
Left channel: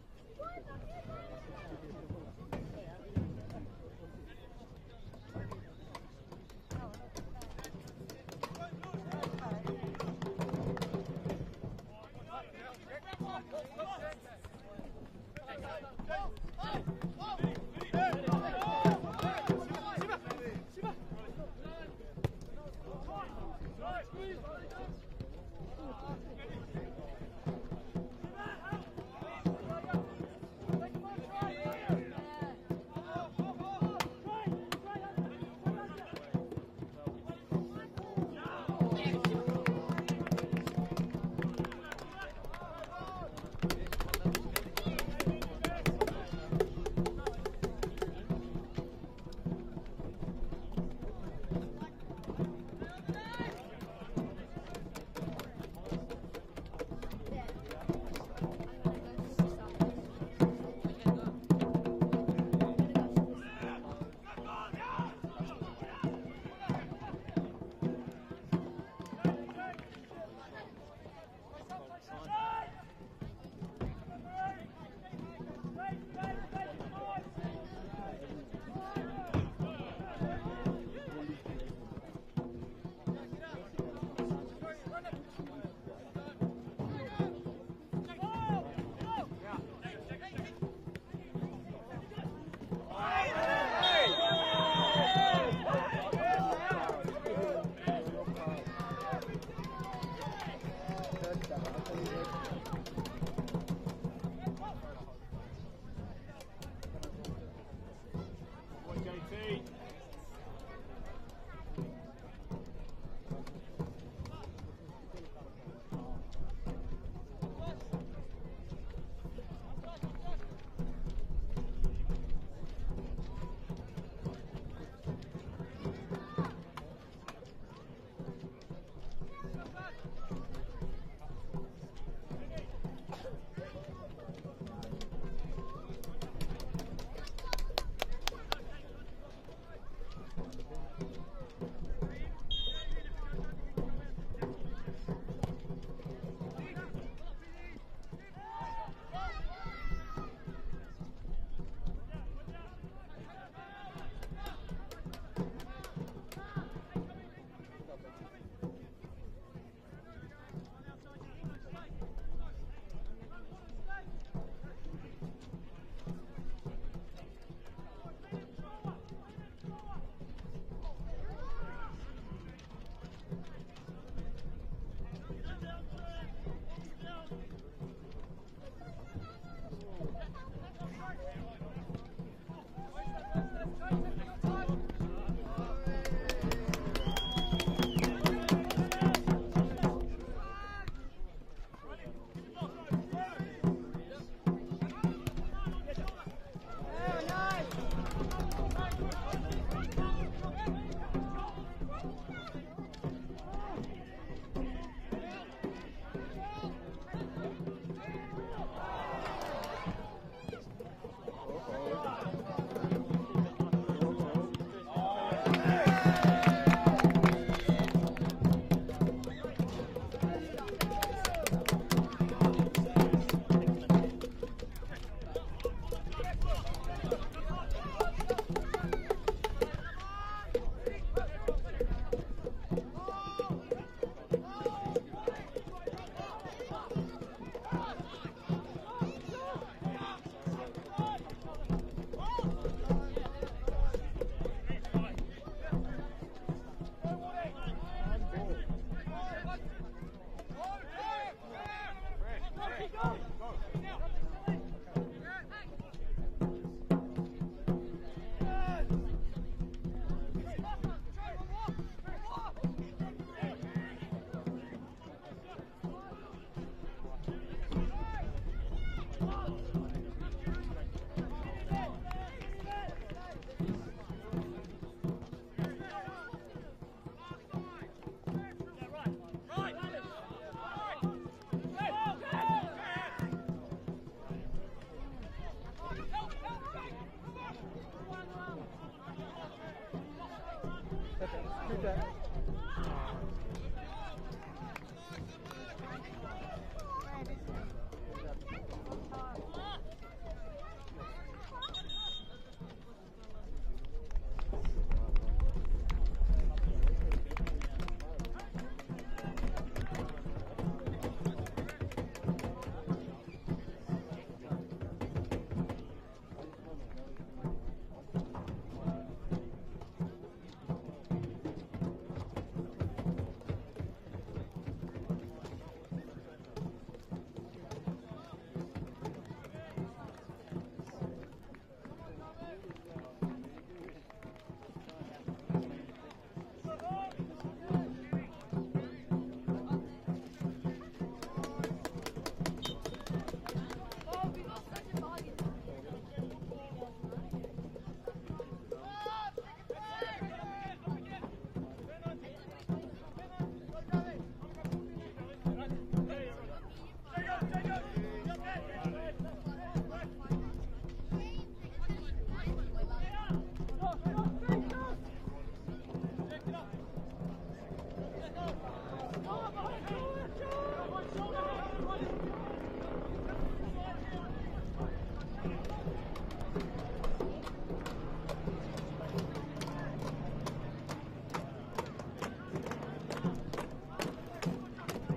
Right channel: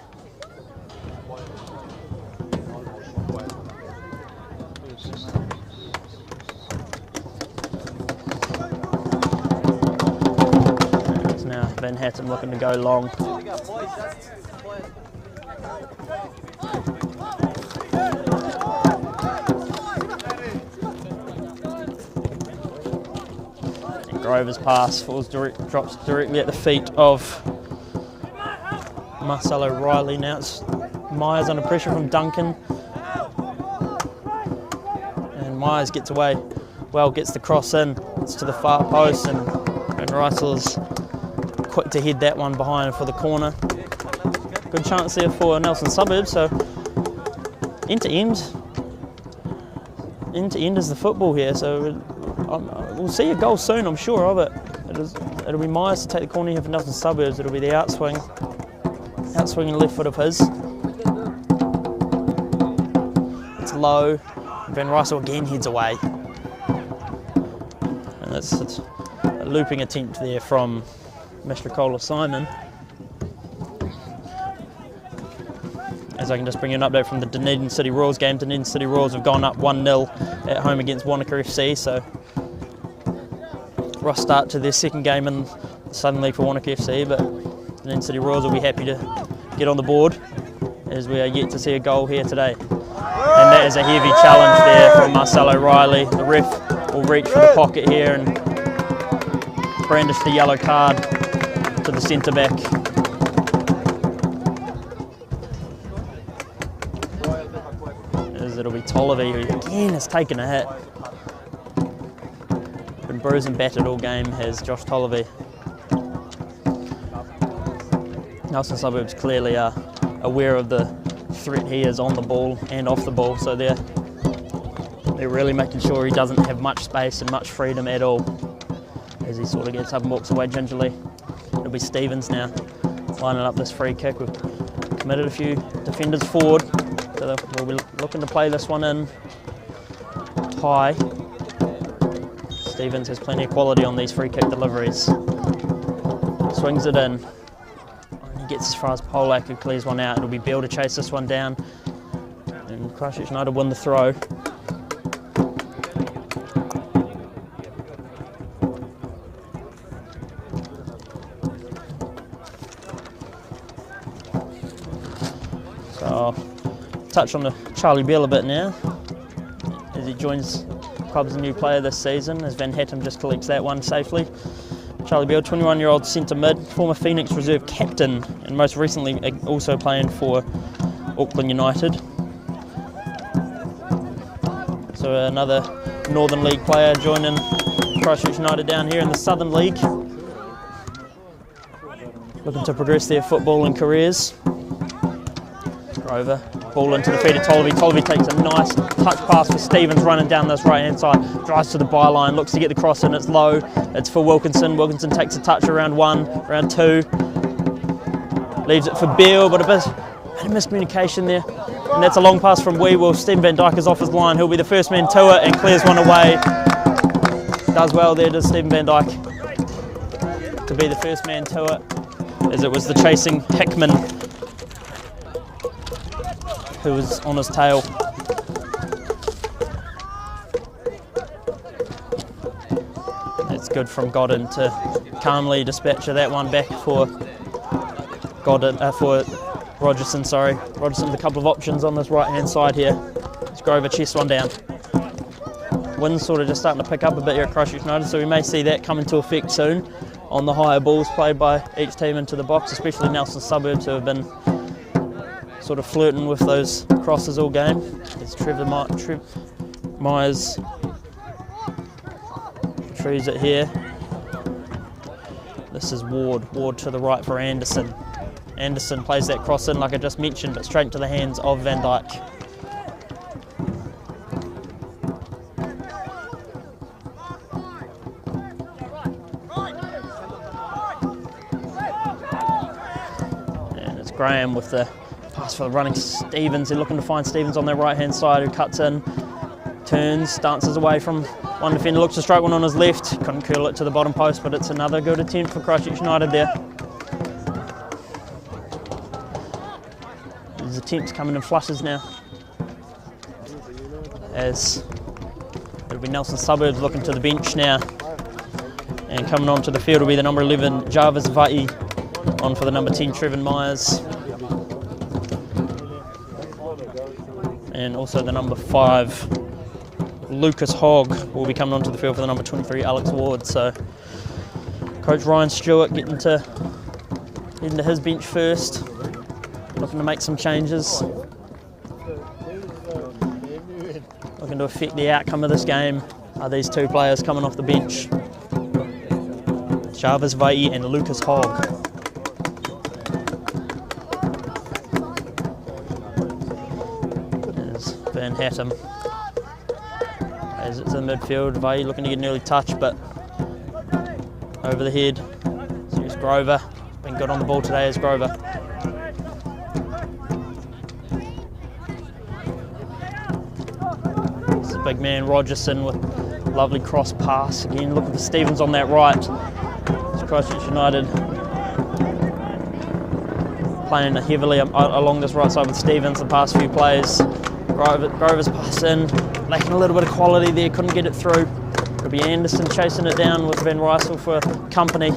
It's now Van Hattem looking to go long. Grover's pass drops directly at the feet of Marcelo Riley. Now it's Myers under pressure from Duncan. And Myers gets away. Well, gets the cross in. It's to the far post, and Rysel is quick to head that one behind for the corner. Good chance there for Nelson Suburbs. So end to end is the football here. So we'll see a goal soon, I'm sure of it. It'll be Myers to take the corner here for Nelson Suburbs. It'll be the outswinging left foot of his. low. Van Rysel again heads away. And it's a looping attempt there from Mr. Kohler Simon. As I can just bring you an update from the Dunedin City Royals game. Dunedin City Royals have gone up 1-0 at home against Wanaka FC, so rough start to their second game in the Southern League for Wanaka FC, but Dunedin City Royals will be happy to get on the board as we are yet to see a goal here today. And that is a heavy challenge there from Marcelo Riley. The ref will reach for the pocket here and brandish the yellow card to the centre back. As it'll be Tolliver, who again has taken a hit. Been bruised and battered all game has Josh Tolliver. Nelson Suburbs clearly are aware of the threat he is on the ball and off the ball, so they're really making sure he doesn't have much space and much freedom at all as he sort of gets up and walks away gingerly. It'll be Stevens now lining up this free kick. We've committed a few defenders forward, so we'll be looking to play this one in high. Stevens has plenty of quality on these free kick deliveries. Swings it in. Gets as far as Polak, who clears one out. It'll be Bill to chase this one down, and Christchurch United win the throw. So I'll touch on the Charlie Bell a bit now as he joins the club as a new player this season, as Van Hattem just collects that one safely. Charlie Bell, 21-year-old centre mid, former Phoenix reserve captain, and most recently also playing for Auckland United. So another Northern League player joining Christchurch United down here in the Southern League, looking to progress their footballing careers. Grover, ball into the feet of Tolliver. Tolliver takes a nice touch pass for Stevens running down this right-hand side, drives to the byline, looks to get the cross in, it's low, it's for Wilkinson. Wilkinson takes a touch around 1, round 2, leaves it for Beale, but a bit of miscommunication there. And that's a long pass from Weewell. Stephen Van Dyke is off his line, he'll be the first man to it and clears one away. Does well there, does Stephen Van Dyke, to be the first man to it, as it was the chasing Hickman who was on his tail. It's good from Godden to calmly dispatch that one back for Godden, for Rogerson, sorry. Rogerson with a couple of options on this right-hand side here. It's Grover chests one down. Wind's sort of just starting to pick up a bit here at Christchurch United, so we may see that come into effect soon on the higher balls played by each team into the box, especially Nelson Suburbs, who have been sort of flirting with those crosses all game. It's Trevor Myers retrieves it here. This is Ward to the right for Anderson. Anderson plays that cross in like I just mentioned, but straight into the hands of Van Dyke. And it's Graham with the pass for the running Stevens. They're looking to find Stevens on their right-hand side, who cuts in, turns, dances away from one defender, looks to strike one on his left. Couldn't curl it to the bottom post, but it's another good attempt for Christchurch United there. These attempts coming in flushes now, as it'll be Nelson Suburbs looking to the bench now. And coming onto the field will be the number 11, Jarvis Vai, on for the number 10, Trevor Myers. And also the number 5, Lucas Hogg, will be coming onto the field for the number 23, Alex Ward. So Coach Ryan Stewart getting to his bench first, looking to make some changes, looking to affect the outcome of this game. Are these two players coming off the bench, Jarvis Vai and Lucas Hogg. Van Hattem as it's in midfield. Vai looking to get an early touch, but over the head. So here's Grover. Been good on the ball today as Grover. big man. Rogerson with lovely cross pass. Again, looking for Stevens on that right. It's Christchurch United playing heavily along this right side with Stevens the past few plays. Grover's pass in, lacking a little bit of quality there, couldn't get it through. It'll be Anderson chasing it down with Van Rysel for company.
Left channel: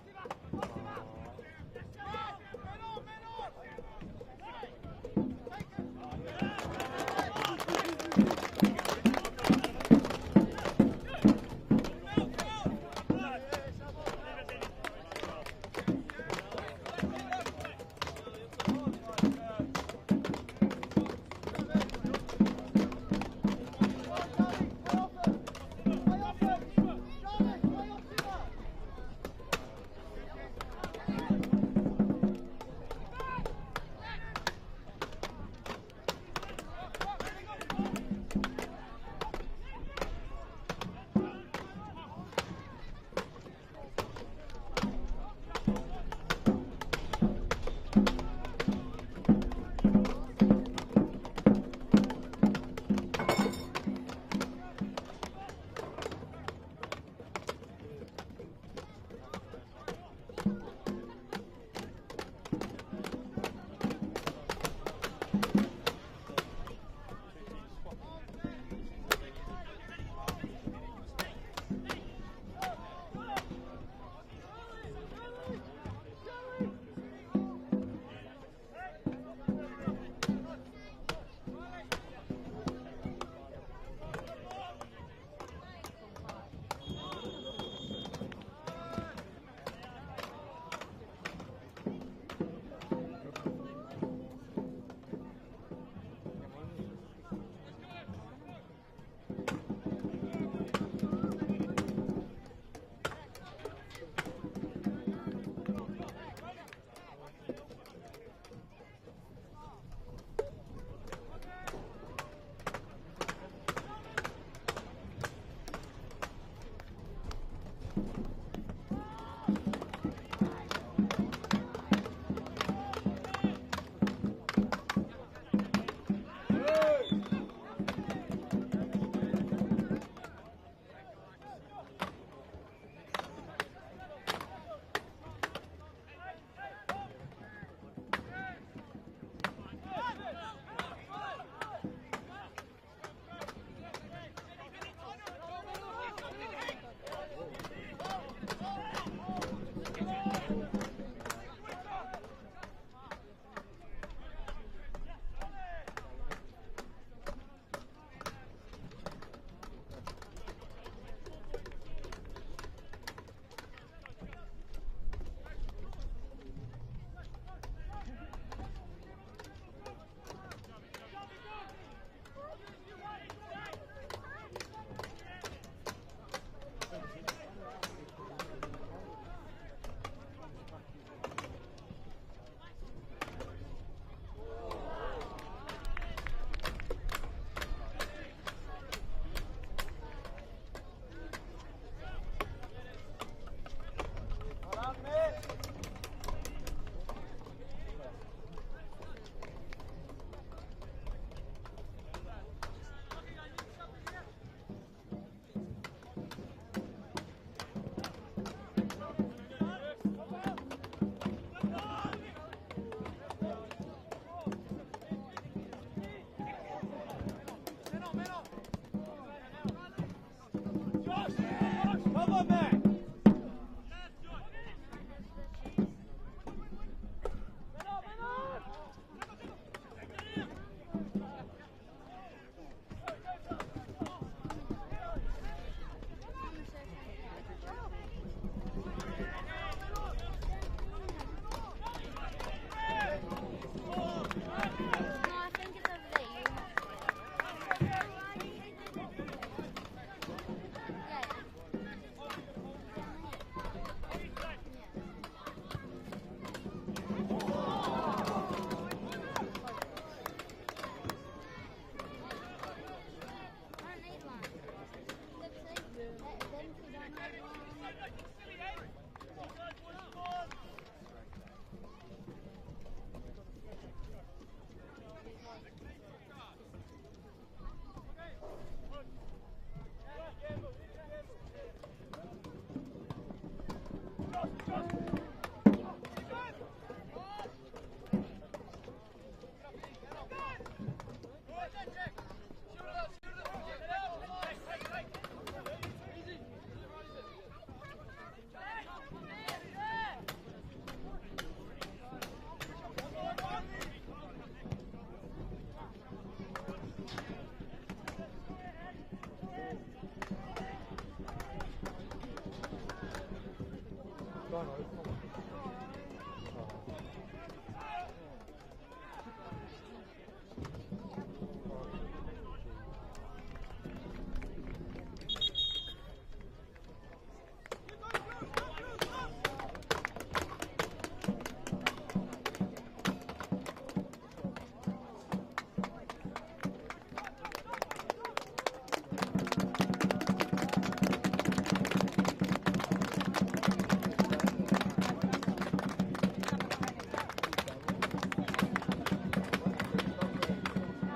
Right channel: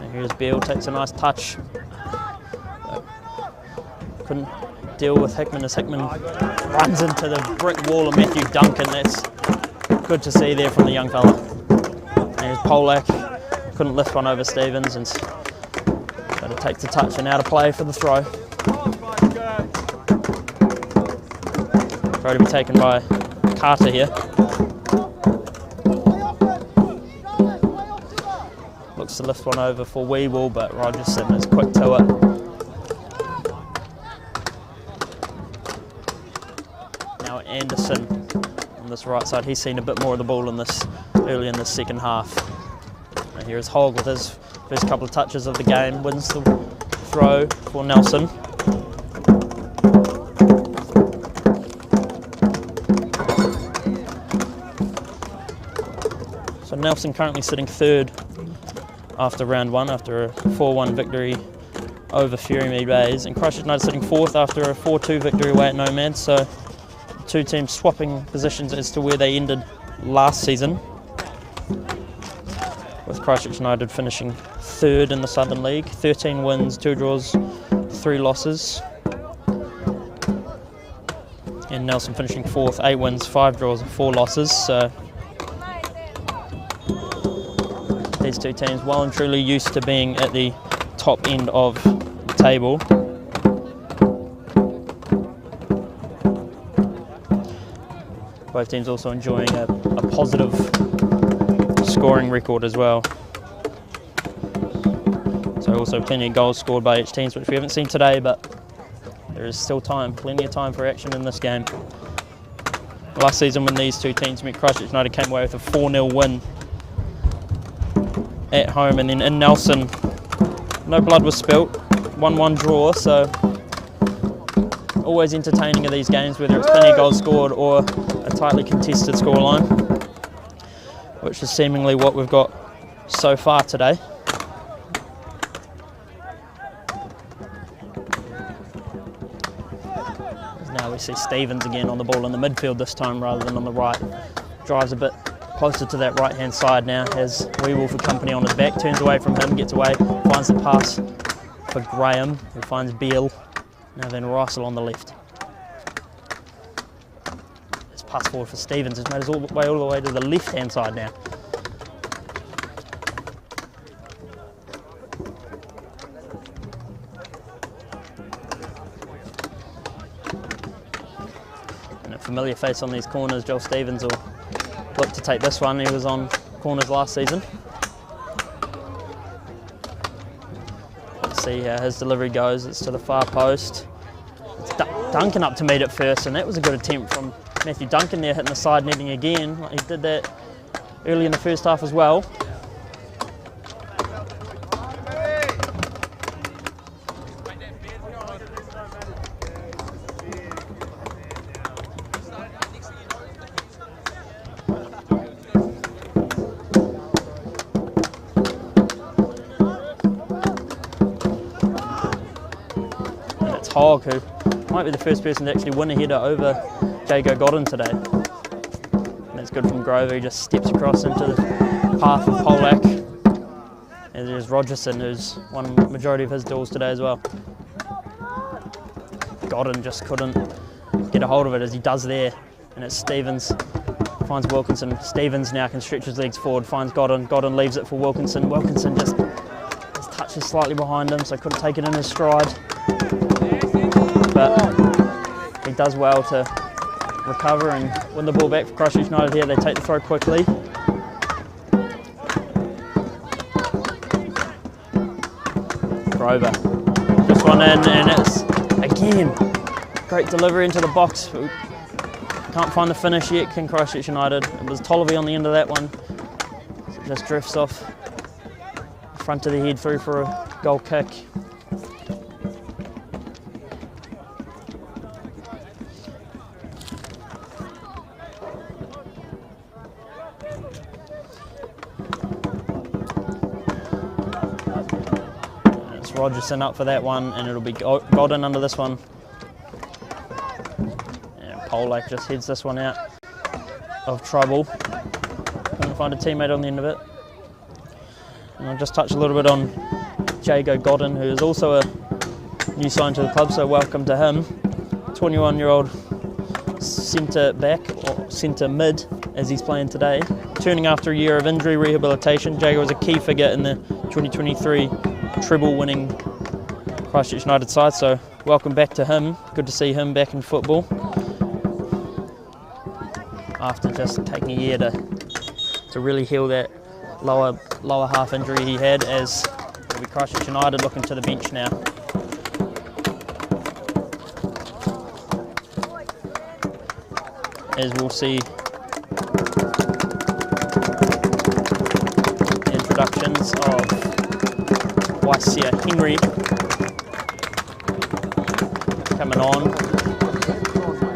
And here's Beale, takes a nice touch. Couldn't deal with Hickman as Hickman runs into the brick wall of Matthew Duncan. That's good to see there from the young fella. And here's Polak, couldn't lift one over Stevens and got to take the touch and out of play for the throw. Throw to be taken by Carter here. Looks to lift one over for Weeble, but Rogerson is quick to it. Anderson on this right side, he's seen a bit more of the ball early in the second half. And here's Hogg with his first couple of touches of the game, wins the throw for Nelson. So Nelson currently sitting third after round one, after a 4-1 victory over Furymead Bays, and Christchurch United sitting fourth after a 4-2 victory away at Nomads. So two teams swapping positions as to where they ended last season, with Christchurch United finishing third in the Southern League, 13 wins, 2 draws, 3 losses, and Nelson finishing fourth, 8 wins, 5 draws, 4 losses. So these two teams well and truly used to being at the top end of the table. Both teams also enjoying a positive scoring record as well. So also plenty of goals scored by each team, which we haven't seen today, but there is still time, plenty of time for action in this game. Last season when these two teams met, Christchurch United came away with a 4-0 win at home, and then in Nelson, no blood was spilt, 1-1 draw, so always entertaining of these games, whether it's plenty of goals scored or a tightly contested scoreline, which is seemingly what we've got so far today. Now we see Stevens again on the ball in the midfield this time rather than on the right. Drives a bit closer to that right hand side now, has Weeble for company on his back, turns away from him, gets away, finds the pass for Graham, who finds Beale. Now then Rysel on the left. His pass forward for Stevens has made his all the way to the left-hand side now. And a familiar face on these corners, Joel Stevens will look to take this one. He was on corners last season. See how his delivery goes. It's to the far post. It's Duncan up to meet it first, and that was a good attempt from Matthew Duncan there, hitting the side netting again. He did that early in the first half as well. Hogg, who might be the first person to actually win a header over Jago Godden today. And that's good from Grover, he just steps across into the path of Polak. And there's Rogerson, who's won the majority of his duels today as well. Godden just couldn't get a hold of it as he does there. And it's Stevens, finds Wilkinson. Stevens now can stretch his legs forward, finds Godden. Godden leaves it for Wilkinson. Wilkinson just touches slightly behind him, so couldn't take it in his stride. But he does well to recover and win the ball back for Christchurch United here. They take the throw quickly. Grover, this one in, and it's again great delivery into the box. Can't find the finish yet, can Christchurch United. It was Tolliver on the end of that one. So it just drifts off the front of the head through for a goal kick. It's Rogerson up for that one, and it'll be Godden under this one. Polak just heads this one out of trouble. Couldn't find a teammate on the end of it. And I'll just touch a little bit on Jago Godden, who is also a new sign to the club, so welcome to him. 21-year-old centre back, or centre mid, as he's playing today. Turning after a year of injury rehabilitation, Jago was a key figure in the 2023 treble-winning Christchurch United side, so welcome back to him. Good to see him back in football, after just taking a year to really heal that lower half injury he had, as it'll be Christchurch United looking to the bench now. As we'll see the introductions of Waisia Henry coming on,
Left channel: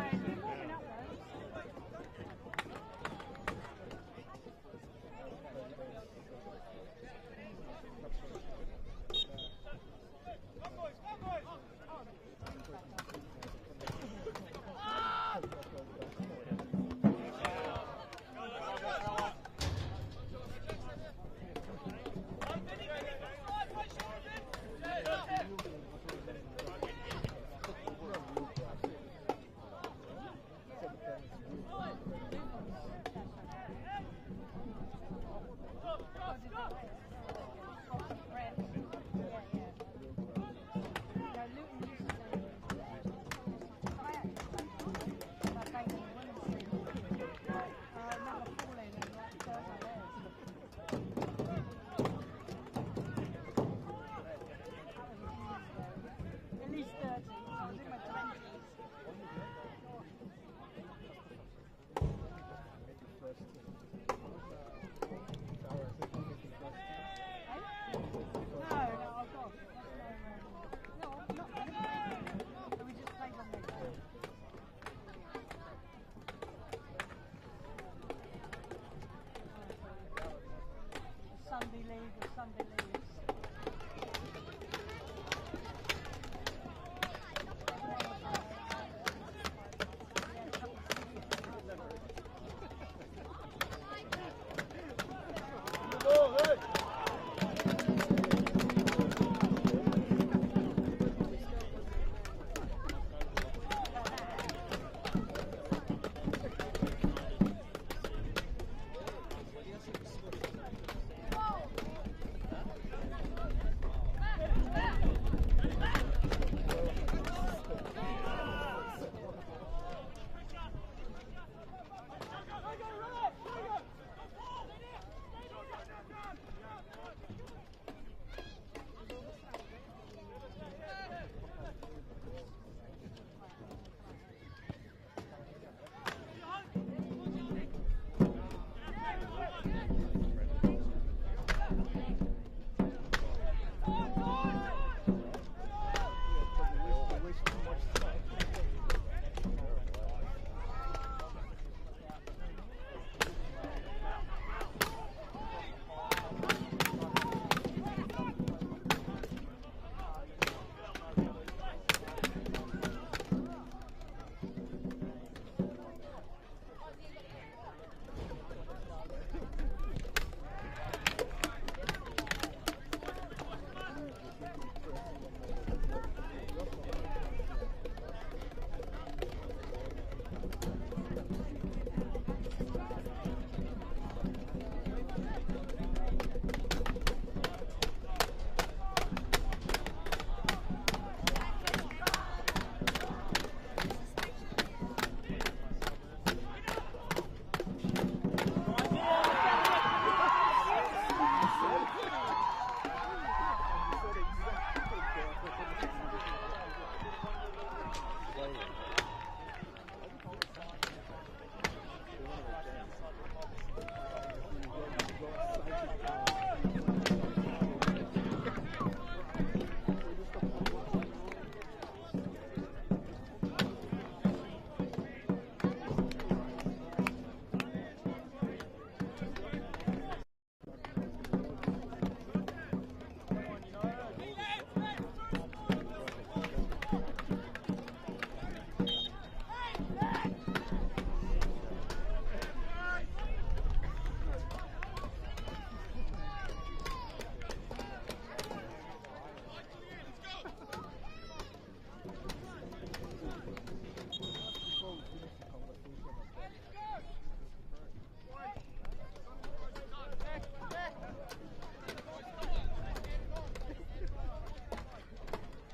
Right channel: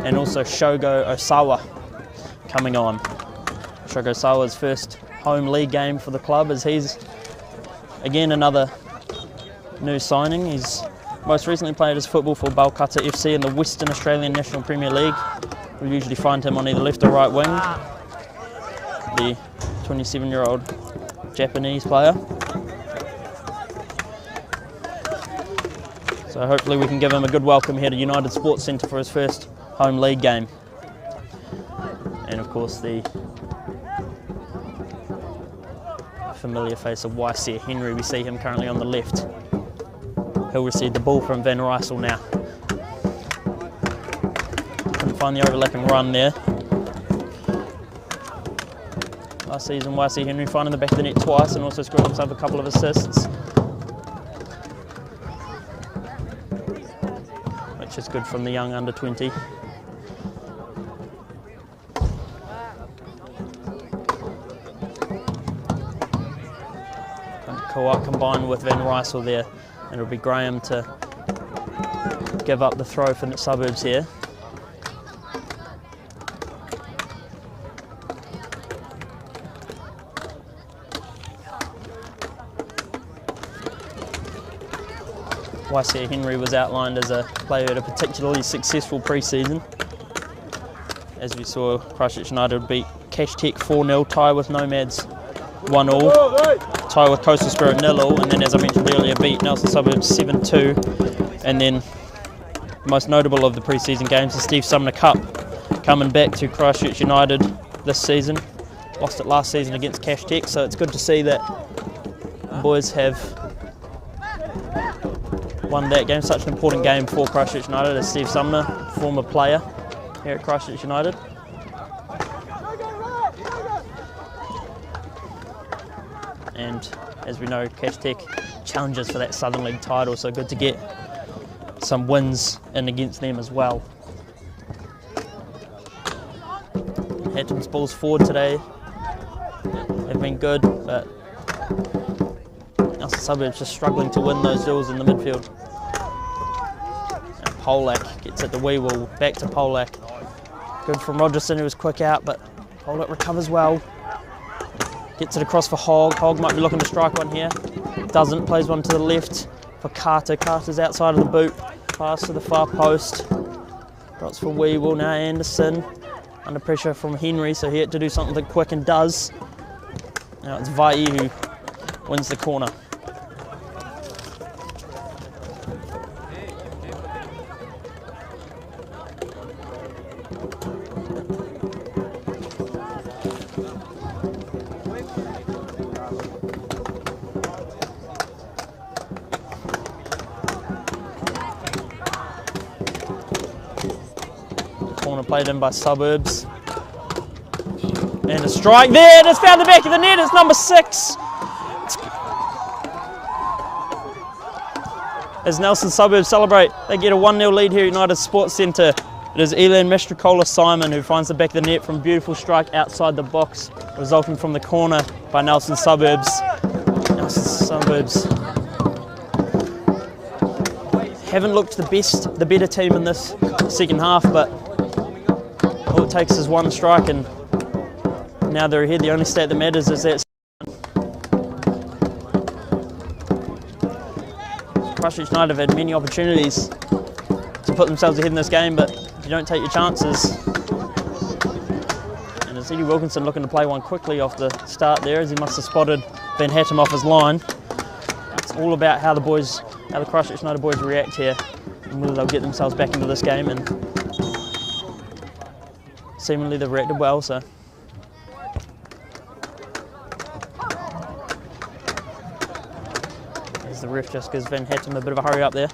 and also Shogo Osawa coming on. Shogo Osawa's first home league game for the club, as he's again another new signing. He's most recently played his football for Balkata FC in the Western Australian National Premier League. We usually find him on either left or right wing. The 27-year-old Japanese player. So hopefully we can give him a good welcome here to United Sports Centre for his first home league game. And of course the familiar face of Waisia Henry, we see him currently on the left. He'll receive the ball from Van Rysel now. Couldn't find the overlapping run there. Last season Waisia Henry finding the back of the net twice and also scored himself a couple of assists, which is good from the young under 20. Kawak combined with Van Rysel there, and it'll be Graham to give up the throw for the Suburbs here. Waisia Henry was outlined as a player who had a particularly successful pre-season. As we saw, Christchurch United beat Cash Tech 4-0, tie with Nomads 1-1, tie with Coastal Spirit 0-0, and then, as I mentioned earlier, beat Nelson Suburbs 7-2. And then, most notable of the pre-season games, the Steve Sumner Cup, coming back to Christchurch United this season. Lost it last season against Cash Tech, so it's good to see that the boys have won that game. Such an important game for Christchurch United, as Steve Sumner, former player here at Christchurch United. And as we know, Cash Tech challenges for that Southern League title, so good to get some wins in against them as well. Hatton's balls forward today have been good, but Nelson Suburbs just struggling to win those duels in the midfield. And Polak gets it to Weewell, back to Polak. Good from Rogerson, who was quick out, but Polak recovers well. Gets it across for Hogg. Hogg might be looking to strike one here. Doesn't, plays one to the left for Carter. Carter's outside of the boot. Pass to the far post. Drops for Weewell, now Anderson. Under pressure from Henry, so he had to do something quick and does. Now it's Vai who wins the corner. Corner played in by Suburbs. And a strike there, just found the back of the net, it's number 6. As Nelson Suburbs celebrate, they get a 1-0 lead here at United Sports Centre. It is Elan Mastrocola-Simon who finds the back of the net from a beautiful strike outside the box, resulting from the corner by Nelson Suburbs. Nelson Suburbs haven't looked the better team in this second half, but all it takes is one strike and now they're ahead. The only stat that matters is that Christchurch United have had many opportunities to put themselves ahead in this game, but if you don't take your chances. And it's Eddie Wilkinson looking to play one quickly off the start there, as he must have spotted Van Hattem off his line. It's all about how the Christchurch United boys react here and whether they'll get themselves back into this game, and seemingly they've reacted well, so. As the ref just gives Van Hattem a bit of a hurry up there.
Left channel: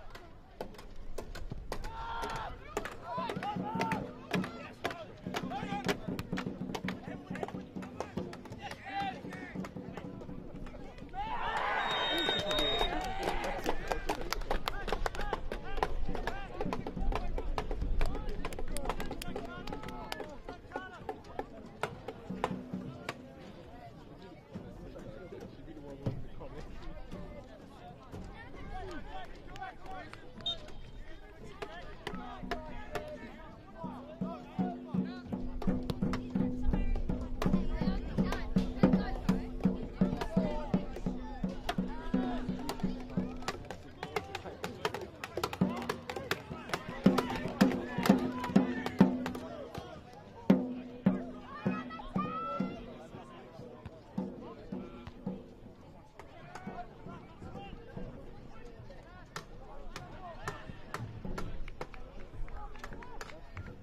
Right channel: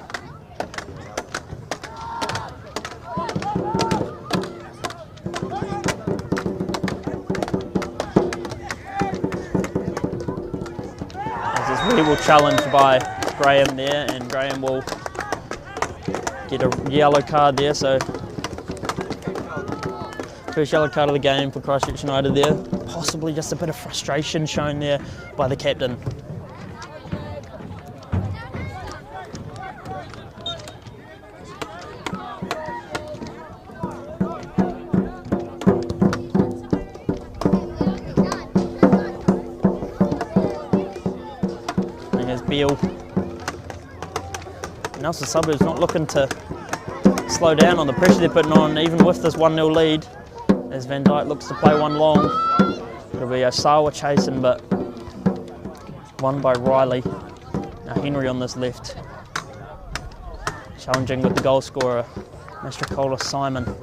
Will challenged by Graham there, and Graham will get a yellow card there, so first yellow card of the game for Christchurch United there. Possibly just a bit of frustration shown there by the captain. Nelson Suburbs not looking to slow down on the pressure they're putting on, even with this 1-0 lead, as Van Dyke looks to play one long. It'll be Osawa chasing, but won by Riley. Now Henry on this left, challenging with the goal scorer, Mastrocola-Simon.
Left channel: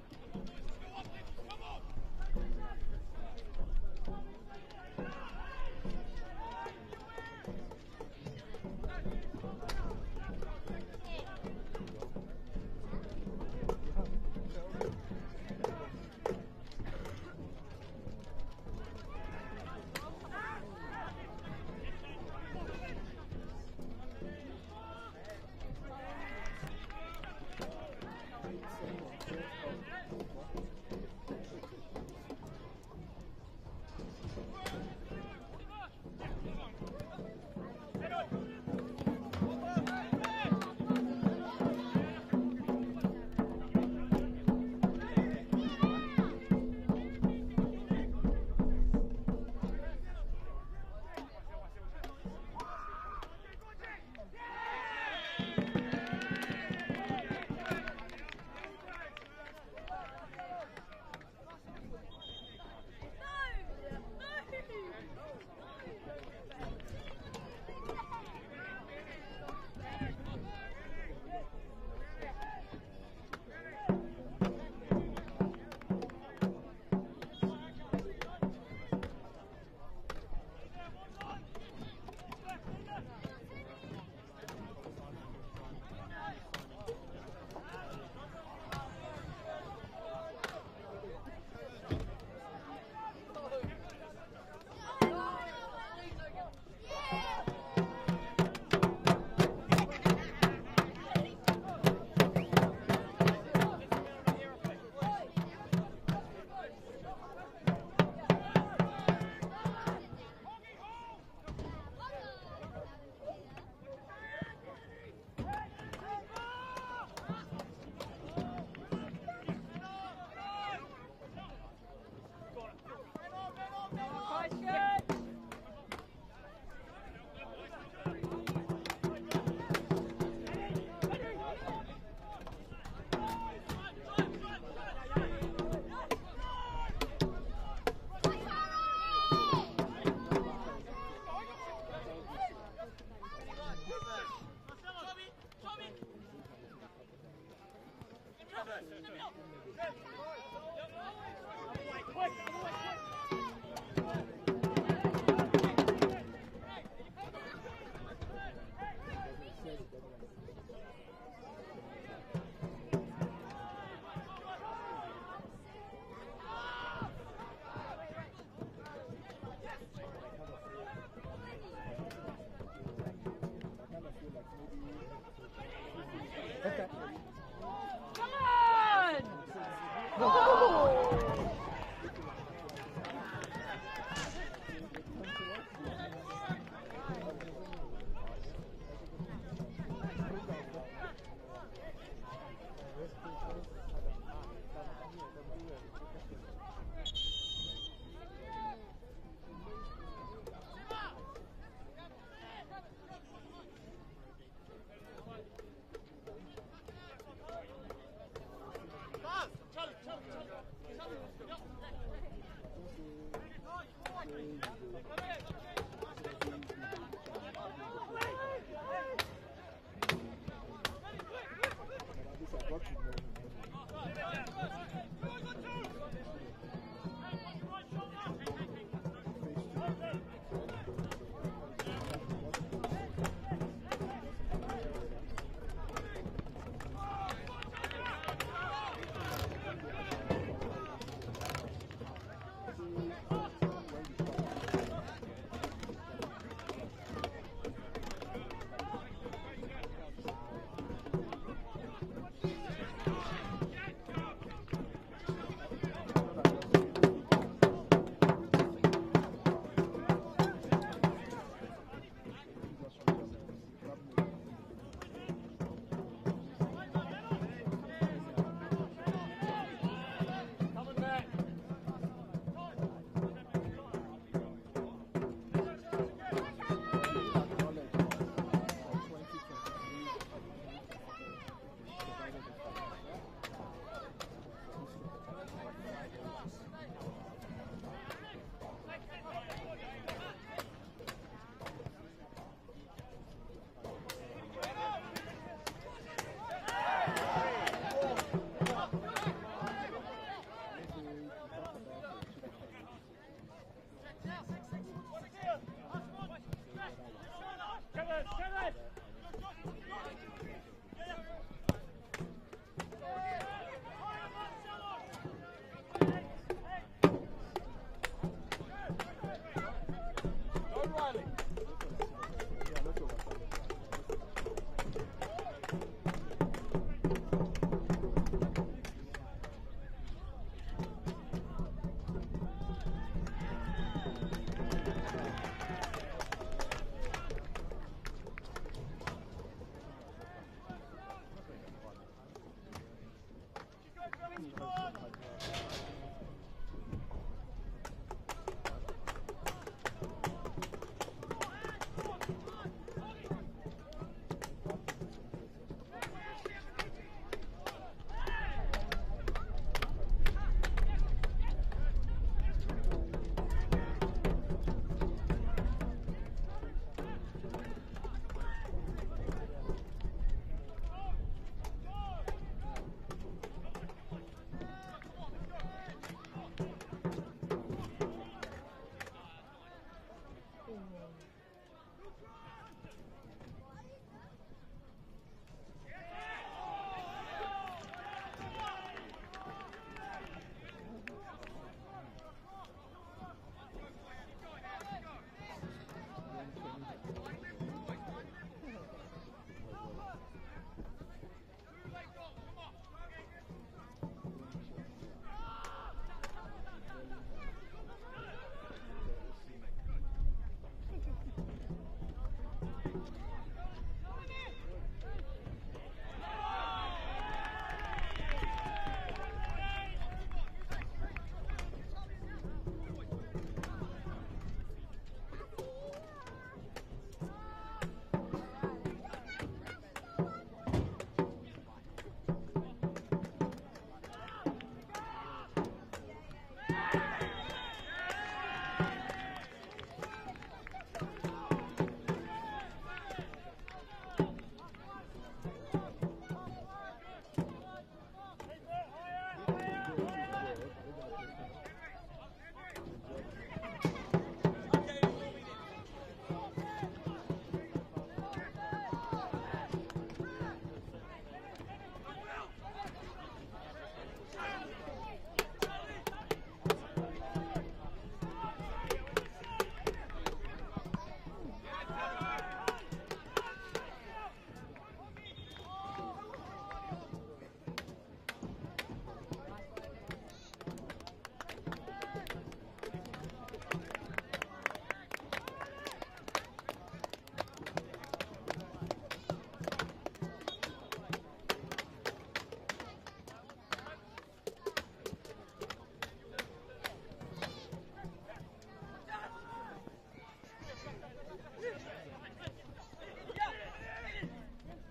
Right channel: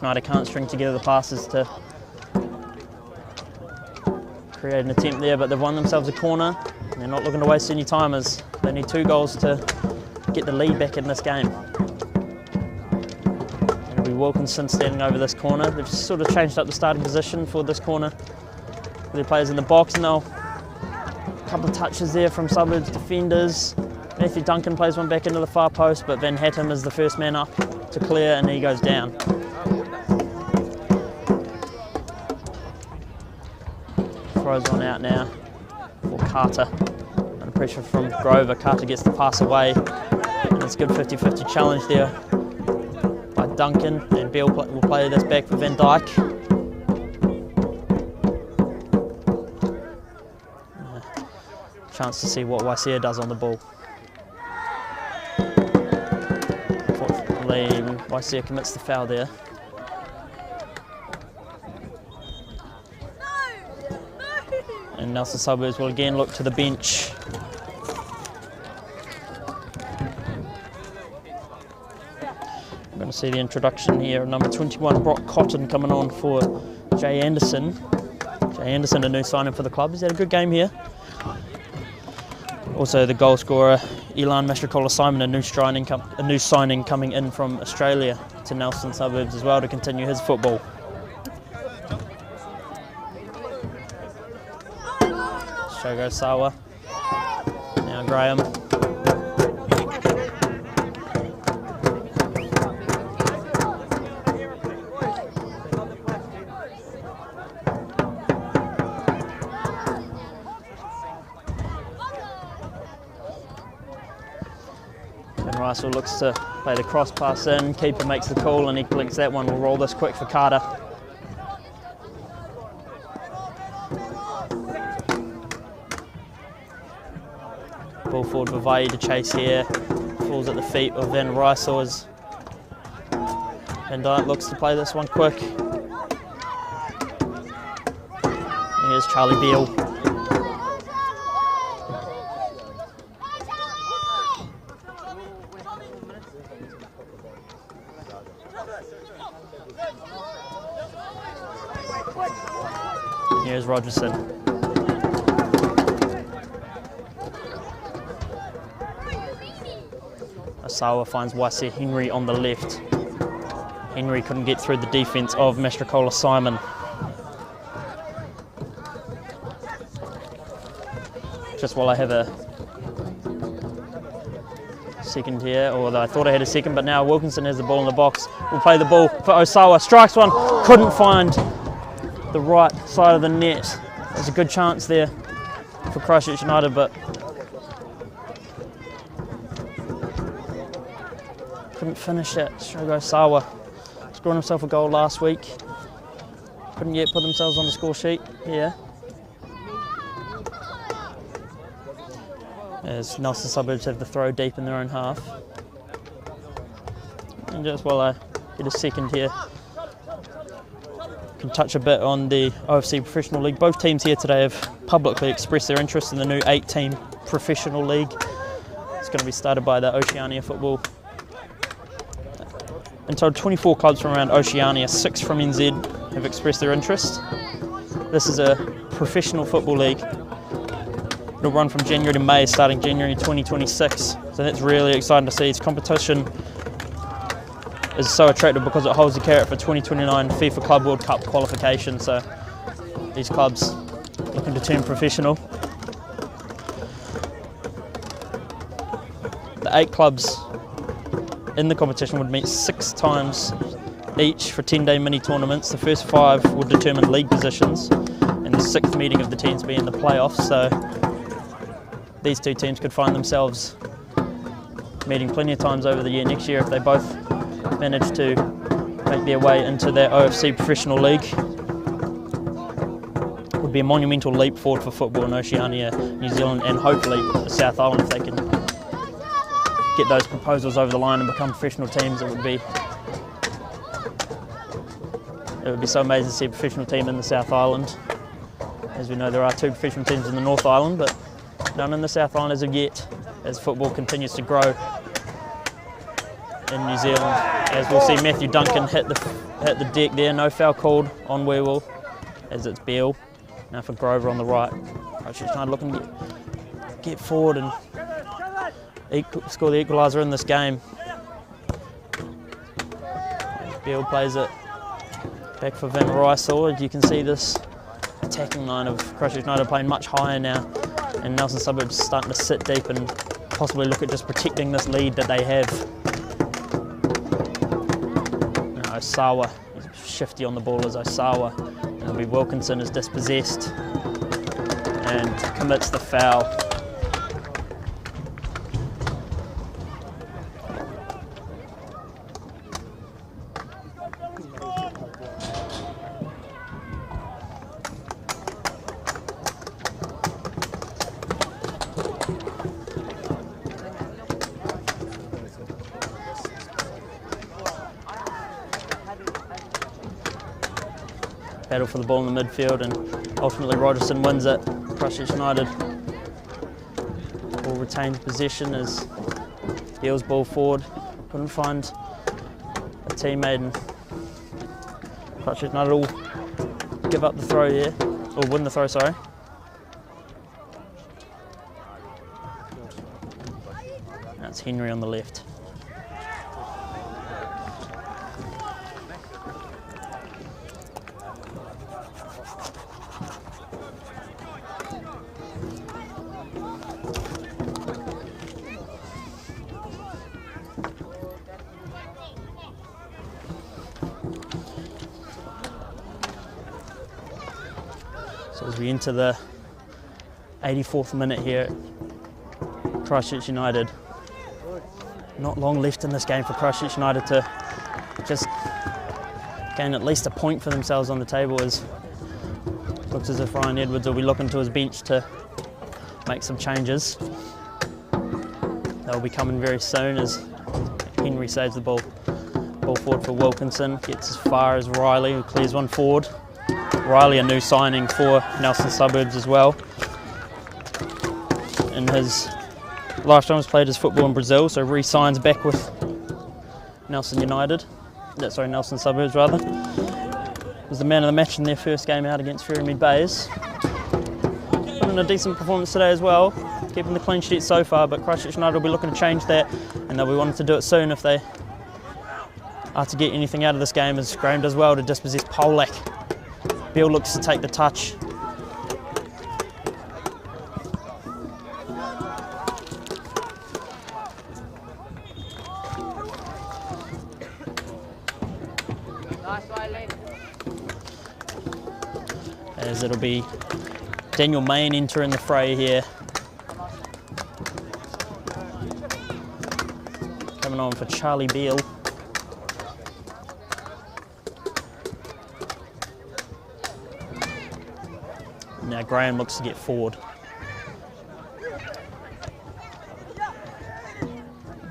United can't string together the passes to create an attempt there, but they've won themselves a corner. And they're not looking to waste any time, as they need 2 goals to get the lead back in this game. It'll be Wilkinson standing over this corner. They've sort of changed up the starting position for this corner with their players in the box, and they'll a couple of touches there from Suburbs defenders. Matthew Duncan plays one back into the far post, but Van Hattem is the first man up to clear, and he goes down. Throws one out now for Carter. Under pressure from Grover, Carter gets the pass away, and it's a good 50-50 challenge there by Duncan, and Beale will play this back for Van Dyke. Chance to see what Waisea does on the ball. Unfortunately, Waisea commits the foul there. And Nelson Suburbs will again look to the bench. We're going to see the introduction here of number 21, Brock Cotton, coming on for Jay Anderson. Jay Anderson, a new signing for the club. He's had a good game here. Also the goal scorer, Elan Mastrocola-Simon, a new signing coming in from Australia to Nelson Suburbs as well to continue his football. Shogo Sawa, now Graham. Ben Russell looks to play the cross pass in, keeper makes the call and he blinks that one. We'll roll this quick for Carter. Ball forward for Vai to chase here, falls at the feet of Van Rysel. Van Dyke looks to play this one quick. Here's Charlie Beale. Here's Rogerson. Osawa finds Waise Henry on the left. Henry couldn't get through the defence of Mastrakola Simon. Just while I have a second here, although I thought I had a second, but now Wilkinson has the ball in the box. We'll play the ball for Osawa. Strikes one, couldn't find the right side of the net. There's a good chance there for Christchurch United, but couldn't finish it. Shogo Osawa scoring himself a goal last week. Couldn't yet put themselves on the score sheet here. As Nelson Suburbs have the throw deep in their own half. And just while I get a second here, can touch a bit on the OFC Professional League. Both teams here today have publicly expressed their interest in the new 8-team Professional League. It's going to be started by the Oceania Football. In total, 24 clubs from around Oceania, 6 from NZ have expressed their interest. This is a professional football league. It'll run from January to May, starting January 2026. So that's really exciting to see. Its competition is so attractive because it holds the carrot for 2029 FIFA Club World Cup qualification. So these clubs looking to turn professional. The 8 clubs in the competition would meet 6 times each for 10-day mini tournaments. The first 5 would determine league positions, and the 6th meeting of the teams be in the playoffs. So these 2 teams could find themselves meeting plenty of times over the year next year if they both manage to make their way into their OFC Professional League. It would be a monumental leap forward for football in Oceania, New Zealand, and hopefully the South Island. If they can get those proposals over the line and become professional teams, it would be so amazing to see a professional team in the South Island. As we know, there are 2 professional teams in the North Island, but none in the South Island as of yet, as football continues to grow in New Zealand. As we'll see Matthew Duncan hit the deck there, no foul called on Werewolf, as it's Beale. Now for Grover on the right. Christchurch United looking to get forward and score the equaliser in this game. Beale plays it back for Van Rysel. As you can see, this attacking line of Christchurch United playing much higher now, and Nelson Suburbs starting to sit deep and possibly look at just protecting this lead that they have. Osawa, he's shifty on the ball as Osawa. It'll be Wilkinson is dispossessed and commits the foul. Battle for the ball in the midfield, and ultimately Rogerson wins it. Christchurch United will retain possession as Beale's ball forward. Couldn't find a teammate, and Christchurch United will give up the throw here, or win the throw, sorry. That's Henry on the left. So as we enter the 84th minute here at Christchurch United, not long left in this game for Christchurch United to just gain at least a point for themselves on the table, as it looks as if Ryan Edwards will be looking to his bench to make some changes. They'll be coming very soon as Henry saves the ball forward for Wilkinson, gets as far as Riley, who clears one forward. Riley, a new signing for Nelson Suburbs as well. In his lifetime has played his football in Brazil, so re-signs back with Nelson Suburbs rather. Was the man of the match in their first game out against Ferrymead Bays. Put in a decent performance today as well. keeping the clean sheet so far, but Christchurch United will be looking to change that, and they'll be wanting to do it soon if they are to get anything out of this game, as Graham does well to dispossess Polak. Beale looks to take the touch. As it'll be Daniel Main entering the fray here. Coming on for Charlie Beale. Now Graham looks to get forward.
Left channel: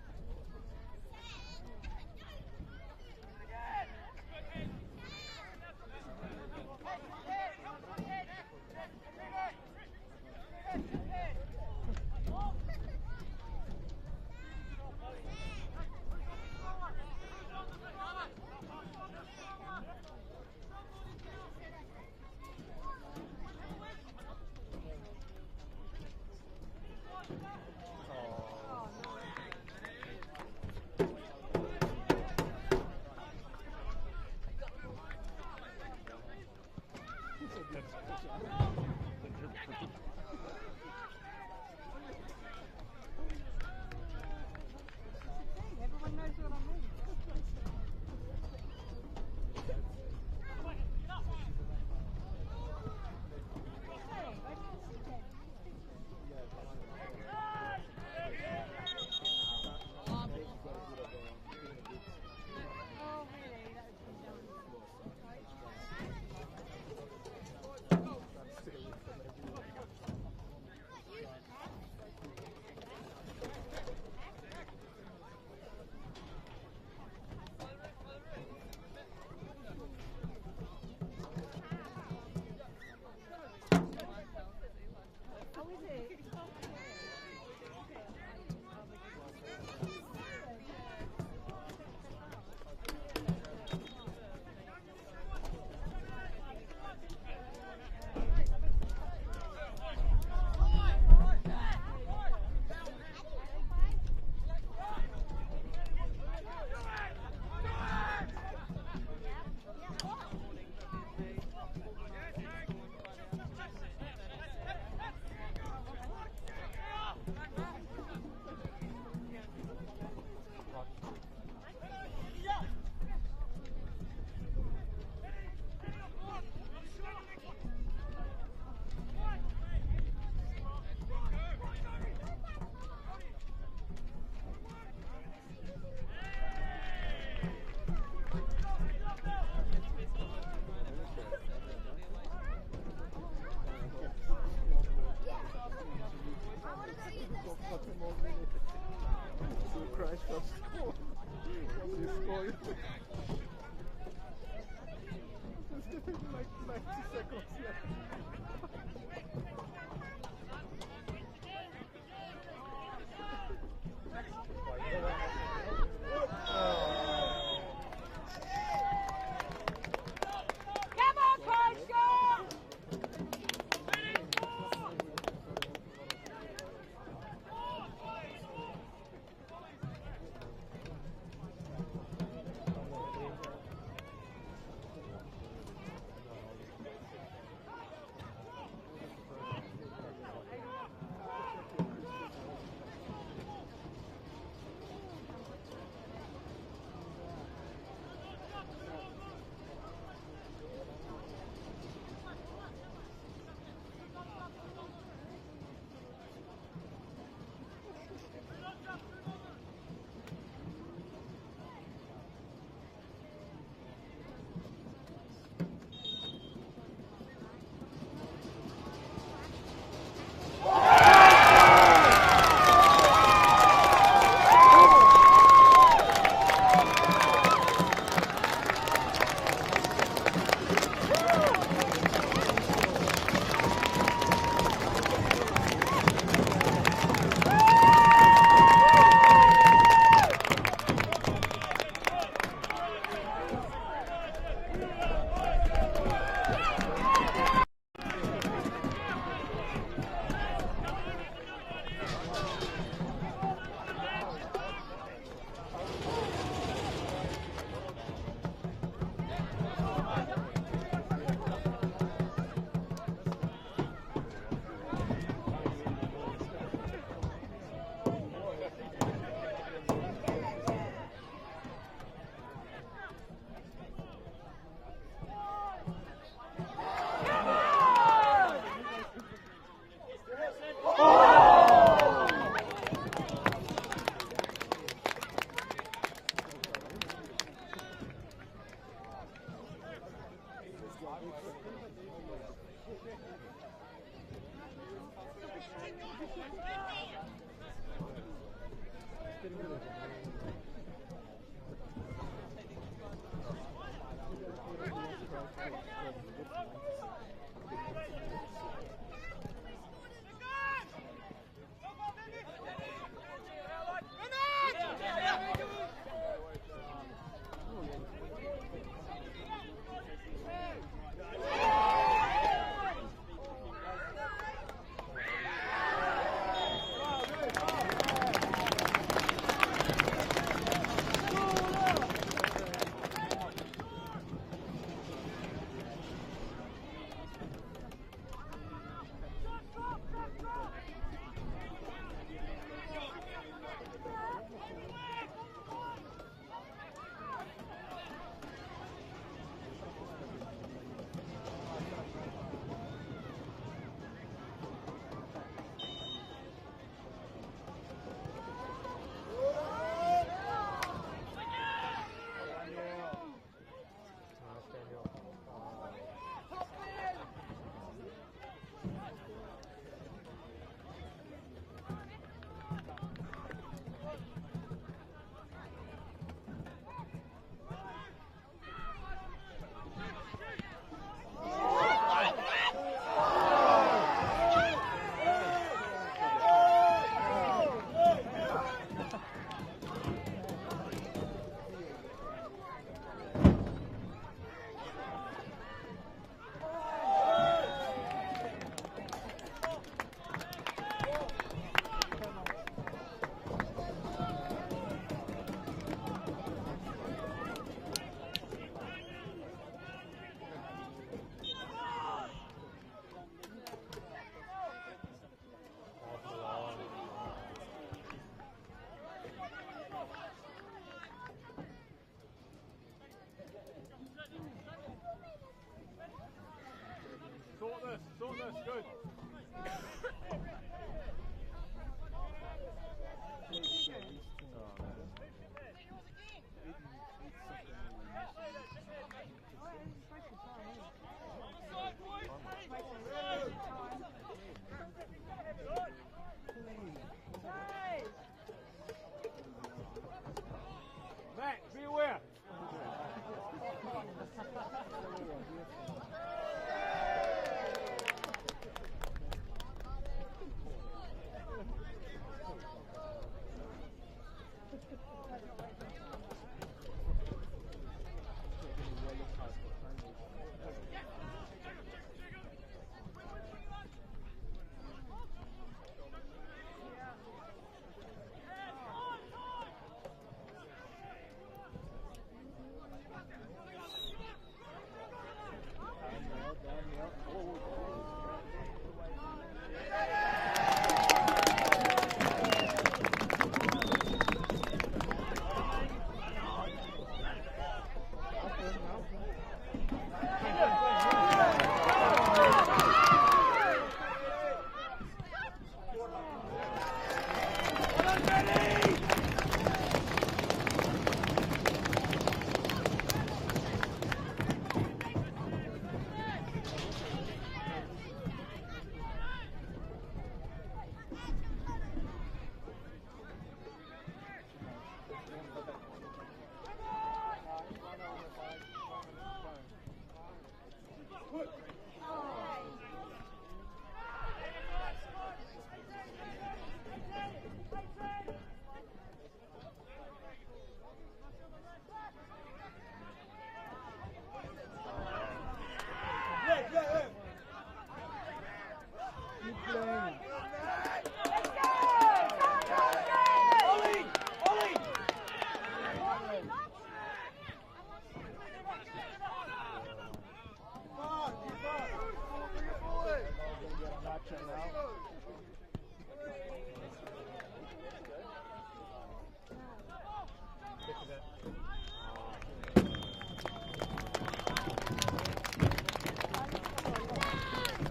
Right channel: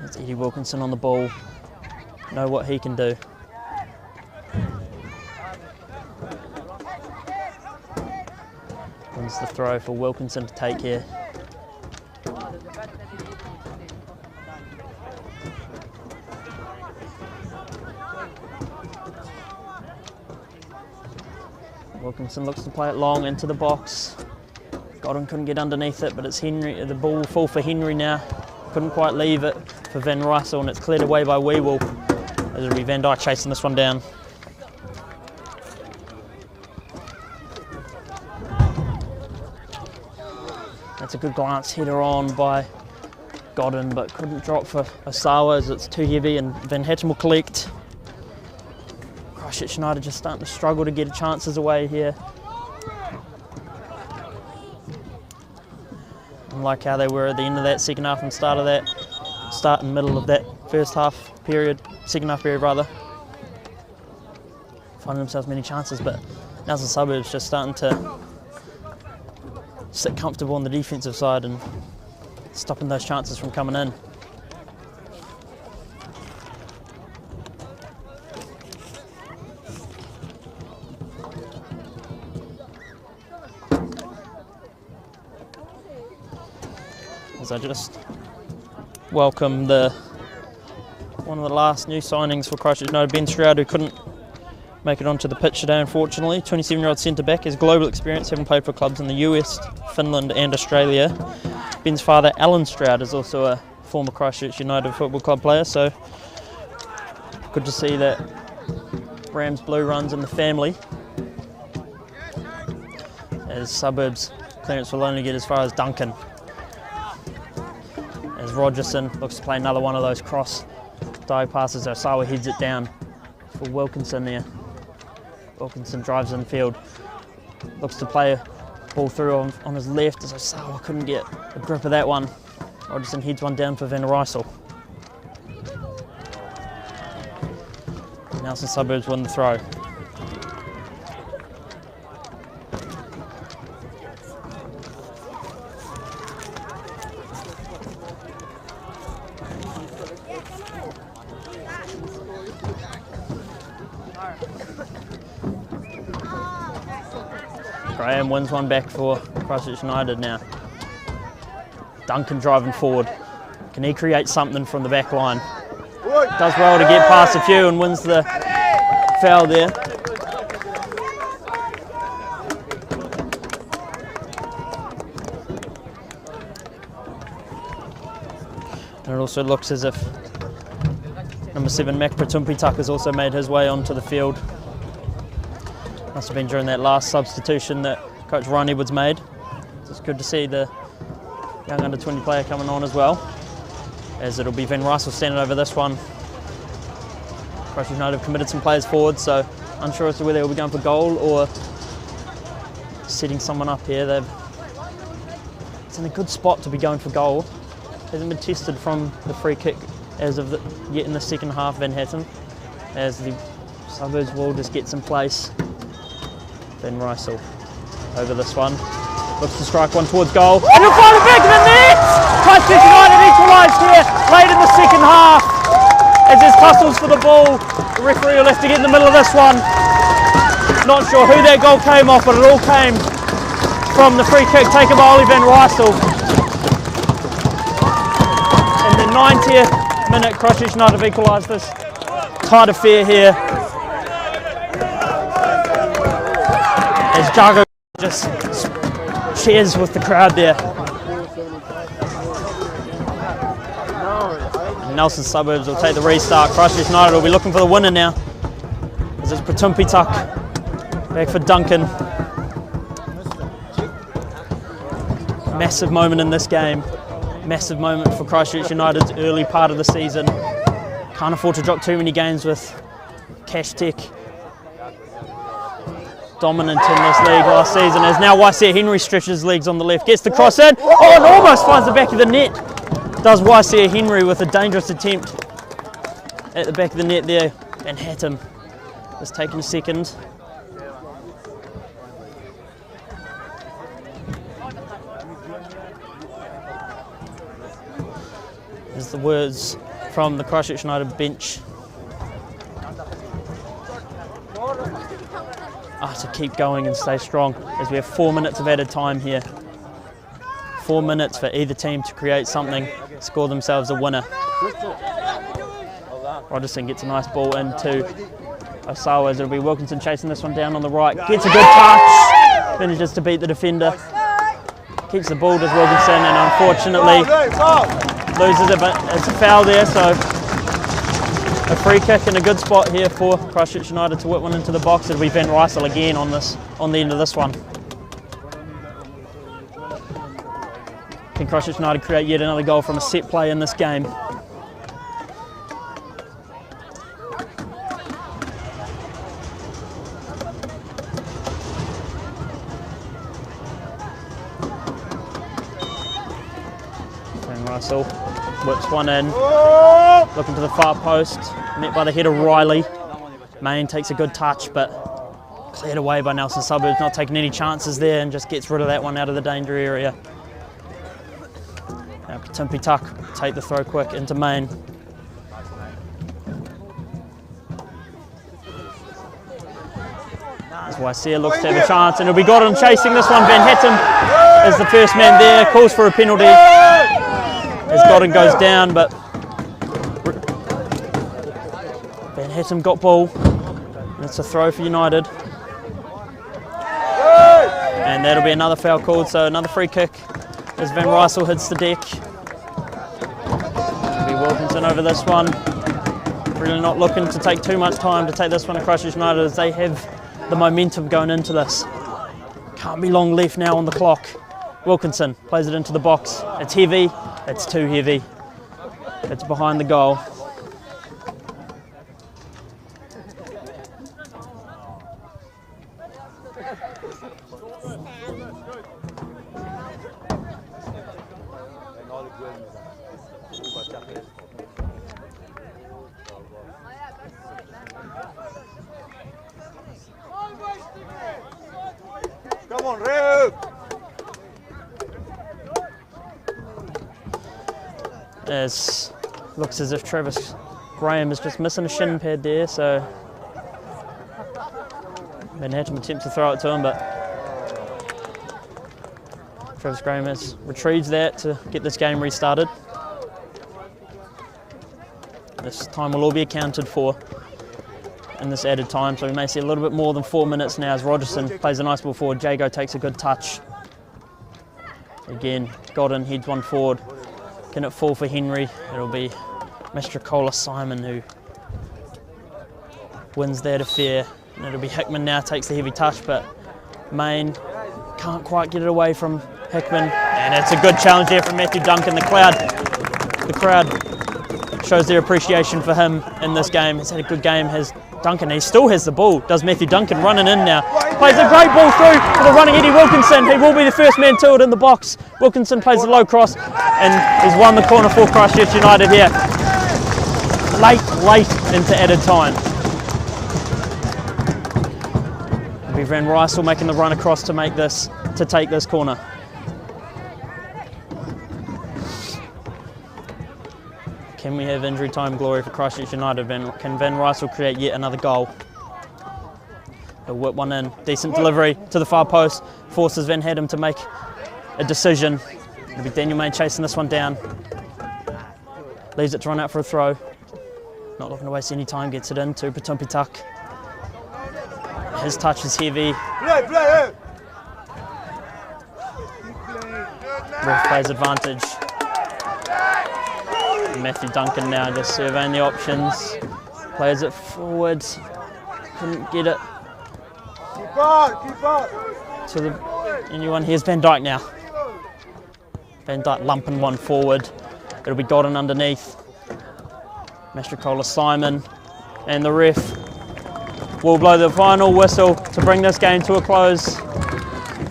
That's Eddie Wilkinson on the ball. Know what he can do. Wins the throw for Wilkinson to take here. Wilkinson looks to play it long into the box. Godwin couldn't get underneath it, but it's Henry. The ball will fall for Henry now. Couldn't quite leave it for Van Rysel, and it's cleared away by Weewell. It'll be Van Dyke chasing this one down. That's a good glance header on by Godwin, but couldn't drop for Osawa as it's too heavy, and Van Hatton will collect. Christchurch United just starting to struggle to get chances away here. Unlike how they were at the end of that second half and start and middle of that first half period, second half period rather. Finding themselves many chances, but now the Suburbs just starting to sit comfortable on the defensive side and stopping those chances from coming in. As I just welcome one of the last new signings for Christchurch United, Ben Stroud, who couldn't make it onto the pitch today unfortunately. 27-year-old centre-back, has global experience, having played for clubs in the US, Finland and Australia. Ben's father, Alan Stroud, is also a former Christchurch United Football Club player, so good to see that Rams blue runs in the family. As Suburbs clearance will only get as far as Duncan. As Rogerson looks to play another one of those cross dive passes, Osawa heads it down for Wilkinson there. Wilkinson drives in field, looks to play a ball through on his left as Osawa couldn't get a grip of that one. Rogerson heads one down for Van Rysel. Nelson Suburbs win the throw. Graham wins one back for Christchurch United now. Duncan driving forward. Can he create something from the back line? Does well to get past a few and wins the foul there. And it also looks as if number 7, Mac Pratumpitak, has also made his way onto the field. Must have been during that last substitution that Coach Ryan Edwards made. So it's good to see the young under-20 player coming on as well, as it'll be Van Rysel standing over this one. Christchurch United have committed some players forward, so unsure as to whether they'll be going for goal or setting someone up here. It's in a good spot to be going for goal. Hasn't been tested from the free kick as of yet in the second half, Van Hatton, as the Suburbs will just get some place. Van Rysel over this one, looks to strike one towards goal, and he'll find it back in the net! Christchurch United equalised here late in the second half, as there's tussles for the ball. The referee will have to get in the middle of this one. Not sure who that goal came off, but it all came from the free kick taken by Ollie Van Rysel. In the 90th minute, Christchurch United have equalised this tight affair here. As Jago just cheers with the crowd there. Nelson Suburbs will take the restart. Christchurch United will be looking for the winner now, as it's Patumpitak back for Duncan. Massive moment in this game. Massive moment for Christchurch United's early part of the season. Can't afford to drop too many games with Cash Tech dominant in this league last season, as now Waisea Henry stretches legs on the left, gets the cross in, oh, and almost finds the back of the net. Does Waisea Henry with a dangerous attempt at the back of the net there, and Hatton has taken a second. There's the words from the Christchurch United bench. To keep going and stay strong, as we have 4 minutes of added time here. 4 minutes for either team to create something, score themselves a winner. Rogerson gets a nice ball into Osawa, as it'll be Wilkinson chasing this one down on the right. Gets a good touch, manages to beat the defender. Keeps the ball, does Wilkinson, and unfortunately loses it, but it's a foul there, so a free kick in a good spot here for Christchurch United to whip one into the box. It'll be Van Rysel again on the end of this one. Can Christchurch United create yet another goal from a set play in this game? Van Rysel whips one in, looking to the far post, met by the head of Riley. Main takes a good touch, but cleared away by Nelson Suburbs, not taking any chances there, and just gets rid of that one out of the danger area. Now Patumpitak take the throw quick into Main. As Waisea looks to have a chance, and it'll be Godden chasing this one. Van Hatton is the first man there, calls for a penalty as Godden goes down, but Van Hatton got ball, and it's a throw for United. And that'll be another foul called, so another free kick as Van Rysel hits the deck. It'll be Wilkinson over this one. Really not looking to take too much time to take this one to Christchurch United, as they have the momentum going into this. Can't be long left now on the clock. Wilkinson plays it into the box. It's heavy, it's too heavy. It's behind the goal. Come on, Rio! As looks as if Travis Graham is just missing a shin pad there, so Van Hatton attempts to throw it to him, but Travis Graham has retrieves that to get this game restarted. This time will all be accounted for in this added time, so we may see a little bit more than 4 minutes now as Rogerson plays a nice ball forward. Jago takes a good touch. Again, Godden heads one forward. Can it fall for Henry? It'll be Mr. Cola Simon who wins that affair. And it'll be Hickman now, takes the heavy touch, but Main can't quite get it away from Hickman. And it's a good challenge there from Matthew Duncan. The crowd shows their appreciation for him in this game. He's had a good game, has Duncan. He still has the ball. Does Matthew Duncan running in now. Plays a great ball through for the running Eddie Wilkinson. He will be the first man to it in the box. Wilkinson plays a low cross and he's won the corner for Christchurch United here. Late into added time. It'll be Van Rysel making the run across to take this corner. Can we have injury time glory for Christchurch United? Can Van Rysel create yet another goal? He'll whip one in. Decent delivery to the far post. Forces Van Hatton to make a decision. It'll be Daniel Main chasing this one down. Leaves it to run out for a throw. Not looking to waste any time. Gets it into Patumpitak. His touch is heavy. Ref plays advantage. And Matthew Duncan now just surveying the options. Plays it forward. Couldn't get it. To anyone. Here's Van Dijk now. Van Dijk lumping one forward. It'll be Godden underneath. Mastrocola Simon and the ref will blow the final whistle to bring this game to a close.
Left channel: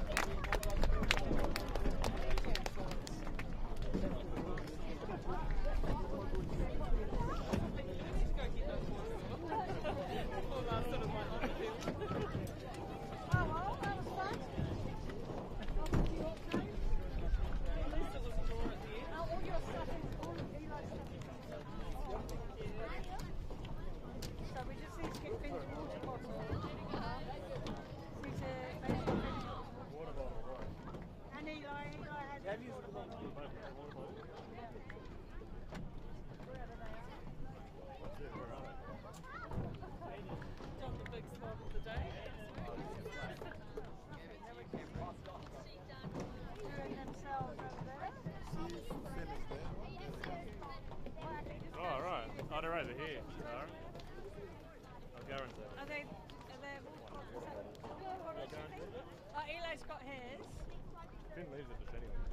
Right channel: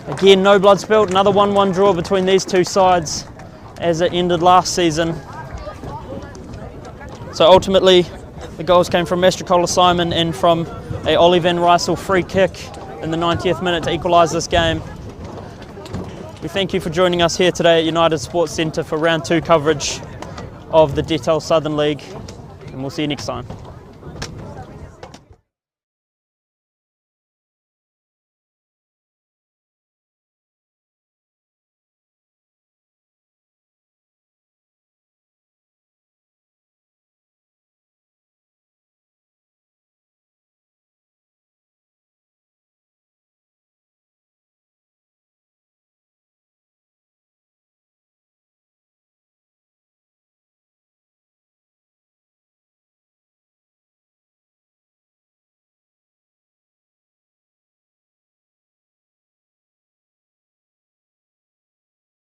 Again, no blood spilled. Another 1-1 draw between these two sides as it ended last season. So ultimately, the goals came from Mastrocola Simon and from a Ollie Van Rysel free kick in the 90th minute to equalise this game. We thank you for joining us here today at United Sports Centre for round 2 coverage of the Detel Southern League, and we'll see you next time. Oh, right. Oh, they're over here. Alright. I'll go into it. Eli's got his. Didn't leave the defending.